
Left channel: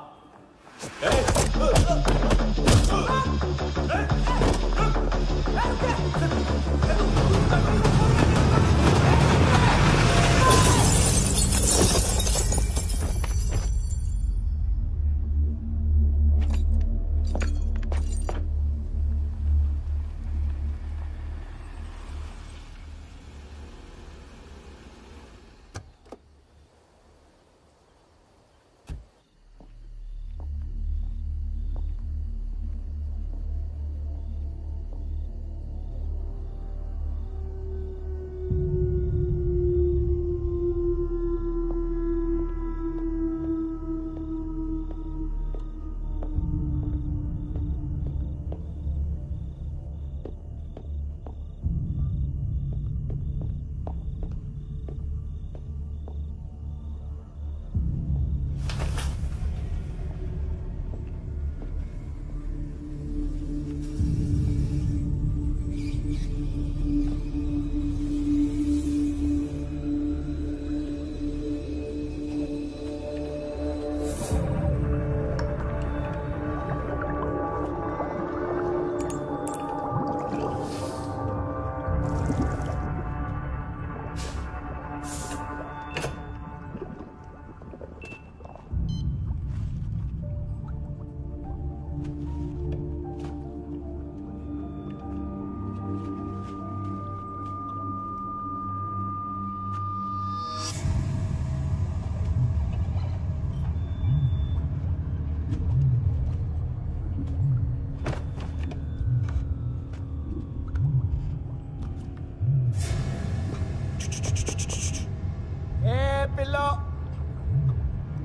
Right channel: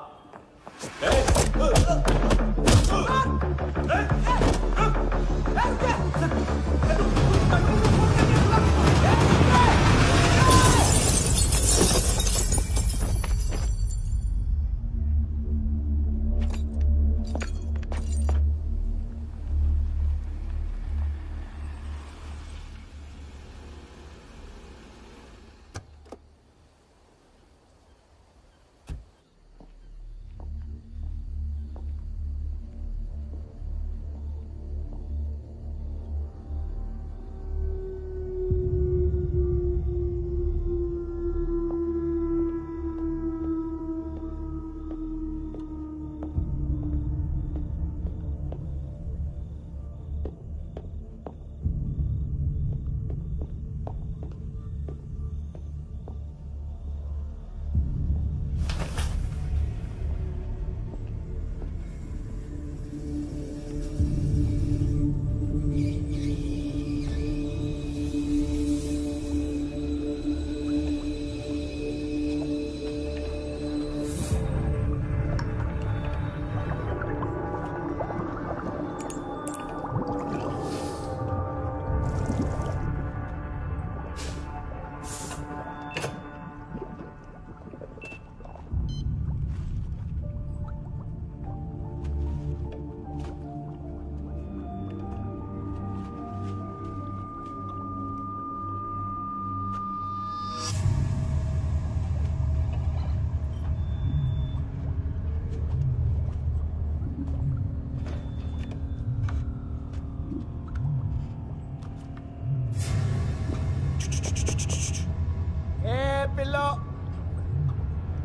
पिल्लो।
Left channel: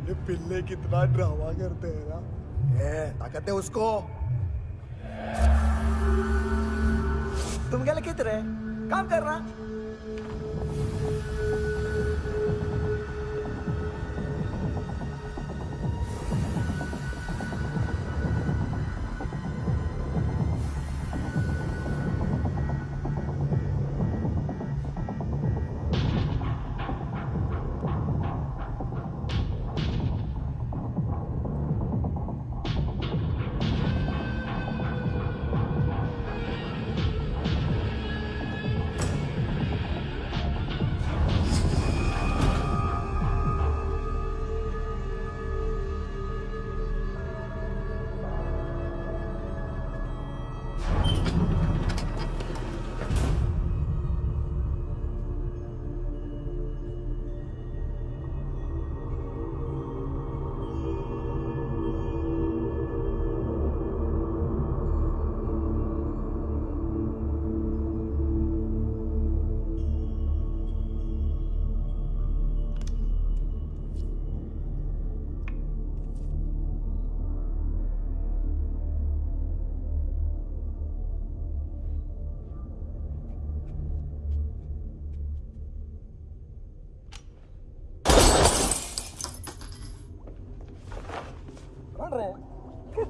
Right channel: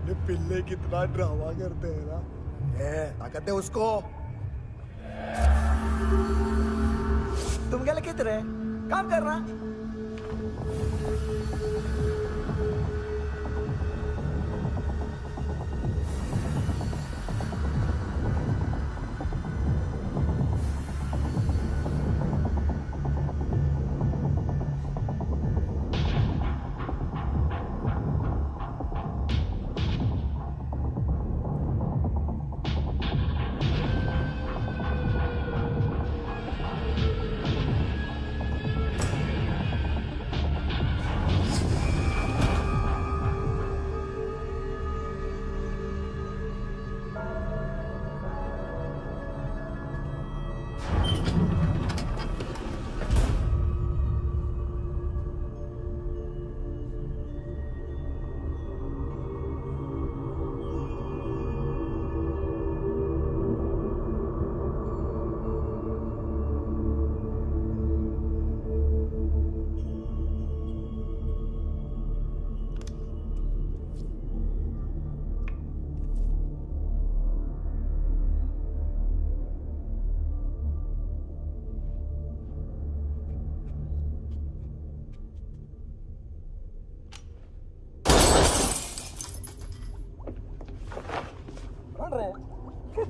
ये पिल्ले कितना ड्रामा करते हैं ना। ताकत है उसको। तुम क्या लिखित रहे? काम कर रहा।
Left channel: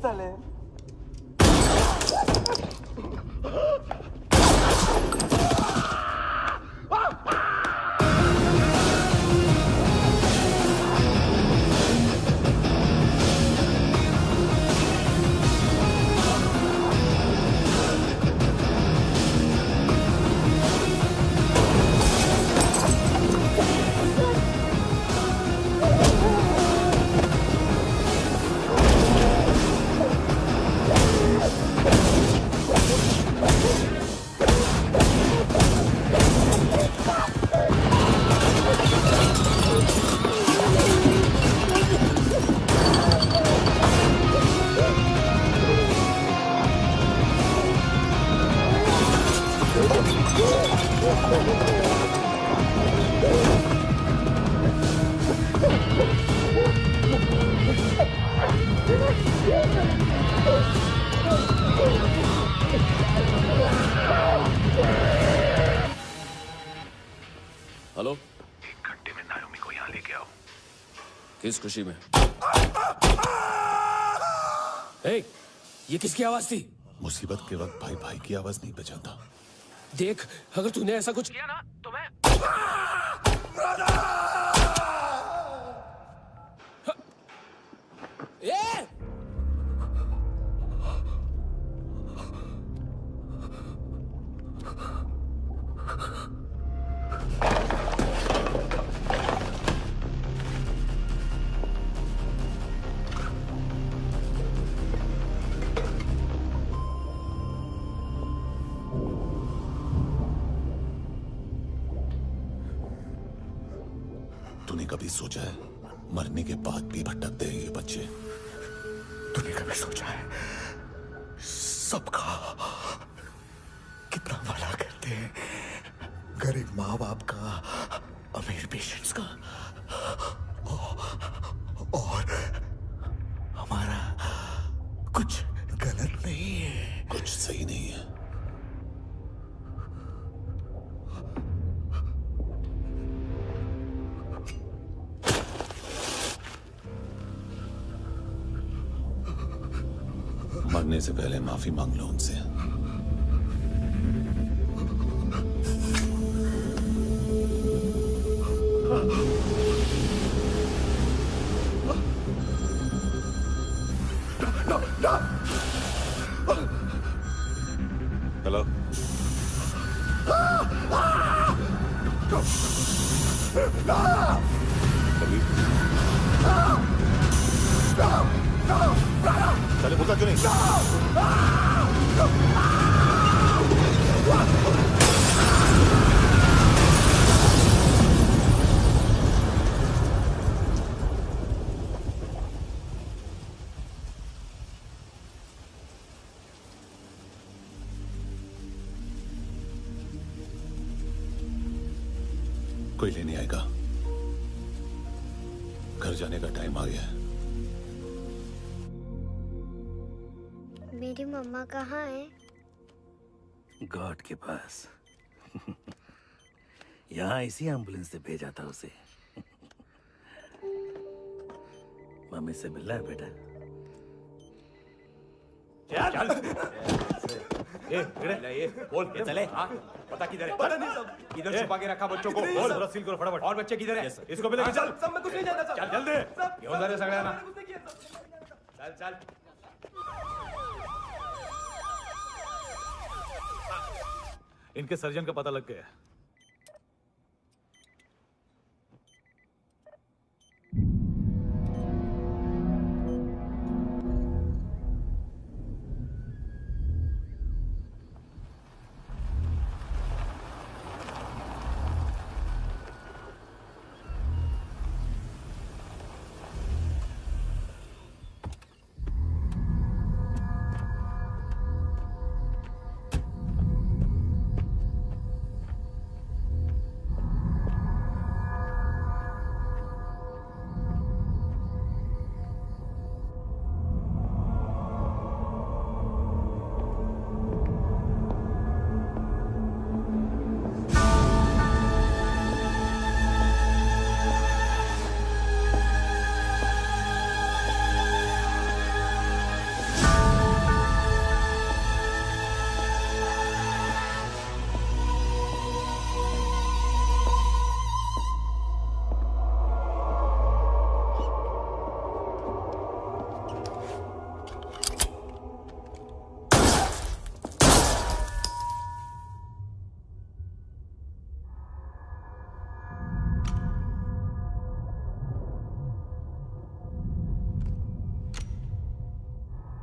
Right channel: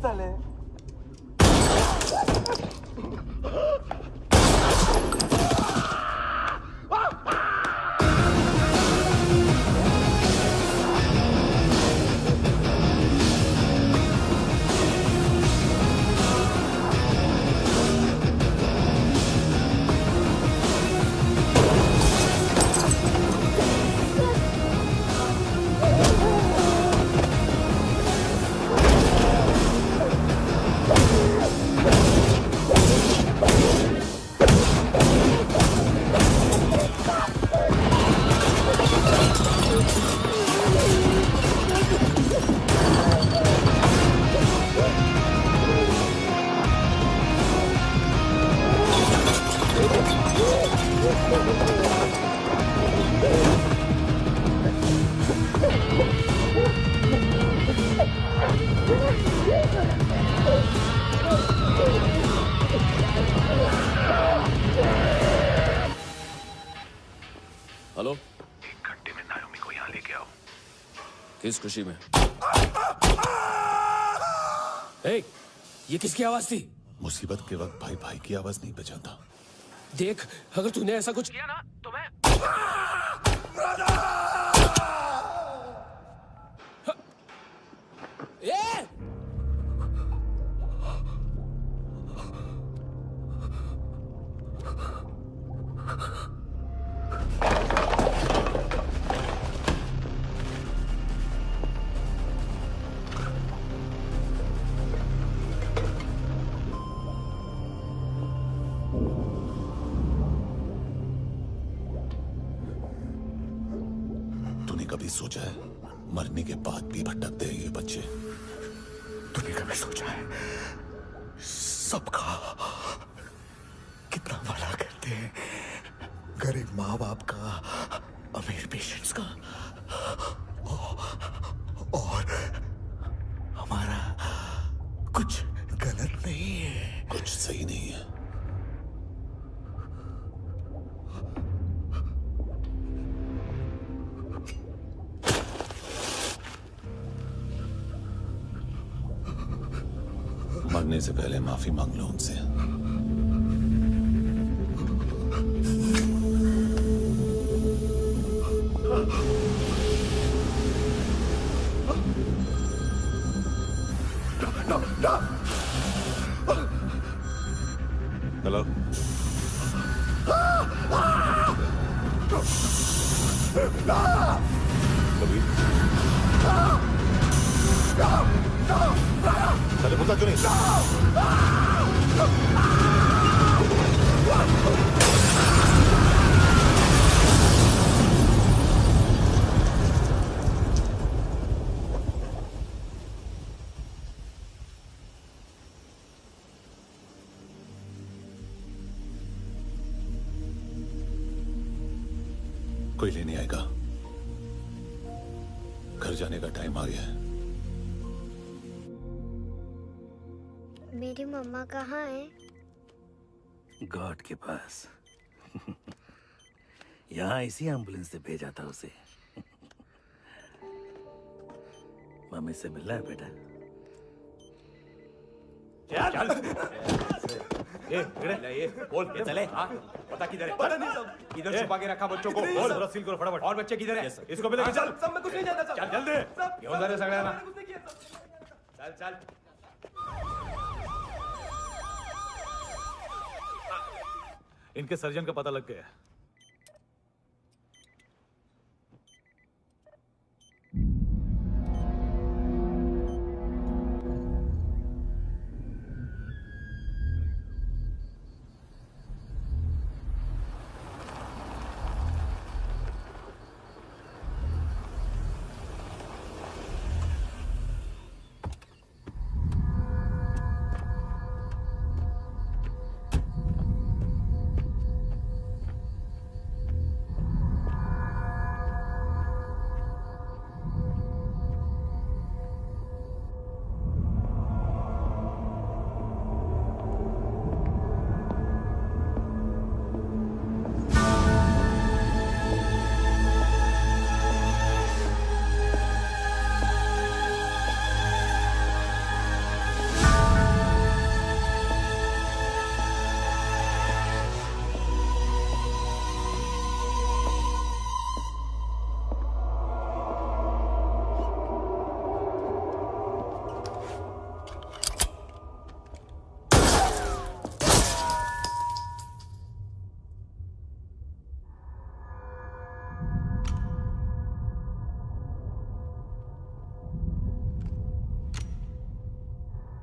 Dale. हेलो, 1 घंटे में नायोमी को यहाँ लेके आओ। किस खुशी में? हे, ये किसकी आवाज थी? मुसीबत के वक्त भाई भाई की आवाज नहीं बचाता। देख, अगर तूने ऐसा कुछ किया ना तो मैं तूने कभी सोचा है मरने के बाद भी भटकते हैं ये बच्चे? तूने कभी सोचा है सबका कितना भला करते हैं? गरीब माँ बाप का, अमीर पेशेंट्स का, और हमारा कुछ गलत नहीं है, कुछ सही नहीं है। मरने से पहले माफी मांग लो उनसे। हेलो, कबीर, चले भूखा क्यों नहीं? कोई लेने आएगा? घर जाने का टाइम आ गया है। मेरी मम्मा कहाँ है? गॉड के पास। यहाँ इसी एम्बुलेंस से भेजा था उसे। मम्मी से मिलना है बेटा। चल ये बोल ये चले। हाँ पता किधर है? पता नहीं सब इधर छुपा के रखा बच्चों को। बोल थोड़ा सील करो फटाफट। और बच्चे किधर है? इसको भी लेके चल। सब में कुछ नहीं जानता। चल जल्दी घेऊन जा रे सगळ्यांना। चल चल इनके सर्जन का पता लग गया।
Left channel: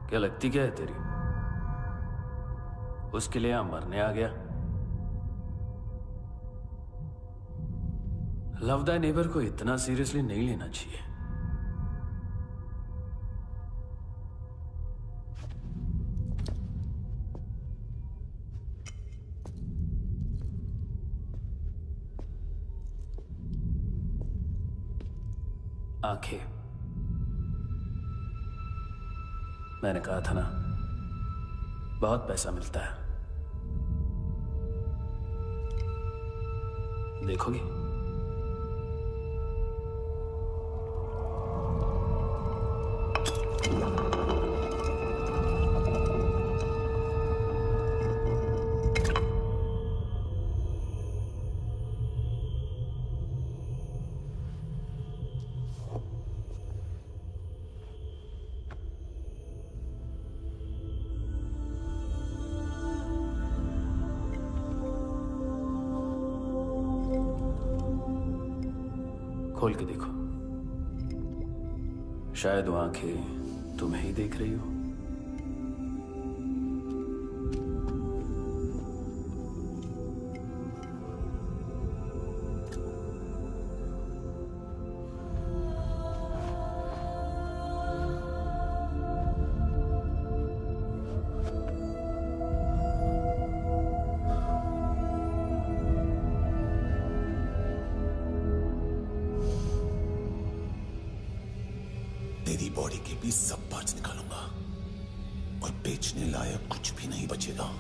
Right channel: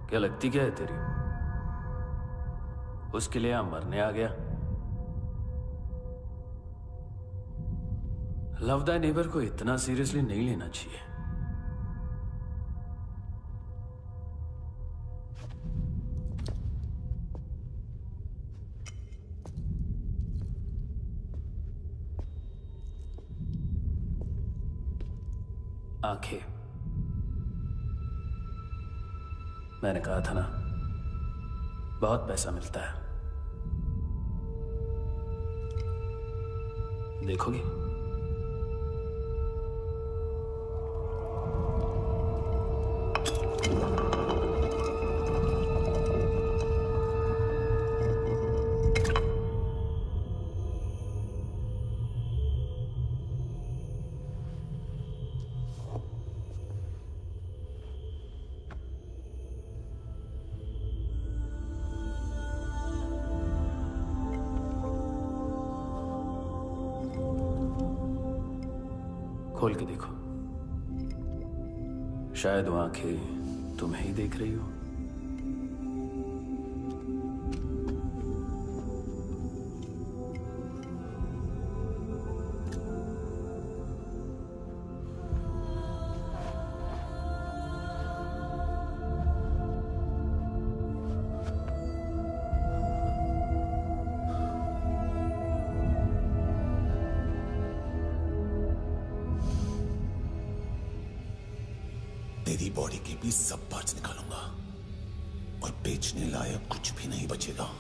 क्या लगती क्या है तेरी? उसके लिए यहां मरने आ गया? लव द नेबर को इतना सीरियसली नहीं लेना चाहिए। आंखें, मैंने कहा था ना, बहुत पैसा मिलता है। देखोगे? खोल के देखो, शायद वो आंखें तुम्हें ही देख रही हो। तेरी बॉडी के भी सब पार्ट्स निकालूंगा और बेचने लायक कुछ भी नहीं बचेगा।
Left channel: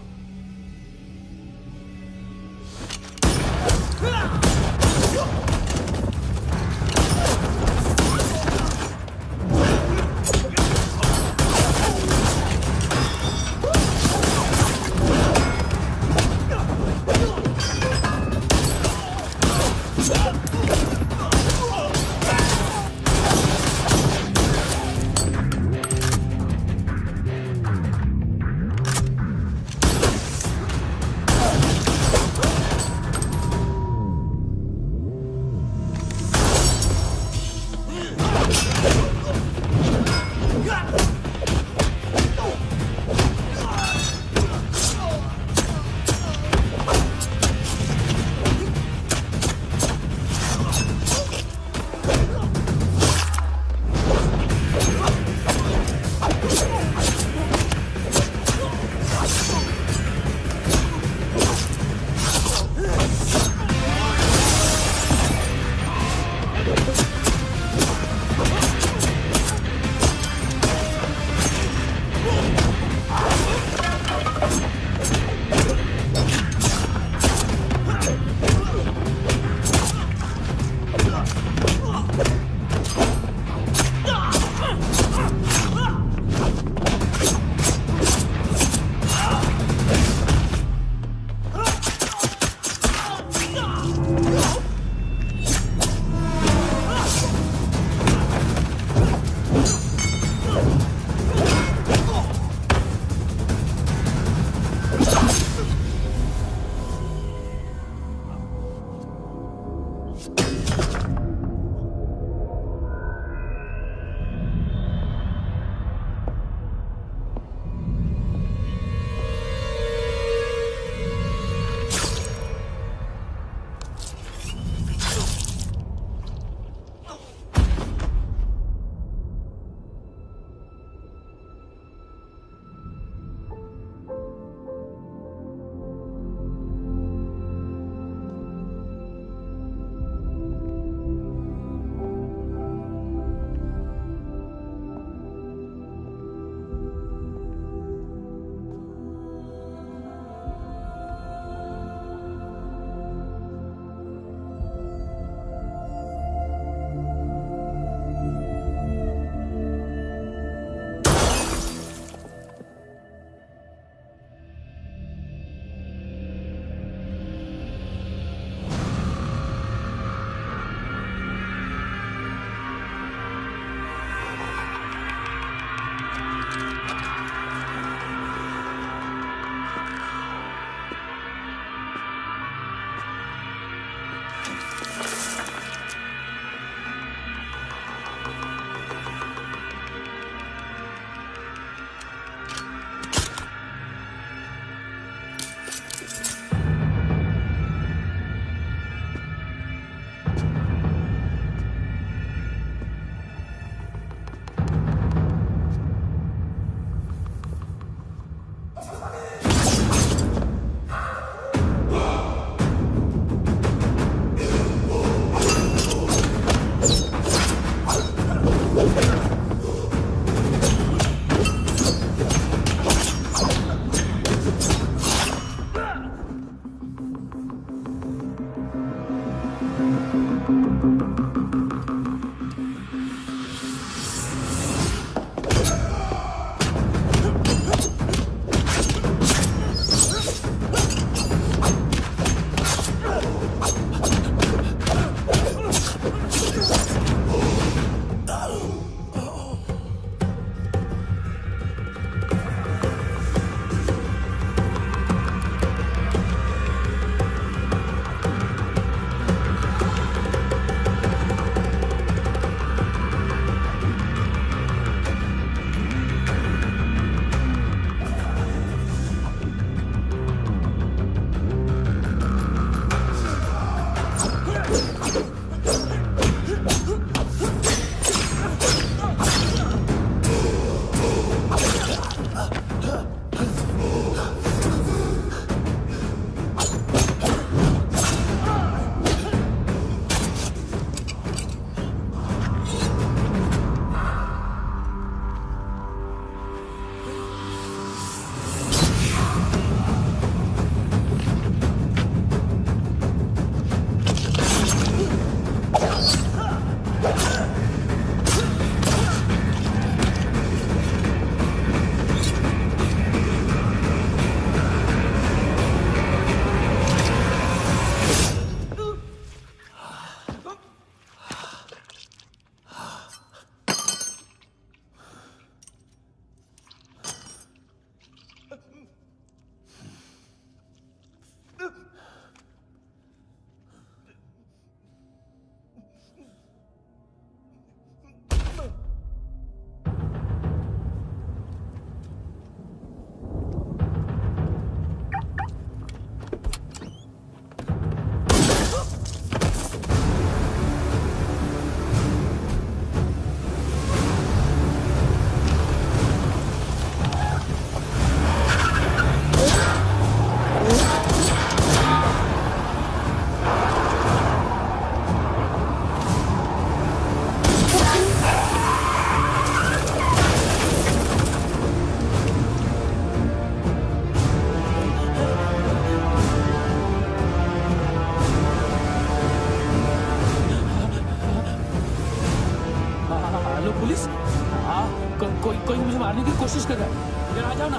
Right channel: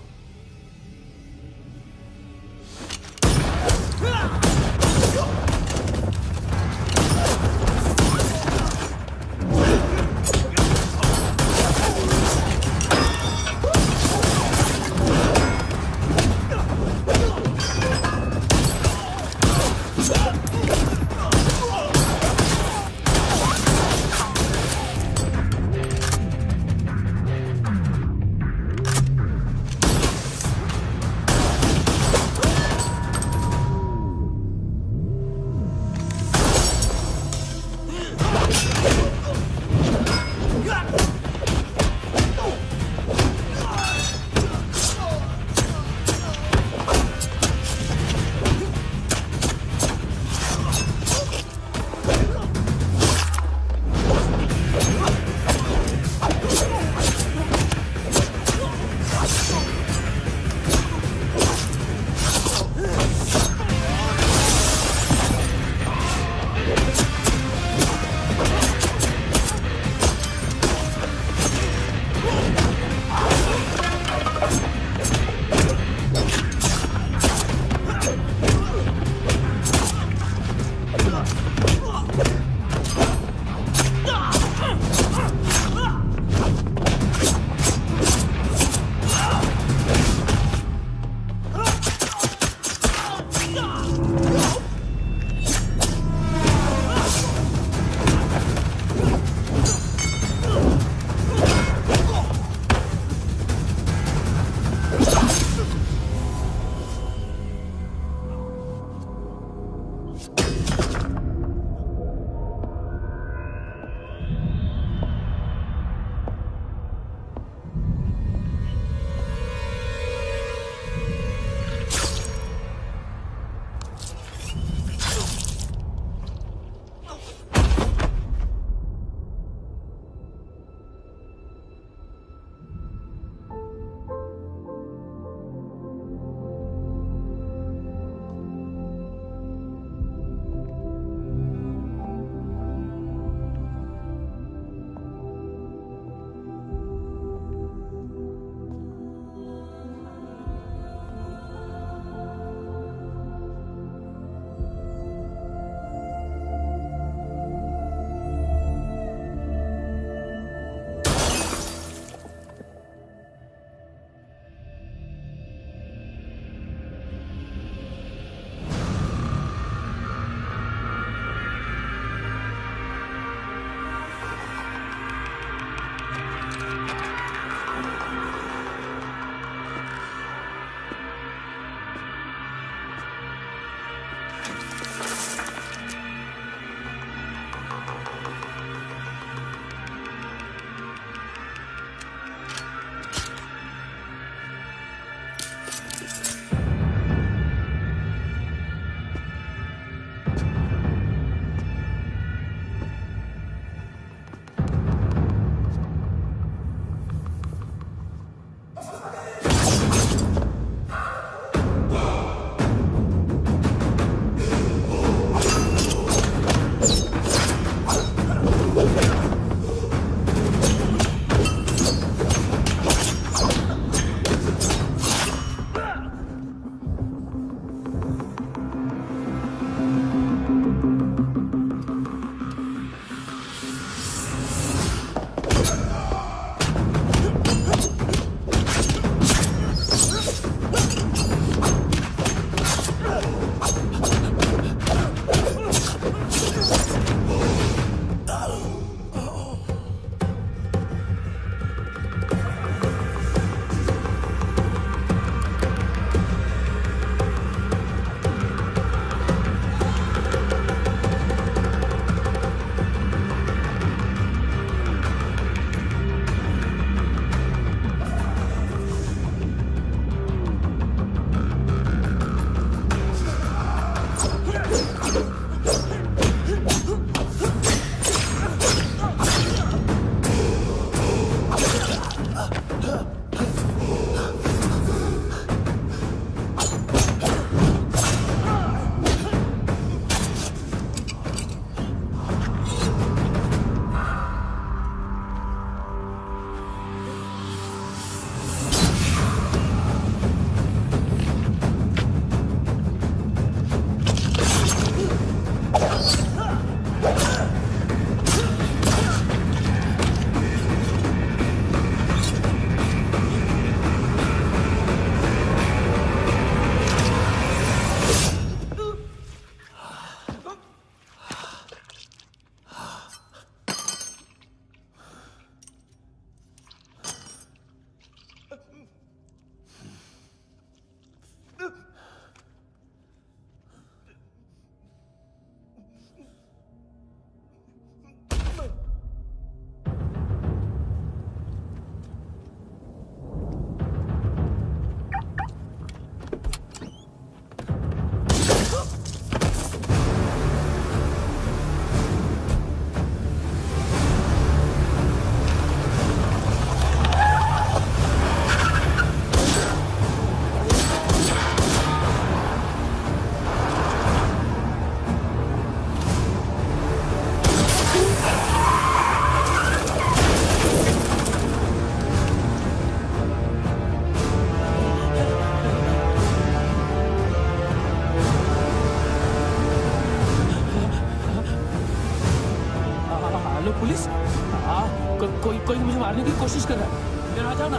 कोई मुझे मारने की कोशिश कर रहा है। इधर आ जाओ ना।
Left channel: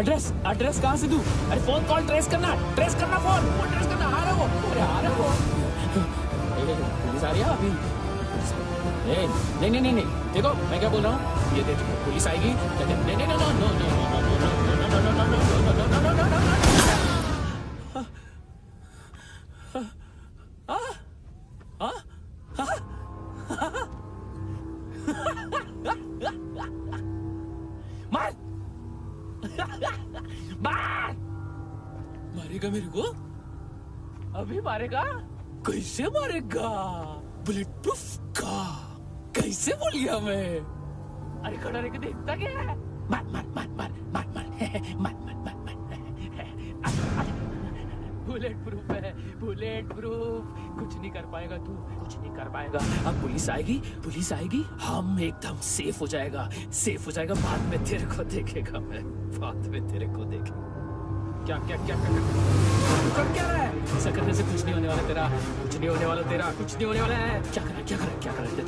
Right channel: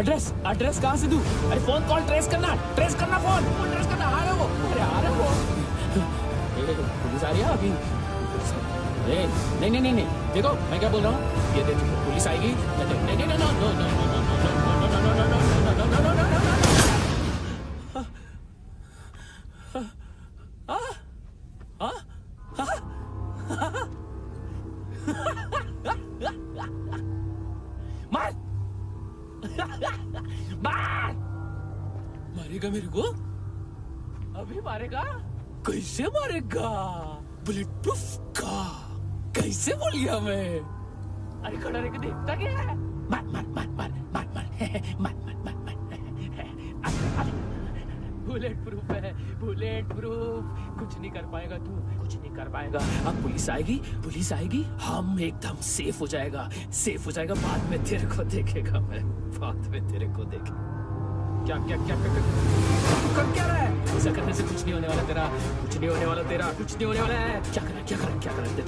एड्रेस कहाँ से दूं? अरे फोन कॉल ट्रेस करना फोन ट्रेस करना। आ रहा है वो, अरे आ रहा है वो। पुलिस आ रही है अभी। नहीं देखो मैं क्या बोल रहा हूँ, ये देख पुलिस आएगी। नहीं नो। मारेगा मेरे को? अभी मारेगा? कैसे मारेगा? बुलेट प्रूफ का कैसे बोल गया मैं? अरे खड़ा रह के देखता क्या है? मार बुलेट प्रूफ है, बुलेट प्रूफ। कुछ नहीं कर पाएगा तू, कुछ नहीं कर पाएगा। अब पुलिस आएगी, हम एकदम सेफ हो जाएगा। बाद में तेरे को देखेगा मैं, बाद में तेरे को देखेगा। क्या कर क्या रहा है? ऐसा करने से कुछ नहीं होने वाला तेरा, कुछ नहीं होने वाला है। क्या कर देख।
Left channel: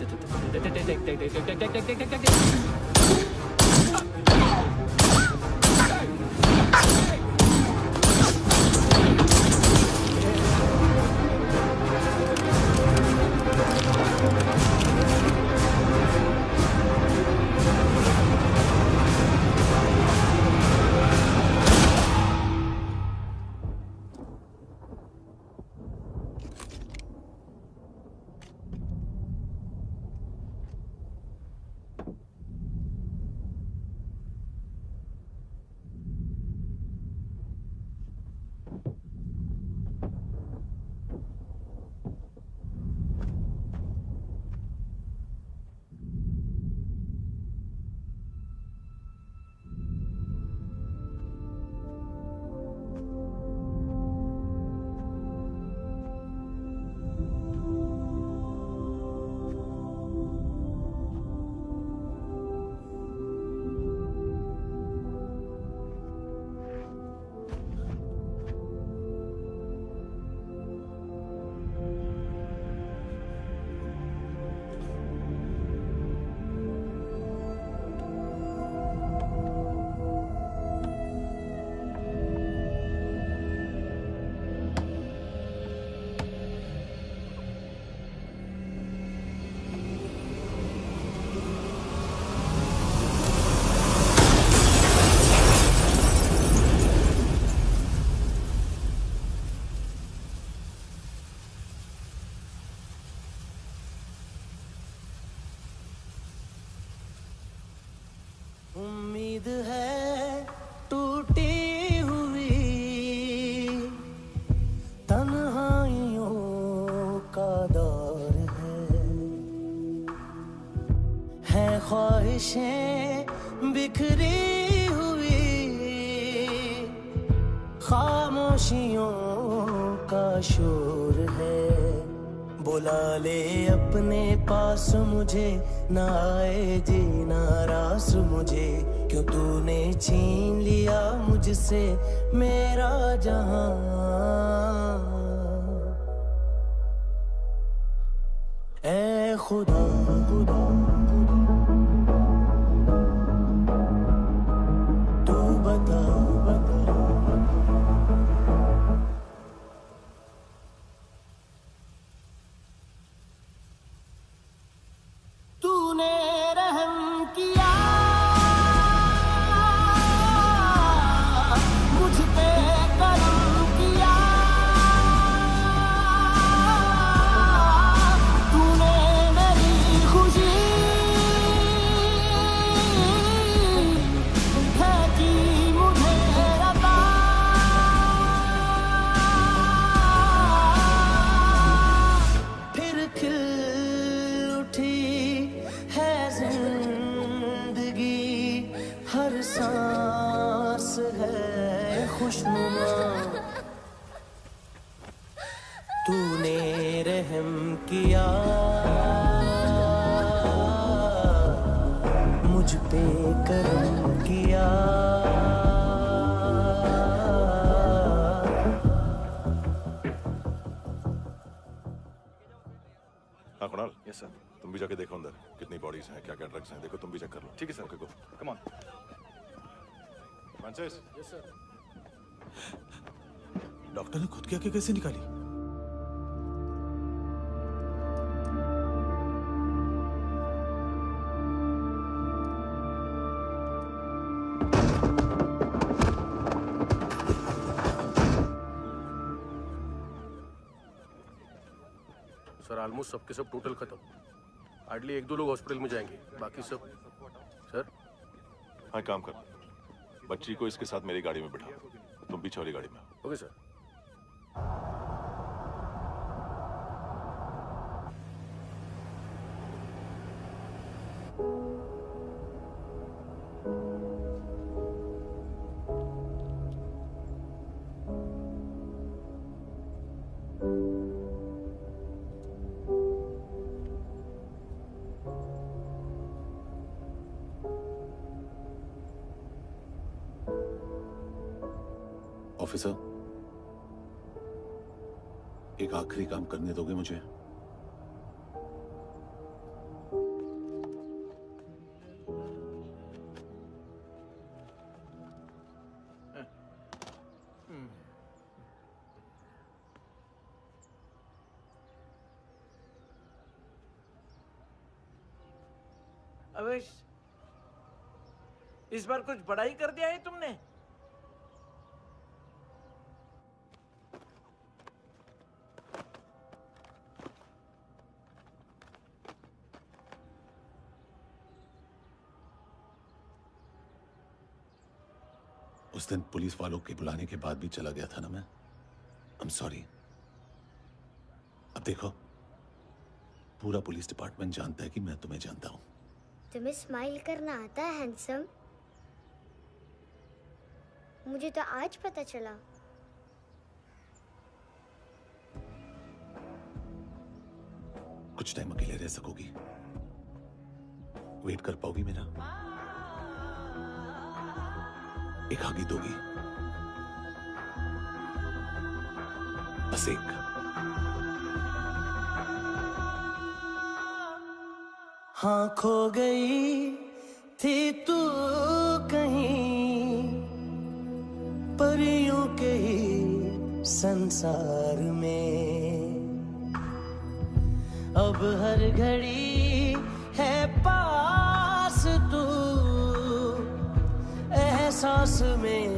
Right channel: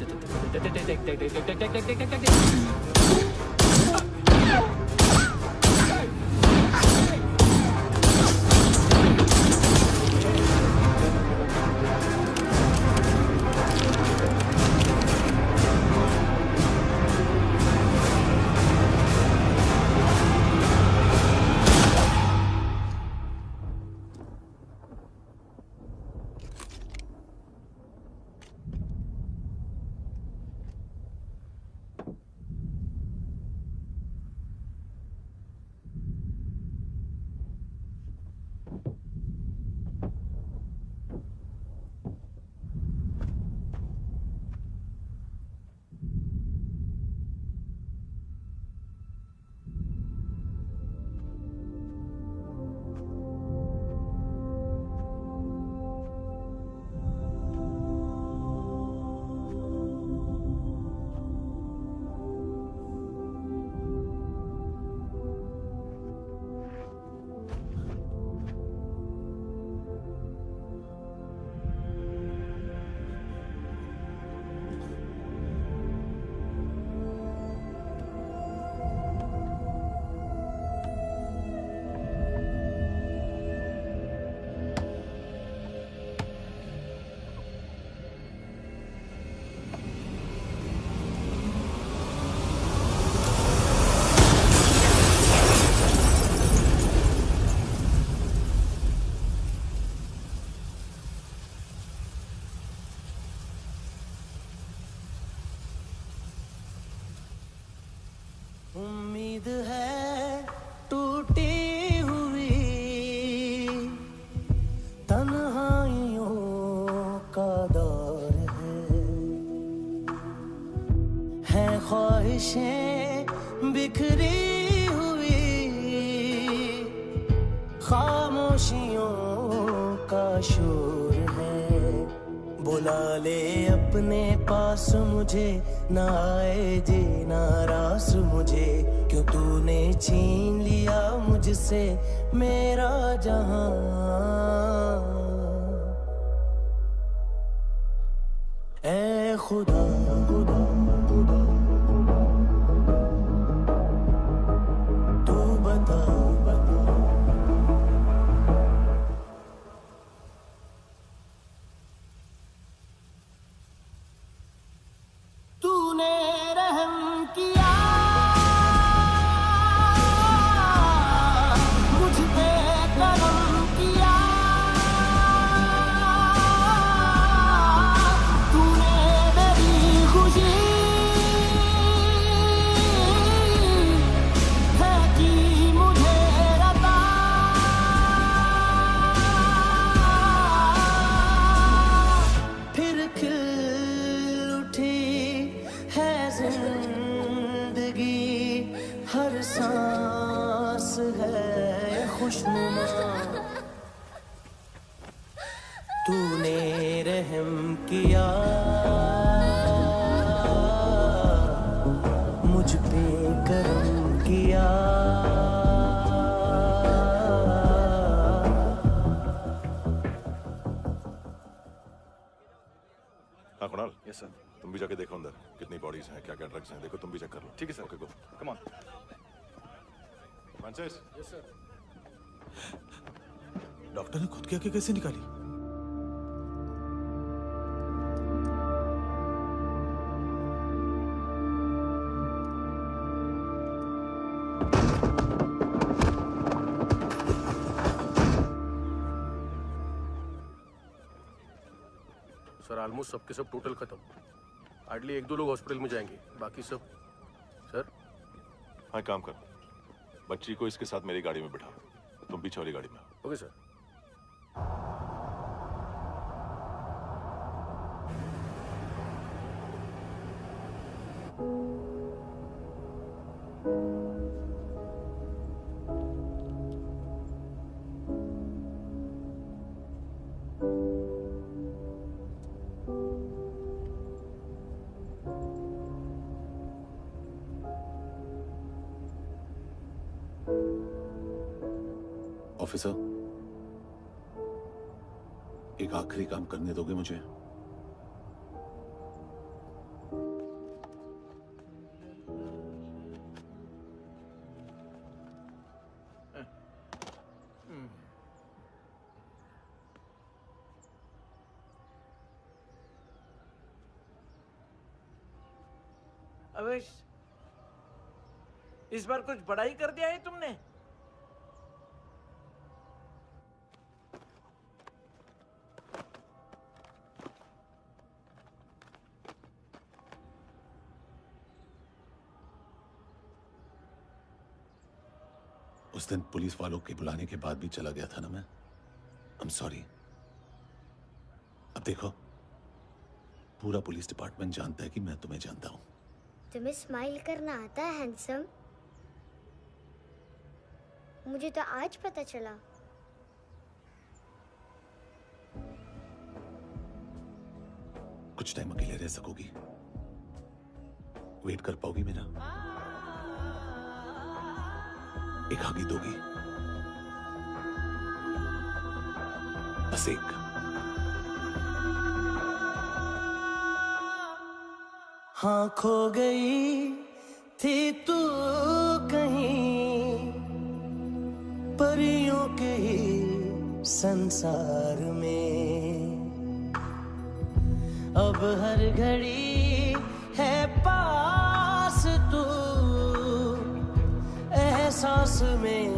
उम्मीद है टूटी हुई, तन्हाइयों का दौर है ख्वाहिशें बिखरी हुई, खामोशियों का शोर है। बुला ले अपने पास मुझे, ना आए जीना रास मुझे, क्यों तूने छीन लिया मुझसे मेरा जहां। ऐ खुदा तू बता तूने रहम किया मुझ पे, करम किया तूने मेरी खुशी है कि मुझे रता। फिर खिल उठी है जिंदगी, हर सांस है खुशनुमा। तूने रहम किया मुझ पे, करम किया। हाँ कुणाल, यस सर। तुम भी जाके देखो अंदर कितनी बॉडीज हैं, क्या क्या ड्रग्स हैं, देखो तुम भी चेक कर लो। ठीक है sir. Okay go. Come on. Francis. Yes sir. Doctor ने खुद की आंखें कैसे निकाली? सर ऑलमोस्ट सबके सब टोटल खत्म। हार्डली 1-2 लोग हॉस्पिटल में जाएंगे, बाकी सब। सर हाँ काम कर, बच्ची को इसके साथ मेरी गाड़ी में बिठा, तुम पीछे वाली गाड़ी में। Okay sir. ऑफिसर, एक आखिरी काम करने दोगे मुझे? अवेश, इस बार कुछ बड़ा ही कर दिया है तुमने। उस दिन पुलिस वालों के बुलाने के बाद भी चला गया था ना मैं। I am sorry. अब देखो, पूरा पुलिस डिपार्टमेंट जानता है कि मैं तुम्हें जानता हूं। तुम्हें स्माइल करना आता है हैंडसम? मुझे तो आज पता चला। कुछ टाइम अकेले रह सकोगी? वेट कर पाओगी मेरा? एक आगी दोगी? बस एक। हाँ खो गई थी तू कहीं परियों के ही संसार में, अब हर घड़ी है पास तू, एहसास में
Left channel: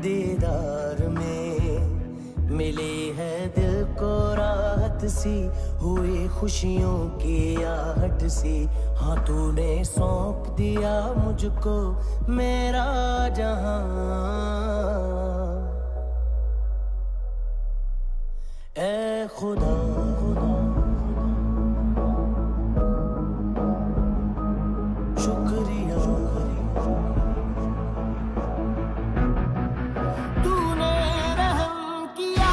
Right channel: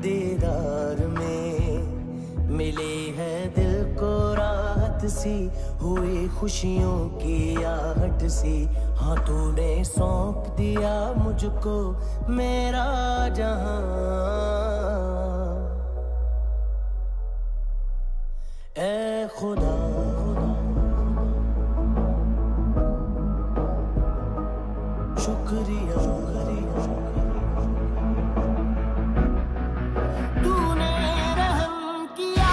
दीदार में, मिली है दिल को राहत सी, हुई खुशियों की आहट सी। हाँ तूने सौंप दिया मुझको मेरा जहां, ए खुदा शुक्रिया, तूने रहम किया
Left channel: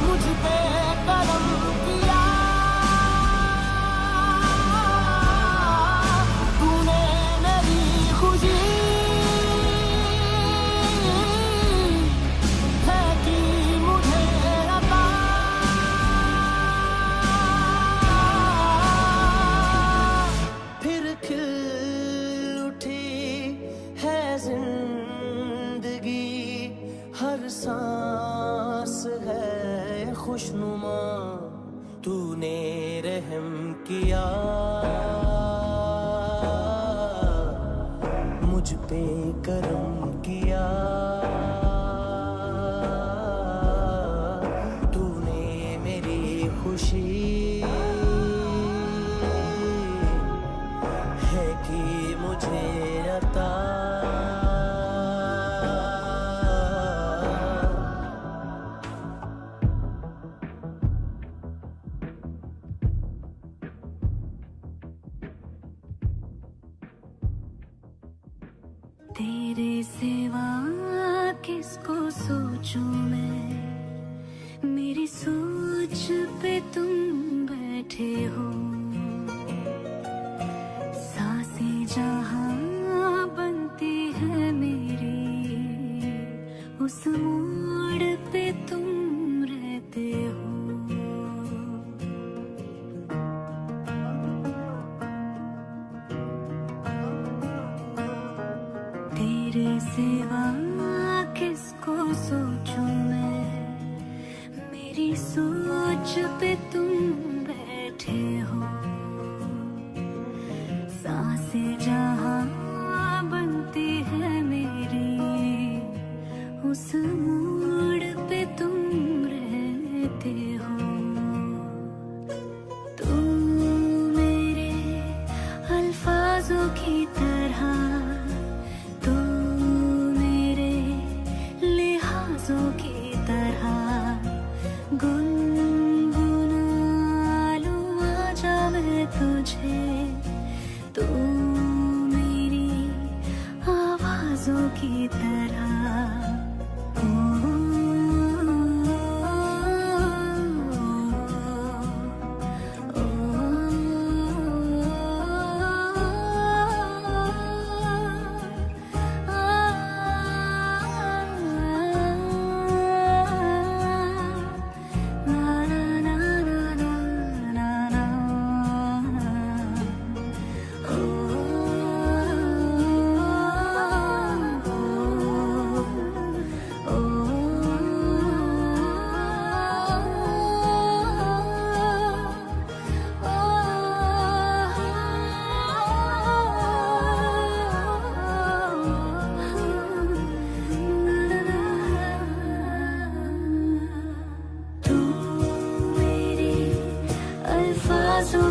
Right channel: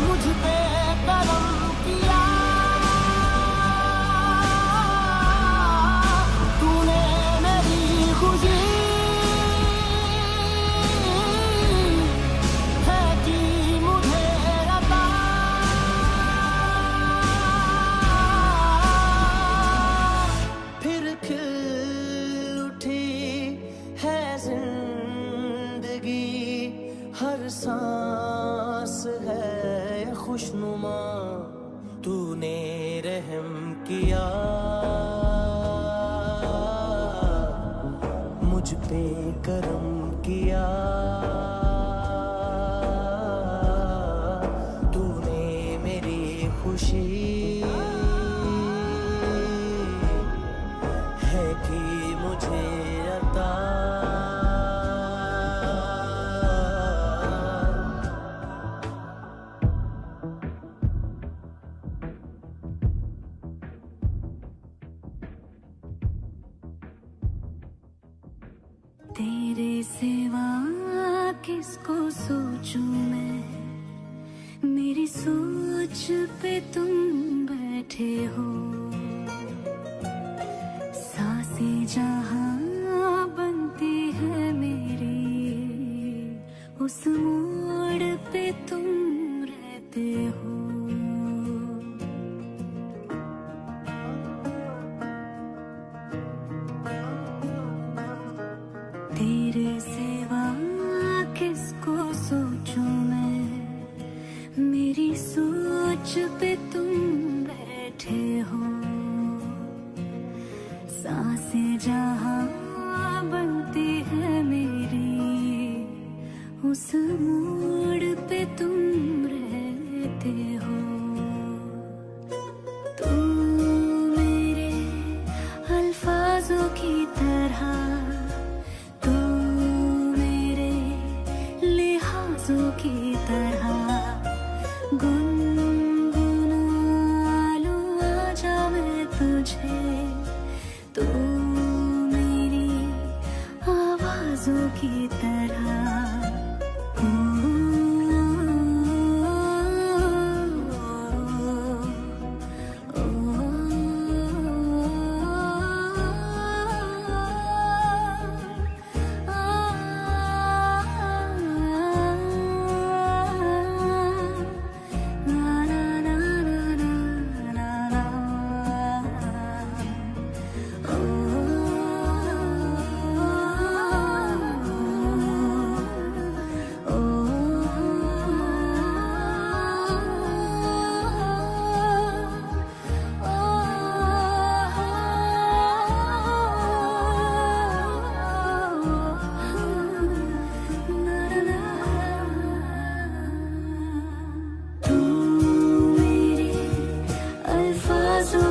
मुझ पे, करम किया तूने, मेरी खुशी है कि मुझे अता, फिर खिल उठी है जिंदगी, हर सांस है खुशनुमा, तूने रहम किया मुझ पे, करम किया तूने, मेरी खुशी है कि मुझे अता। तेरे सिवा किसको सोचूं मैं, मेरी सोच पे तुम बैठे हो, सांसें जहां बनती है मेरी, उस मोड़ पे तुम रहते हो। तेरे सिवा किसको सोचूं मैं, मेरी सोच पे तुम बैठे हो। सांसें जहां बनती है मेरी, उस मोड़ पे तुम रहते हो। तुम मेरे अल्फाजों की तरह, तू मेरे लिहाजों की तरह, गुनगुना लूं आजा मैं तुझे, तू मेरी आवाजों की तरह।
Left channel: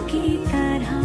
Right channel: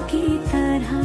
की तरह